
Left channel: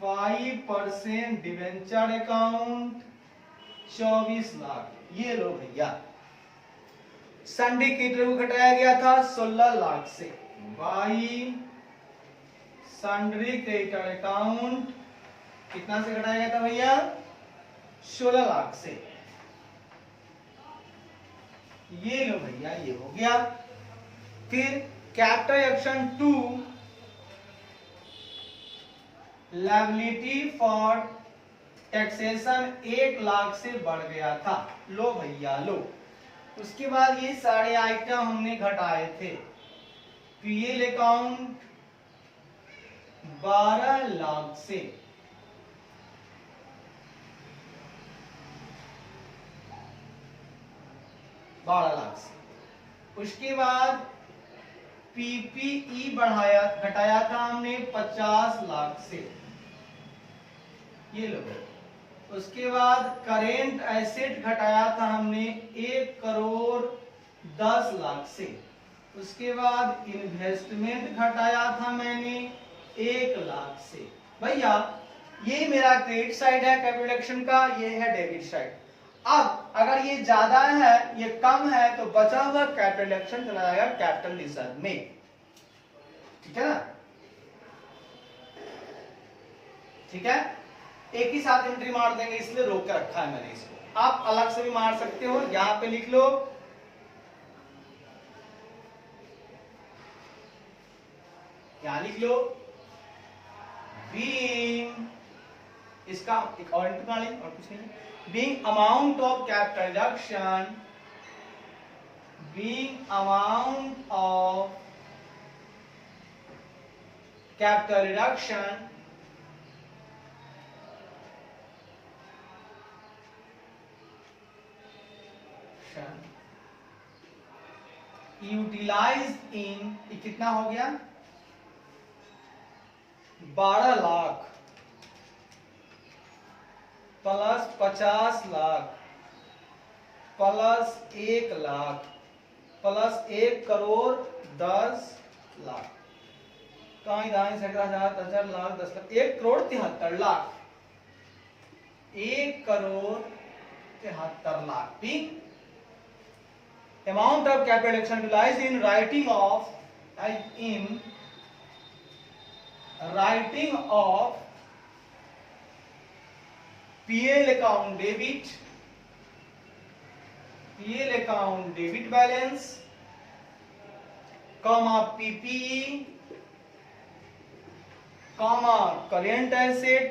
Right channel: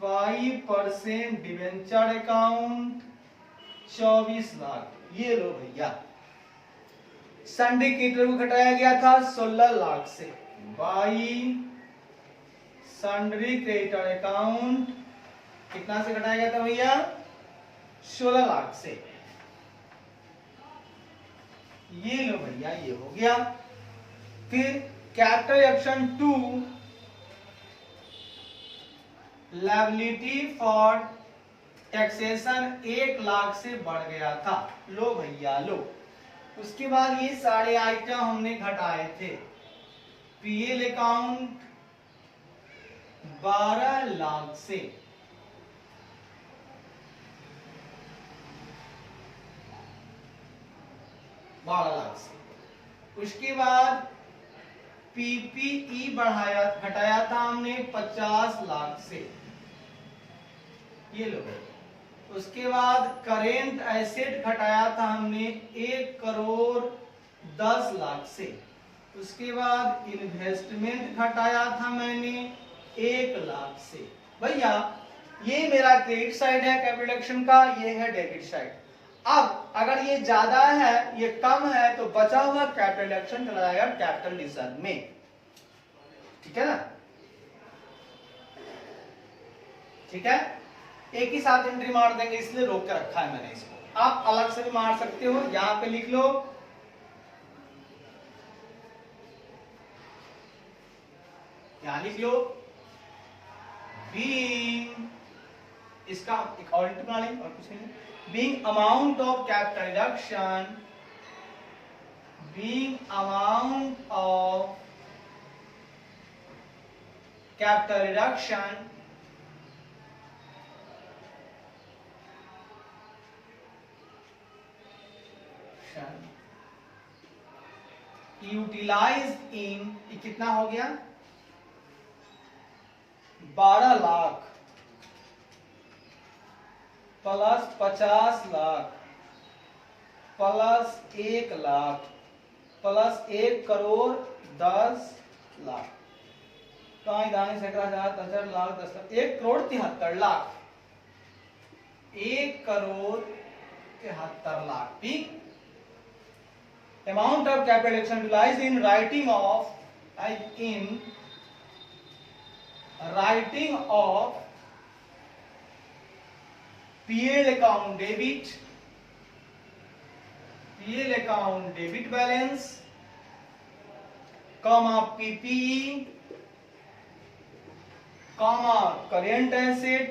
5% डिवेंचर अकाउंट 24 लाख। ये लो भैया। सिंडिकेटर को घटाया गया था 16 लाख से, बाई सन्ड्री क्रेडिटर अकाउंट कितना से घटाया गया था भैया? 16 लाख से। ये लो भैया, ये हो गया। फिर capital action 2 liability for taxation 1 lakh से बढ़ गया था। लो भैया लो। उसके बाद ये सारे आइटम हमने घटाए थे। पीएल अकाउंट 12 लाख से, उसके बाद पीपीई घटाया था हमने 50 लाख से। ये लो। उसके बाद करेंट एसेट घटाया था हमने 1,10,00,000 से। उसके बाद इन्वेस्टमेंट घटाया था मैंने 1 लाख से। भैया ये मेरा क्रेडिट साइड है कैपिटल रिडक्शन का, ये है डेबिट साइड। अब अगर ये ज्यादा है ये कम है तो बचा हुआ कैपिटल रिडक्शन चला जाएगा कैपिटल रिजर्व में। ठीक है ना? ठीक है, एक ही साथ एंट्री मार देंगे इसलिए रोक के रखा है मैंने इसको। आप अलग से भी मार सकते हो, यहां पे लिख लो यहां लिख लो बीइंग, इसका एक और एंट्री मार लेंगे और कुछ नहीं। Being amount of capital reduction, being amount of capital reduction utilise in, कितना हो गया? 12 lakh plus 50 lakh plus 1 lakh plus 1,10,00,000, 1,73,000 lakh 10 lakh, 1,73,00,000, 1,73,00,000। ठीक। Amount of capital action utilized in writing of PL account debit balance, comma PPE, comma current asset।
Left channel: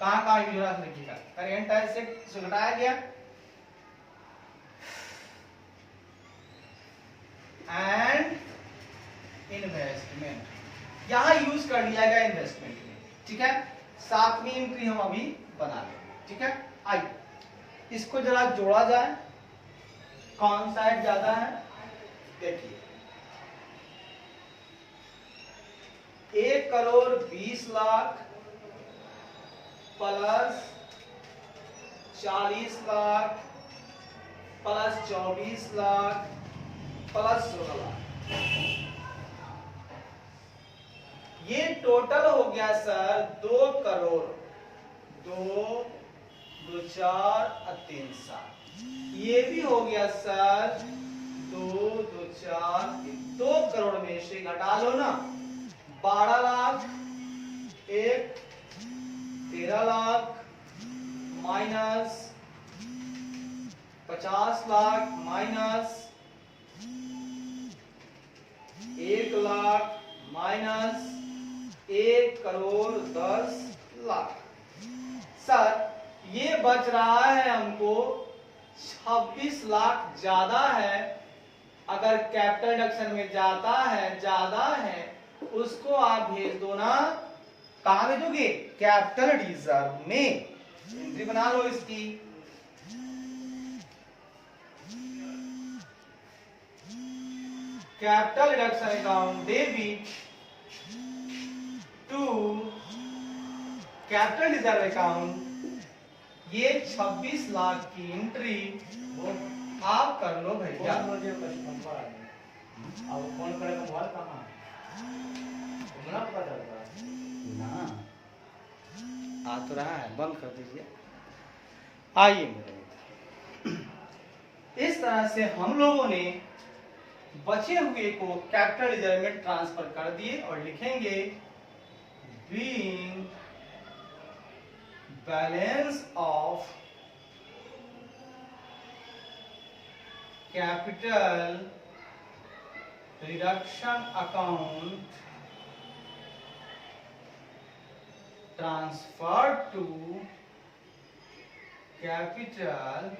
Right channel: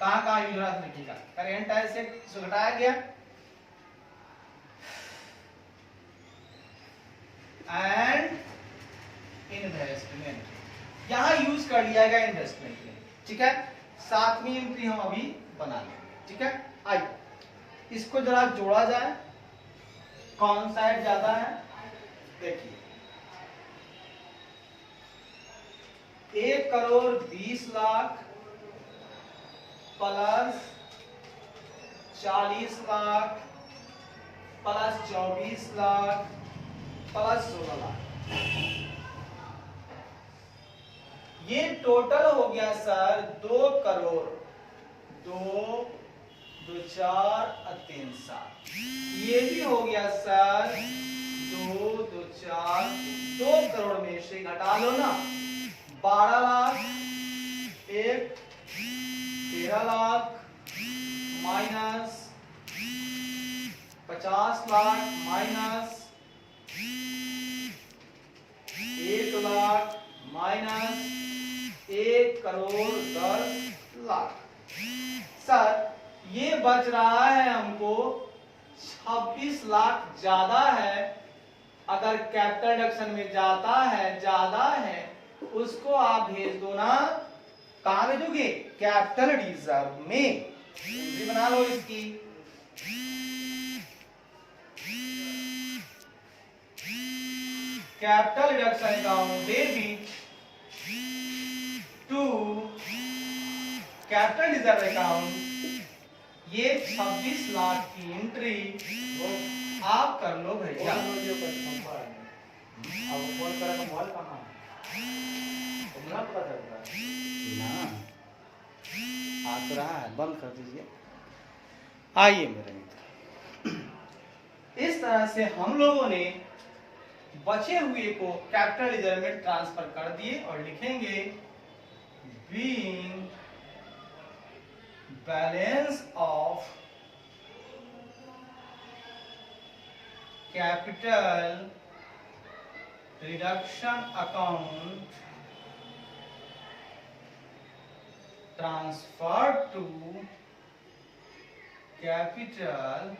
कहां use हो रहा है लिखिएगा। Current asset से घटाया गया एंड इन्वेस्टमेंट, यहां यूज कर लिया गया इन्वेस्टमेंट में। ठीक है, 7वीं एंट्री हम अभी बना लेंगे। ठीक है, आइए इसको जरा जोड़ा जाए, कौन सा ज्यादा है देखिए। 1,20,00,000 plus 40 lakh plus 24 lakh plus 16 lakh, ये टोटल हो गया सर 2 करोड़। 2 2 4 और 3 7, ये भी हो गया सर 2 2 4 2 करोड़ में से घटा लो ना, 12 lakh 1 13 lakh minus 50 lakh minus 1 lakh minus 1 crore 10 lakh. Sir ये बच रहा है हमको 26 लाख ज्यादा है। अगर कैपिटल रिडक्शन में जाता है ज्यादा है, उसको आप भेज दो ना, कहां भेजोगे? कैपिटल रिजर्व में। एंट्री बना लो इसकी। Capital reduction account debit to capital reserve account, ये 26 लाख की एंट्री आप कर लो भैया। अब फोन करेगा मोबाइल कहाँ तुम ना पता चलता ना आ तो रहा है, बंद कर दीजिए। आइए मेरे मित्र, इस तरह से हम लोगों ने बचे हुए को कैपिटल रिजर्व में ट्रांसफर कर दिए और लिखेंगे being balance of capital reduction account transfer to capital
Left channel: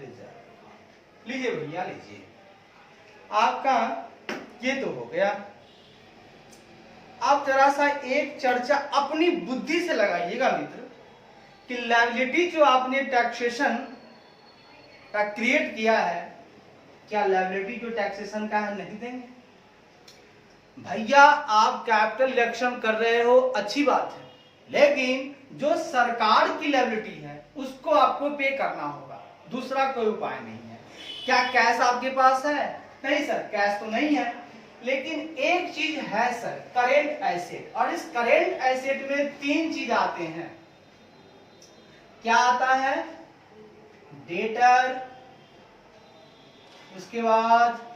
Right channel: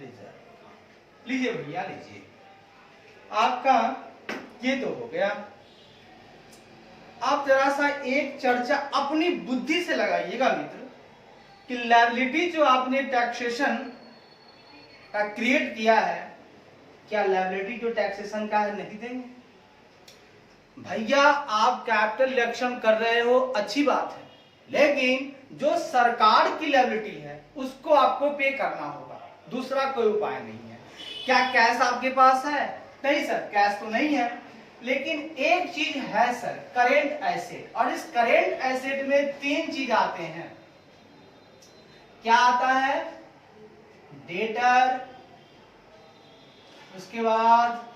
reserve. लीजिए भैया लीजिए, आपका ये तो हो गया। आप जरा सा एक चर्चा अपनी बुद्धि से लगाइएगा मित्र कि लायबिलिटी जो आपने टैक्सेशन का क्रिएट किया है, क्या लायबिलिटी जो टैक्सेशन का है नहीं देंगे? भैया आप कैपिटल रिडक्शन कर रहे हो, अच्छी बात है, लेकिन जो सरकार की लायबिलिटी है उसको आपको पे करना होगा, दूसरा कोई उपाय नहीं है। क्या कैश आपके पास है? नहीं सर, कैश तो नहीं है, लेकिन एक चीज है सर, करेंट एसेट। और इस करेंट एसेट में 3 चीज आते हैं। क्या आता है? डेटर, उसके बाद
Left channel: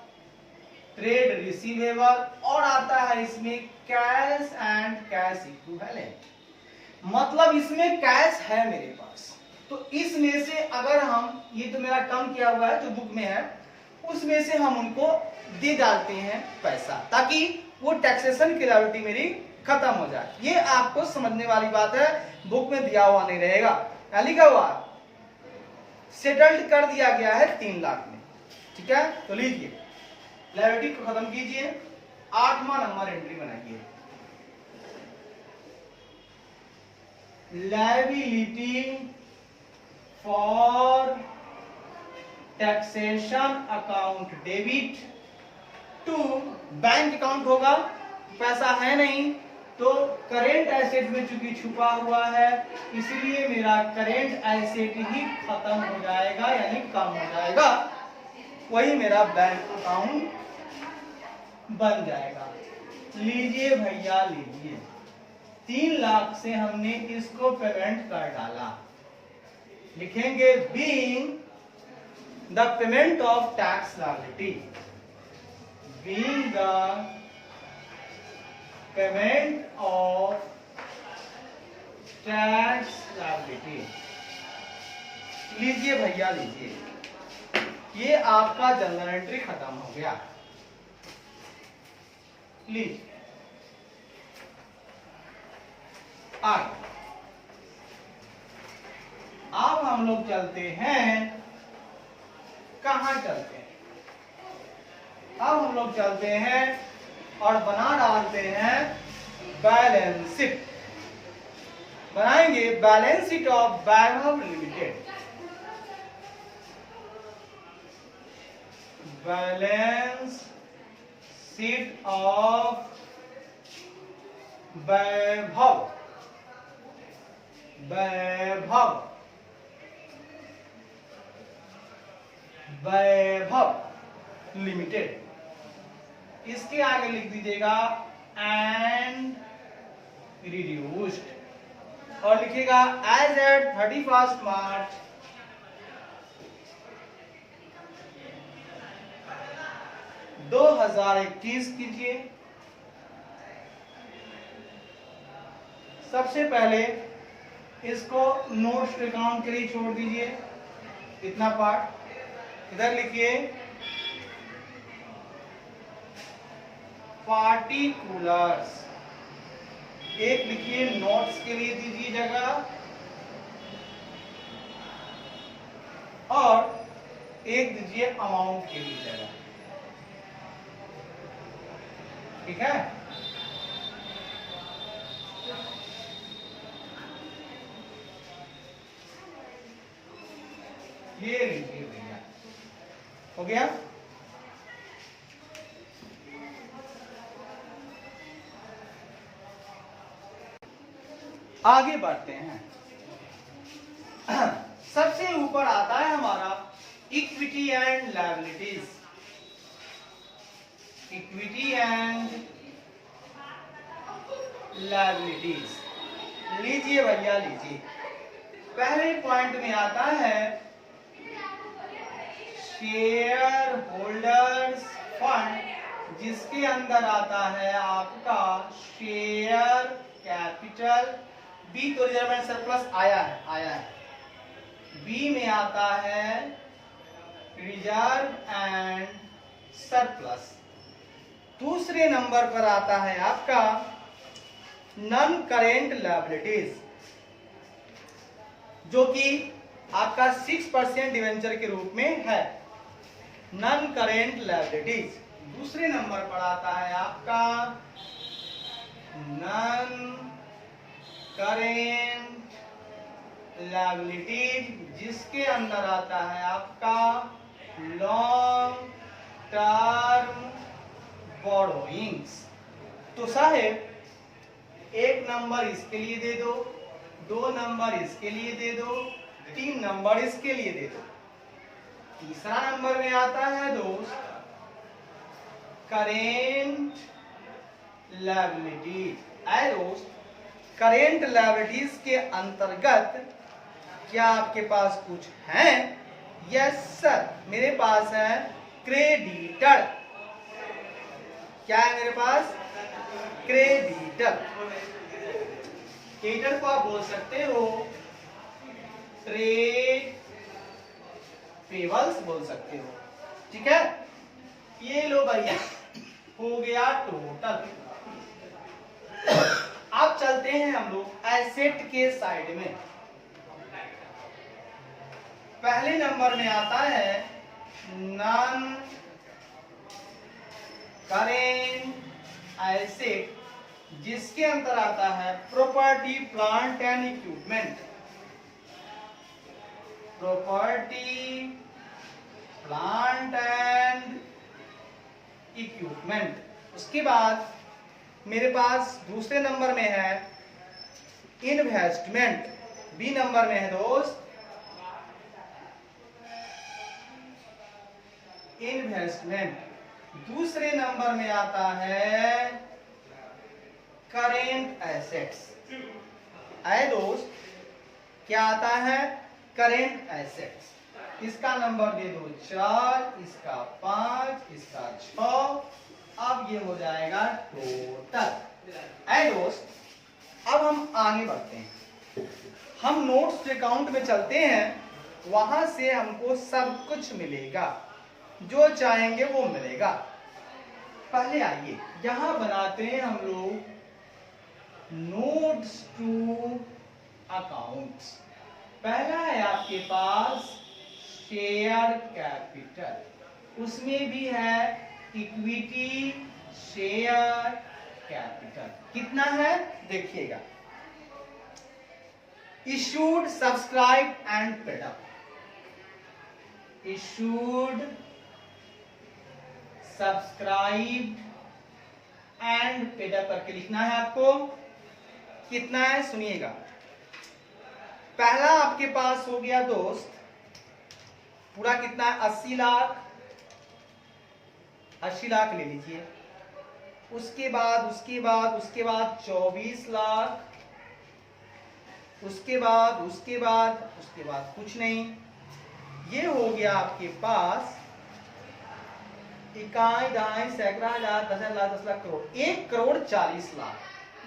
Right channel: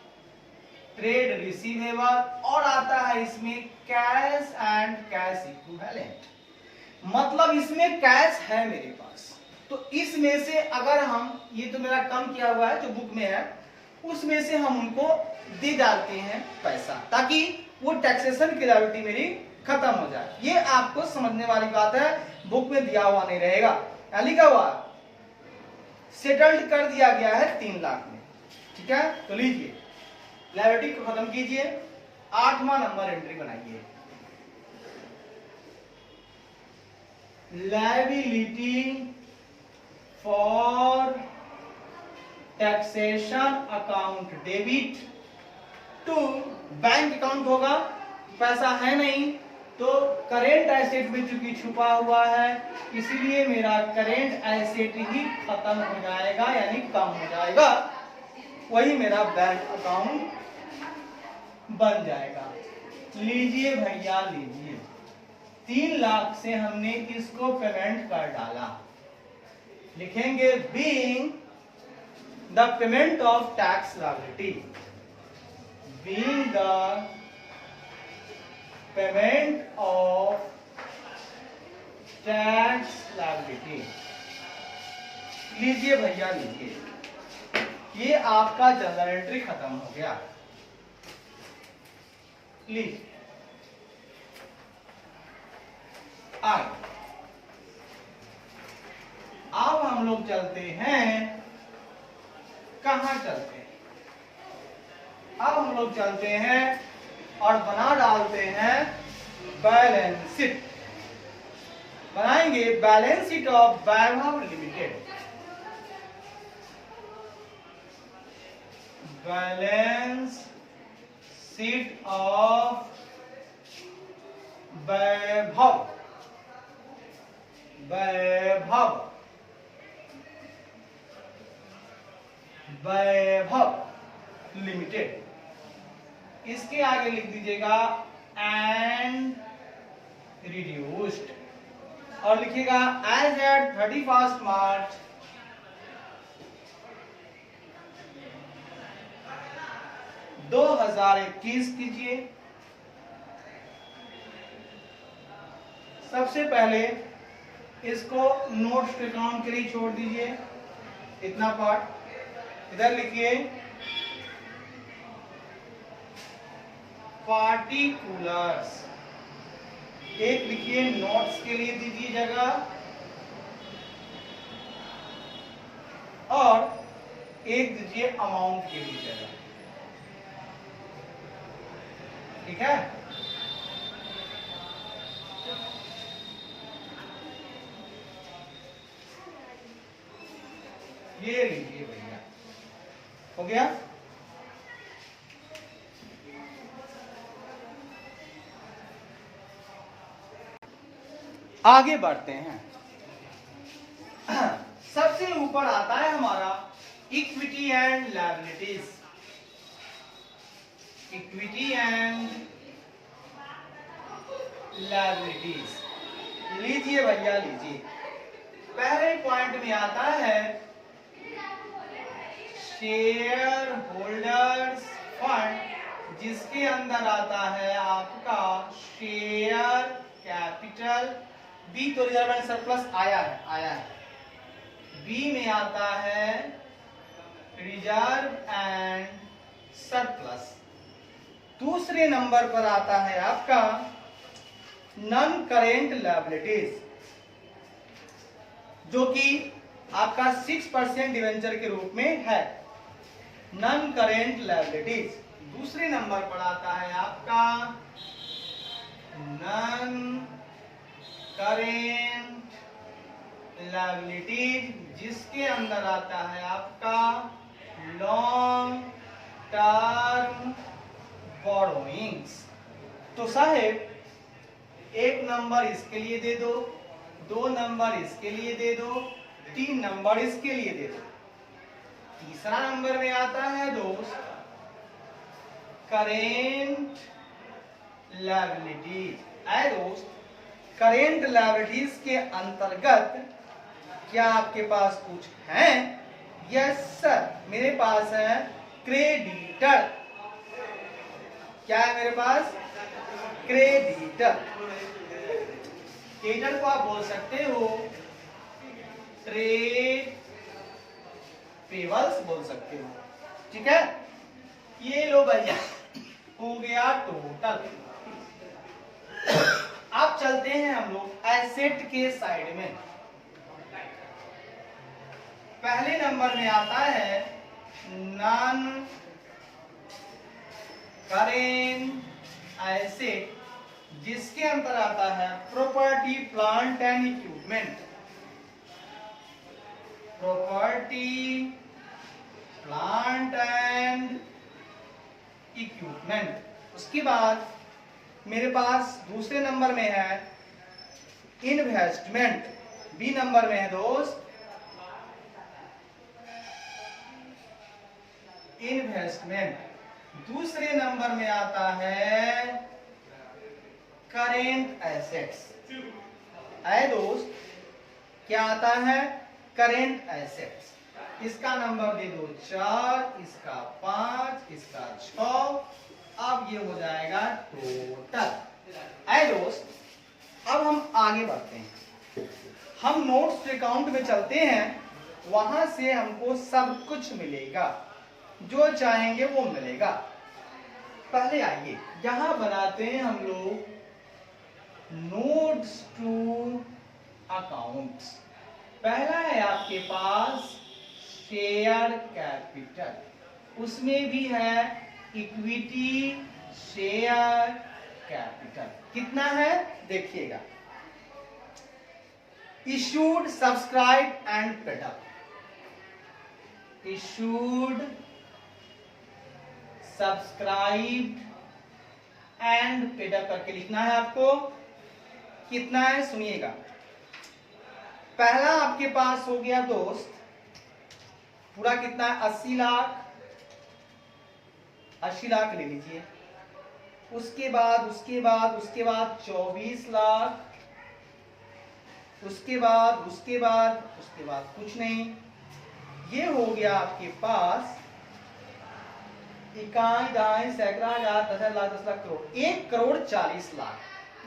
ट्रेड रिसीवेबल, और आता है इसमें कैश एंड कैश इक्विवेलेंट। मतलब इसमें कैश है मेरे पास, तो इसमें से अगर हम, ये तो मेरा कम किया हुआ है जो बुक में है, उसमें से हम उनको दे डालते हैं पैसा, ताकि वो टैक्सेशन की लायबिलिटी मेरी खत्म हो जाए। ये आपको समझने वाली बात है, बुक में दिया हुआ नहीं रहेगा। लिखा हुआ सेटल्ड कर दिया गया है 3 लाख में, ठीक है। तो लीजिए लायबिलिटी को खत्म कीजिए, 8वां नंबर एंट्री बनाइए। Liability for taxation account debit to bank account होगा, पैसा है नहीं तो करेंट एसेट में चूंकि छुपा हुआ है, इसलिए मेरा करेंट एसेट ही खत्म हो जाएगा, यानी कम हो जाएगा, वही मेरा बैंक अकाउंट बन जाएगा। लीजिए भैया लीजिए, 3 लाख से हमने इसको पेमेंट कर डाला, लिखेंगे being the payment of tax liability, being the payment of tax liability. लीजिए भैया लीजिए, ये आपका जनरल एंट्री खत्म हो गया। लीजिए आगे अब हम लोग चलते हैं, कहां चलते हैं? अब हम लोग चलते हैं और बना डालते हैं बैलेंस शीट। बनाएंगे balance sheet of Vaibhav limited. Balance sheet of Vaibhav Vaibhav limited. इसके आगे लिख दीजिएगा एंड रिड्यूस्ड और लिखिएगा एज एट 31 मार्च 2021 कीजिए। सबसे पहले इसको नोट्स के अकाउंट के लिए छोड़ दीजिए, इतना पार्ट इधर लिखिए। पार्टिकुलर्स एक लिखिए, नोट्स के लिए दीजिए जगह, और एक दीजिए अमाउंट के लिए जगह। ठीक है, ये लीजिए भैया, हो गया। आगे बढ़ते हैं। सबसे ऊपर आता है हमारा equity and liabilities. Equity and liabilities लीजिए भैया, लीजिए। पहले पॉइंट में आता है शेयर होल्डर्स फंड, जिसके अंदर आता है आपका शेयर कैपिटल। बी तो रिजर्व एंड सरप्लस आया है। बी में आता है रिजर्व एंड सरप्लस। दूसरे नंबर पर आता है आपका नॉन करेंट लायबिलिटीज, जो कि आपका 6% डिवेंचर के रूप में है। Non current liabilities. दूसरे नंबर पर आता है आपका नॉन करेंट लायबिलिटीज, जिसके अंदर आता है आपका लॉन्ग टर्म बोरोइंग्स। तो साहेब एक नंबर इसके लिए दे दो, 2 नंबर इसके लिए दे दो, 3 नंबर इसके लिए दे दो। तीसरा नंबर में आता है दोस्त करेंट लायबिलिटीज। आए दोस्त, करेंट लायबिलिटीज के अंतर्गत क्या आपके पास कुछ है? यस सर, मेरे पास है क्रेडिटर। क्या है मेरे पास? क्रेडिटर। क्रेडिटर को आप बोल सकते हो ट्रेड पेबल्स बोल सकते हो। ठीक है, ये लो भैया, हो गया टोटल। अब चलते हैं हम लोग एसेट के साइड में। पहले नंबर में आता है नॉन करेंट एसेट, जिसके अंदर आता है property plant and equipment. Property plant and equipment. उसके बाद मेरे पास दूसरे नंबर में है इन्वेस्टमेंट। बी नंबर में है दोस्त इन्वेस्टमेंट। दूसरे नंबर में आता है करेंट एसेट्स। आए दोस्त, क्या आता है? Current assets. इसका नंबर दे दो 4, इसका 5, इसका 6। अब ये हो जाएगा टोटल। आए दोस्त, अब हम आगे बढ़ते हैं। हम नोट्स अकाउंट में चलते हैं, वहां से हमको सब कुछ मिलेगा, जो चाहेंगे वो मिलेगा। पहले आइए यहां बनाते हैं हम लोग नोट्स टू अकाउंट्स। पहला है आपके पास शेयर कैपिटल, उसमें भी है इक्विटी शेयर कैपिटल। कितना है देखिएगा। Issued, subscribe and paid up. Issued, subscribed and paid up करके लिखना है आपको। कितना है सुनिएगा। पहला आपके पास हो गया दोस्त पूरा कितना है 80 लाख, 80 लाख ले लीजिए। उसके बाद 24 लाख, उसके बाद कुछ नहीं। ये हो गया आपके पास इकाई, दहाई, सैकड़ा, हजार, 10,000, लाख, 10 लाख, करोड़। 1,40,40,00,000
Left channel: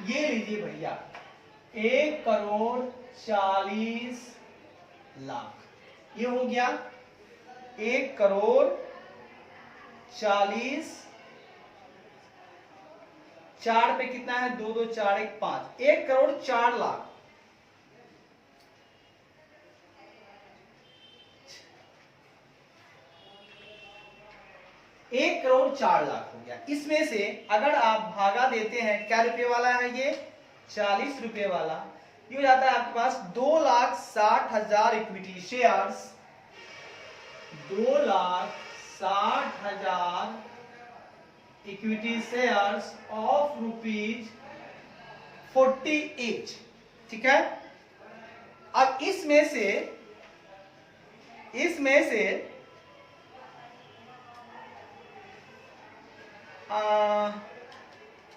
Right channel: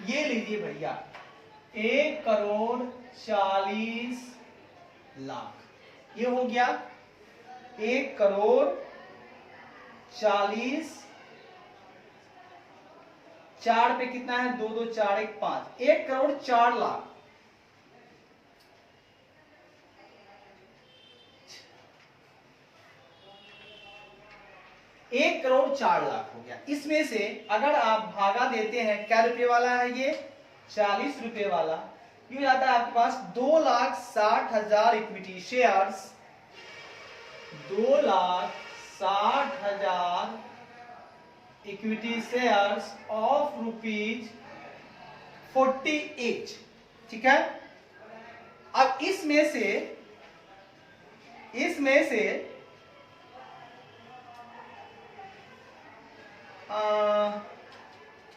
ये लीजिए भैया, 1,40,40,00,000 ये हो गया 1,40,40,00,000। 4 पे कितना है? 2 2 4 1 5, 1,04,00,000। एक करोड़ 4,00,000 हो गया। इसमें से अगर आप भागा देते हैं, क्या रुपए वाला है ये? 40 रुपए वाला। ये हो जाता है आपके पास 2,60,000 equity shares, 2,60,000 equity shares of ₹48। ठीक है। अब इसमें से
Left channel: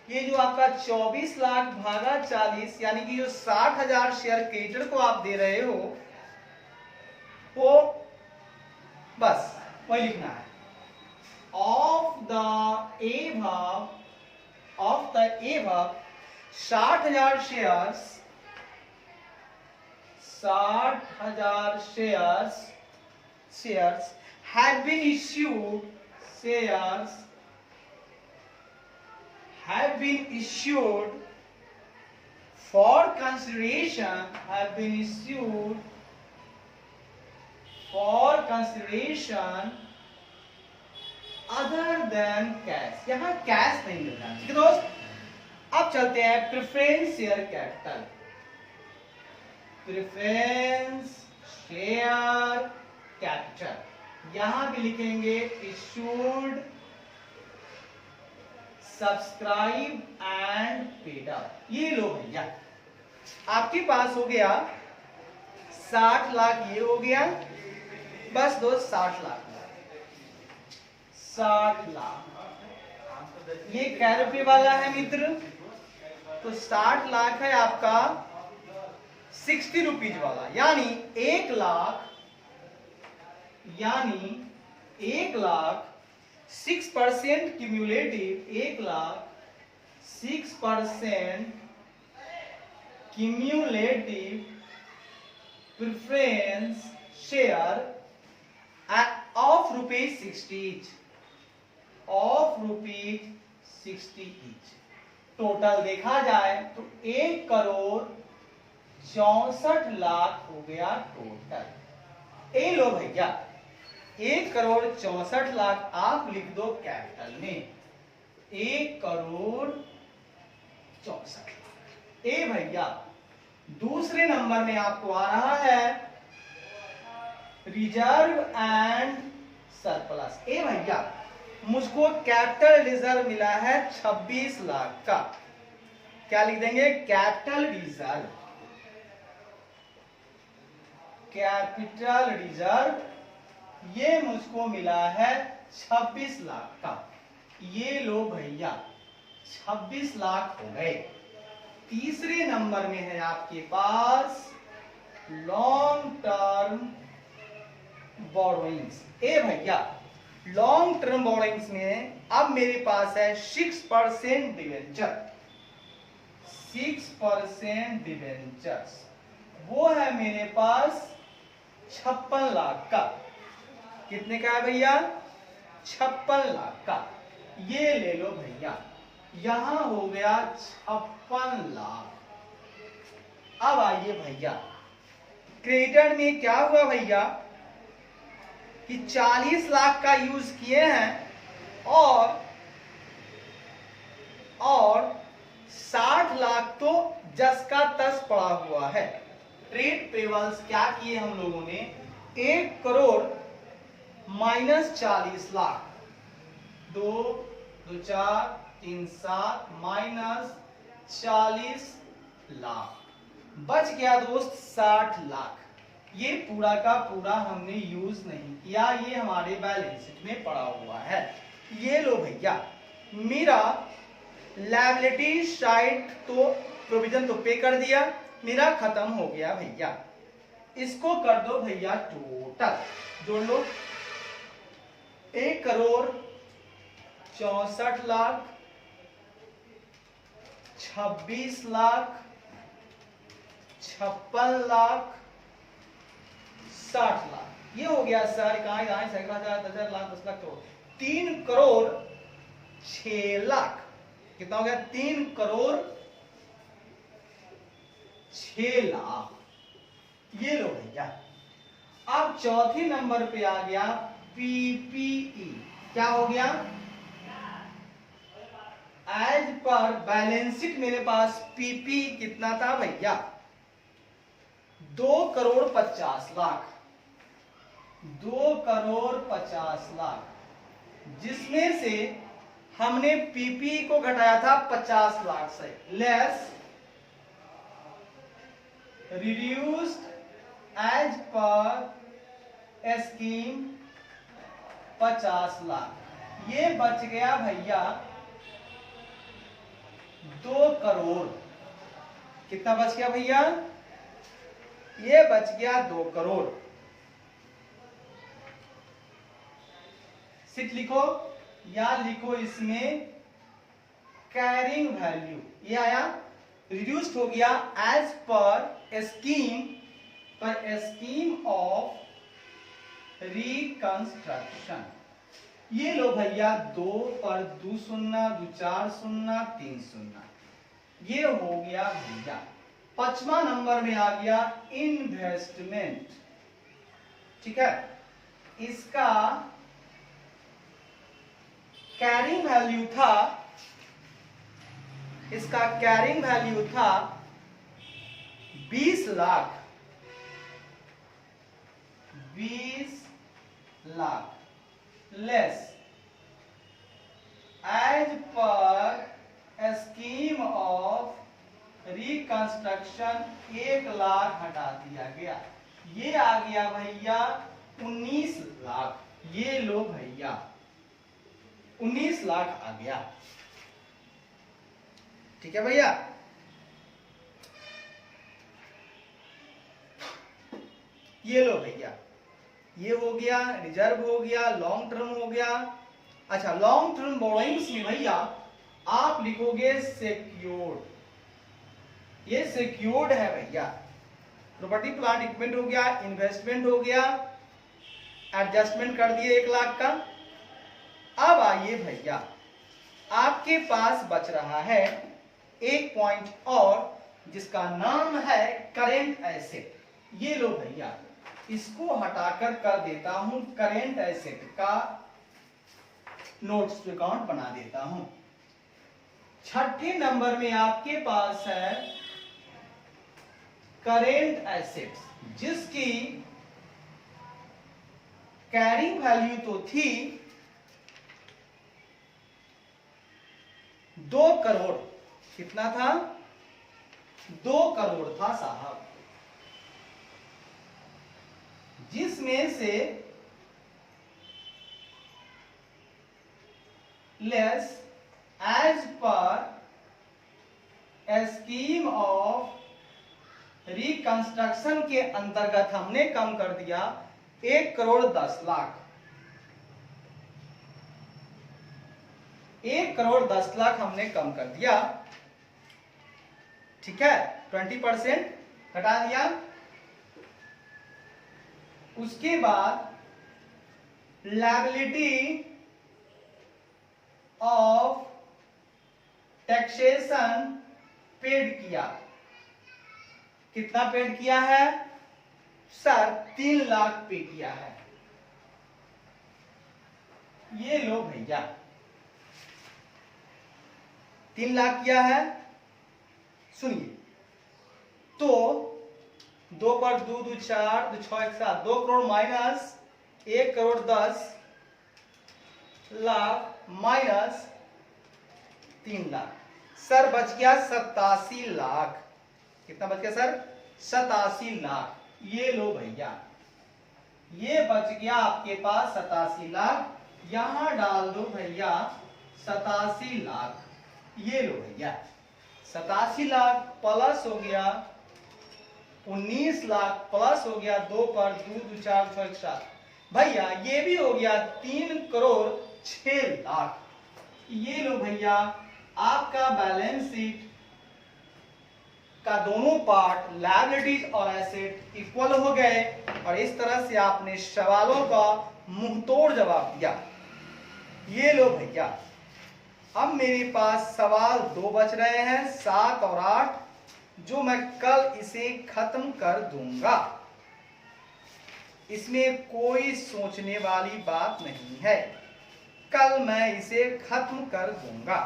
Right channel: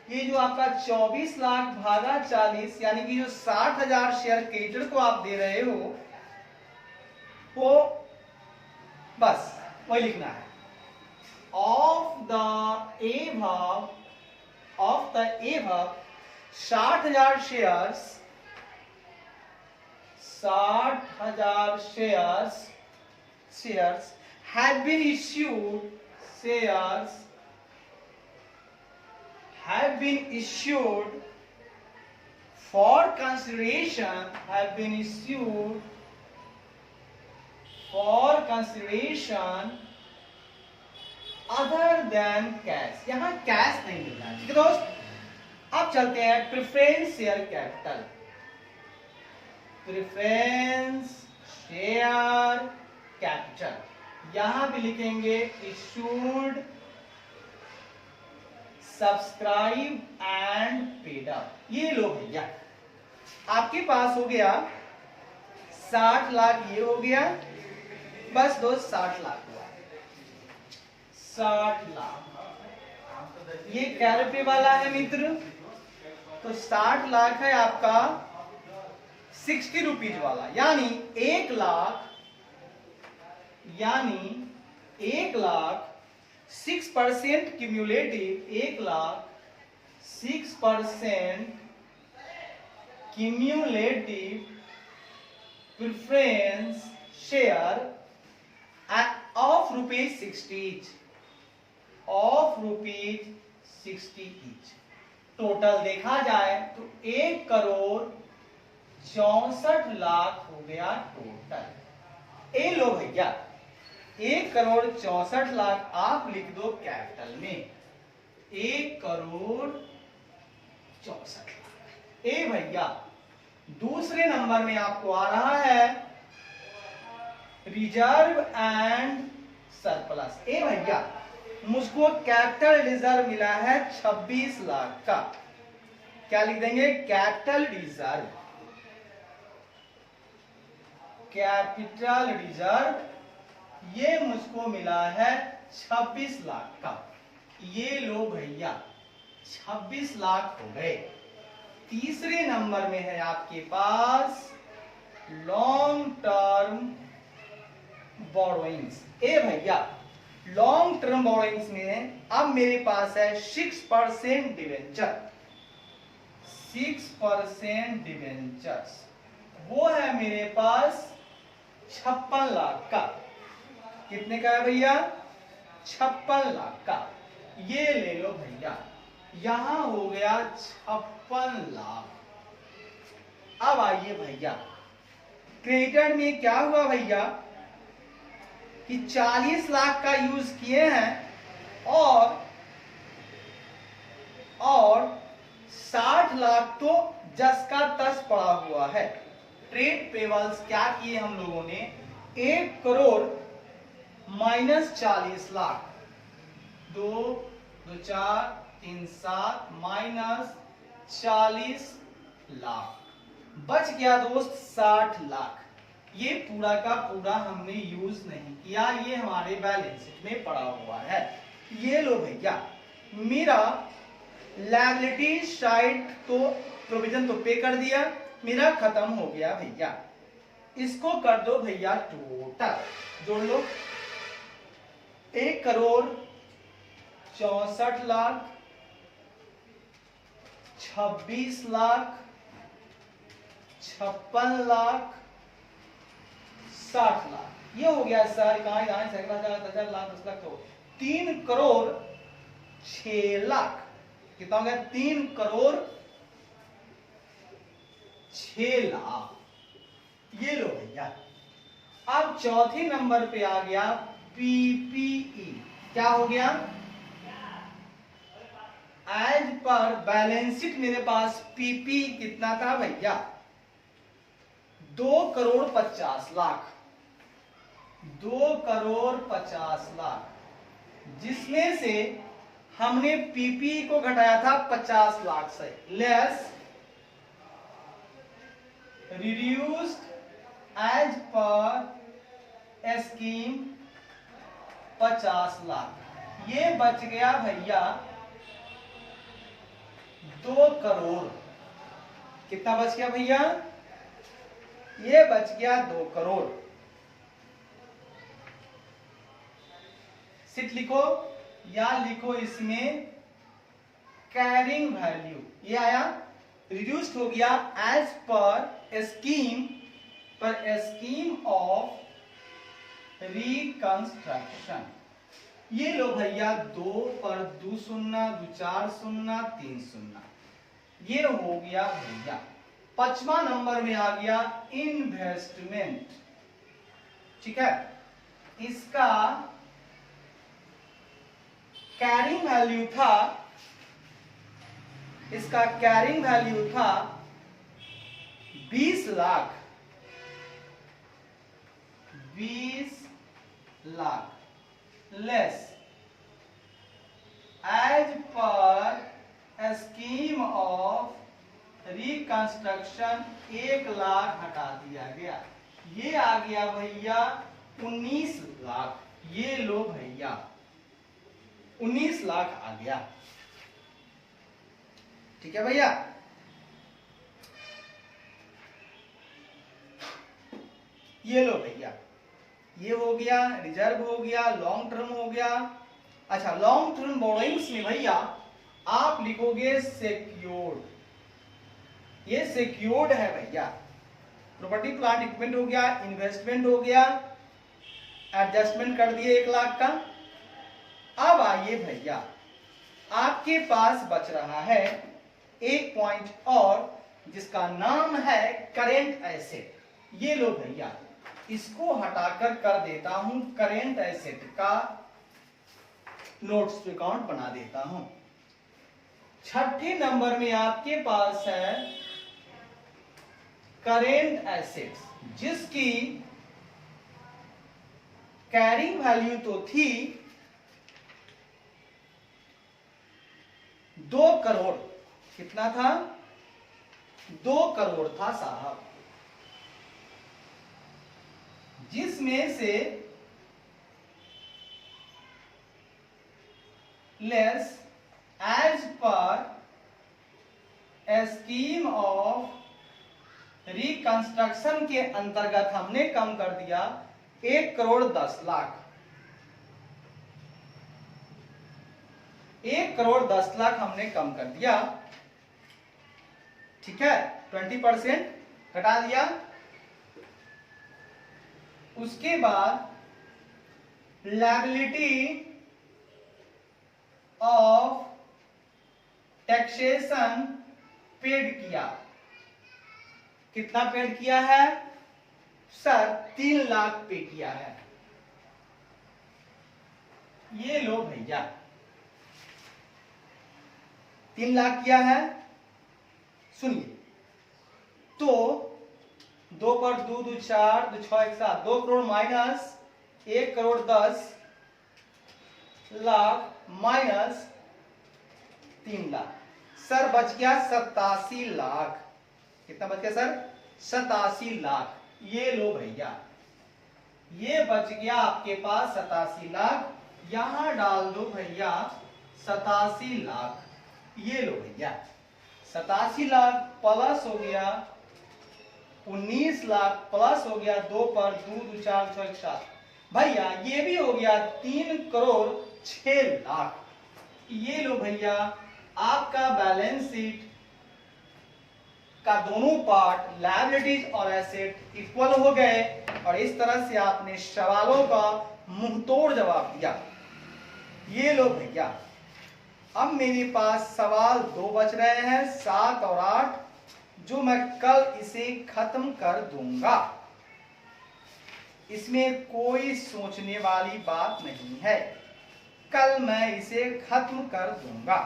ये जो आपका 24 लाख भागा 40, यानी कि जो 60,000 शेयर क्रेडिटर को आप दे रहे हो, वो बस वही लिखना है। Of the above 60,000 shares, 60,000 shares have been issued, for consideration, other than cash। यहां कैश नहीं मिलना है। ठीक है दोस्त। अब चलते हैं प्रेफरेंस शेयर कैपिटल। यहां भी लिखेंगे issued, subscribe and paid up. ये लो भैया, आपके पास हो गया 60 लाख, ये हो गया बस दोस्त 60 लाख। 60 लाख ये क्या रुपए वाला है मित्र? तो 60 लाख है आपका 60 रुपीज वाला, यानी 1 lakh, 6% cumulative, 1 lakh 6% cumulative preference share of ₹60 each। Total देखा जाए तो 1,64,00,000 हो गया टोटल। ए लो भैया, 1,64,00,000 आप लिख दो कैपिटल में, 1,64,00,000। ए भैया, दूसरे नंबर में आपको आ रहा है रिजर्व एंड सरप्लस। ए भैया, मुझको कैपिटल रिजर्व मिला है 26 लाख का। क्या लिख देंगे? कैपिटल रिजर्व ये मुझको मिला है 26 लाख का। ये लो भैया, 26 लाख हो गए। तीसरे नंबर में है आपके पास लॉन्ग टर्म बोरोइंग्स। ए भैया, लॉन्ग टर्म बोरोइंग्स में अब मेरे पास है 6% डिवेंचर, 6% डिवेंचर्स, वो है मेरे पास 56 लाख का। कितने का है भैया? 56 लाख का। ये ले लो भैया, यहां हो गया 56 लाख। अब आइए भैया, क्रेडिटर में क्या हुआ भैया कि 40 लाख का यूज किए हैं और 60 लाख तो जस का तस पड़ा हुआ है। ट्रेड पेबल्स क्या किए हम लोगों ने? 1,00,00,000 माइनस 40 लाख, 2 2 4 3 7 माइनस 40 लाख, बच गया दोस्त 60 लाख। ये पूरा का पूरा हमने यूज नहीं किया, ये हमारे बैलेंस शीट में पड़ा हुआ है। ये लो भैया, मेरा लायबिलिटी साइड तो प्रोविजन तो पे कर दिया, मेरा खत्म हो गया भैया। इसको कर दो भैया टोटल, जोड़ लो। 1,64,00,000, 26,00,000, 56,00,000, 60,00,000। ये हो गया सर, कहाँ 10,000, 10,000, लाख, 10 लाख, तो 3,06,00,000। कितना हो गया? 3,06,00,000। ये लो भैया। अब चौथे नंबर पे आ गया पीपीई। क्या हो गया? एज पर बैलेंस शीट मेरे पास पीपी कितना था भैया? 2,50,00,000। 2,50,00,000, जिसमें से हमने पीपी को घटाया था 50,00,000 से, less reduced as per scheme 50,00,000। ये बच गया भैया 2 करोड़। कितना बच गया भैया? ये बच गया 2 करोड़। सिर्फ लिखो या लिखो इसमें कैरिंग वैल्यू, ये आया, रिड्यूस्ड हो गया as per scheme of reconstruction. ये लो भैया, 2 पर 2 शून्य, 2 4 शून्य, 3 शून्य। ये हो गया भैया। 5वां नंबर में आ गया इन्वेस्टमेंट। ठीक है, इसका कैरिंग वैल्यू था, इसका कैरिंग वैल्यू था 20 lakh. 20 lakh less as per scheme of reconstruction 1 lakh हटा दिया गया। ये आ गया भैया 19 लाख। ये लो भैया 19 लाख आ गया। ठीक है भैया। ये लो भैया, ये हो गया, रिजर्व हो गया, लॉन्ग टर्म हो गया। अच्छा, लॉन्ग टर्म बोरोइंग्स में भैया आप लिखोगे सिक्योर्ड। ये सिक्योर्ड है भैया। प्रॉपर्टी प्लांट इक्विपमेंट हो गया, इन्वेस्टमेंट हो गया, एडजस्टमेंट कर दिए 1 लाख का। अब आइए भैया, आपके पास बच रहा है एक पॉइंट और, जिसका नाम है करेंट एसेट। ये लो भैया, इसको हटाकर कर देता हूं करेंट एसेट का नोट्स टू अकाउंट बना देता हूं। 6ठे नंबर में आपके पास है करेंट एसेट्स, जिसकी कैरिंग वैल्यू तो थी 2 करोड़। कितना था? 2 करोड़ था साहब, जिसमें से less as per scheme of reconstruction के अंतर्गत हमने कम कर दिया 1,10,00,000। 1,10,00,000 हमने कम कर दिया। ठीक है, 20% हटा दिया। उसके बाद लायबिलिटी ऑफ टैक्सेशन पेड किया। कितना पेड किया है सर? 3 लाख पे किया है। ये लो भैया, 3 लाख किया है। सुनिए, तो 2 पर 2 2 4 2 6 1 7, 2 crore minus 1,10,00,000 minus 3 lakh. Sir बच गया 87 लाख। कितना बच गया सर? 87 लाख। ये लो भैया, ये बच गया आपके पास 87 लाख, यहां डाल दो भैया 87 लाख, ये लो भैया 87 लाख प्लस हो गया 19 लाख प्लस हो गया 2 पर 2 2 4 6 7 भैया, ये भी हो गया 3 करोड़ 6 लाख। ये लो भैया आपका बैलेंस शीट का दोनों पार्ट लायबिलिटीज और एसेट इक्वल हो गए, और इस तरह से आपने सवालों का मुंहतोड़ जवाब दिया। ये लो भैया, अब मेरे पास सवाल 2 बच रहे हैं, 7 और 8, जो मैं कल इसे खत्म कर दूंगा। इसमें कोई सोचने वाली बात नहीं है, कल मैं इसे खत्म कर दूंगा।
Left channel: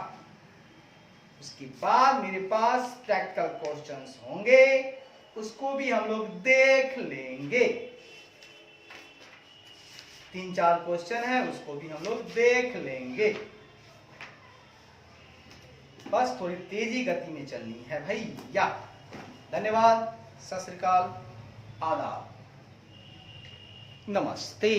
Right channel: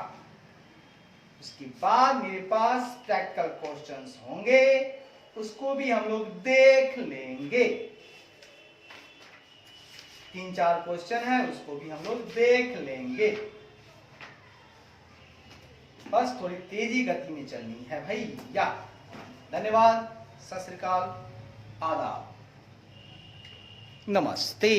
उसके बाद मेरे पास प्रैक्टिकल क्वेश्चंस होंगे, उसको भी हम लोग देख लेंगे। 3-4 क्वेश्चन है, उसको भी हम लोग देख लेंगे। बस थोड़ी तेजी गति में चलनी है भैया। धन्यवाद, सत श्री अकाल, आदाब, नमस्ते।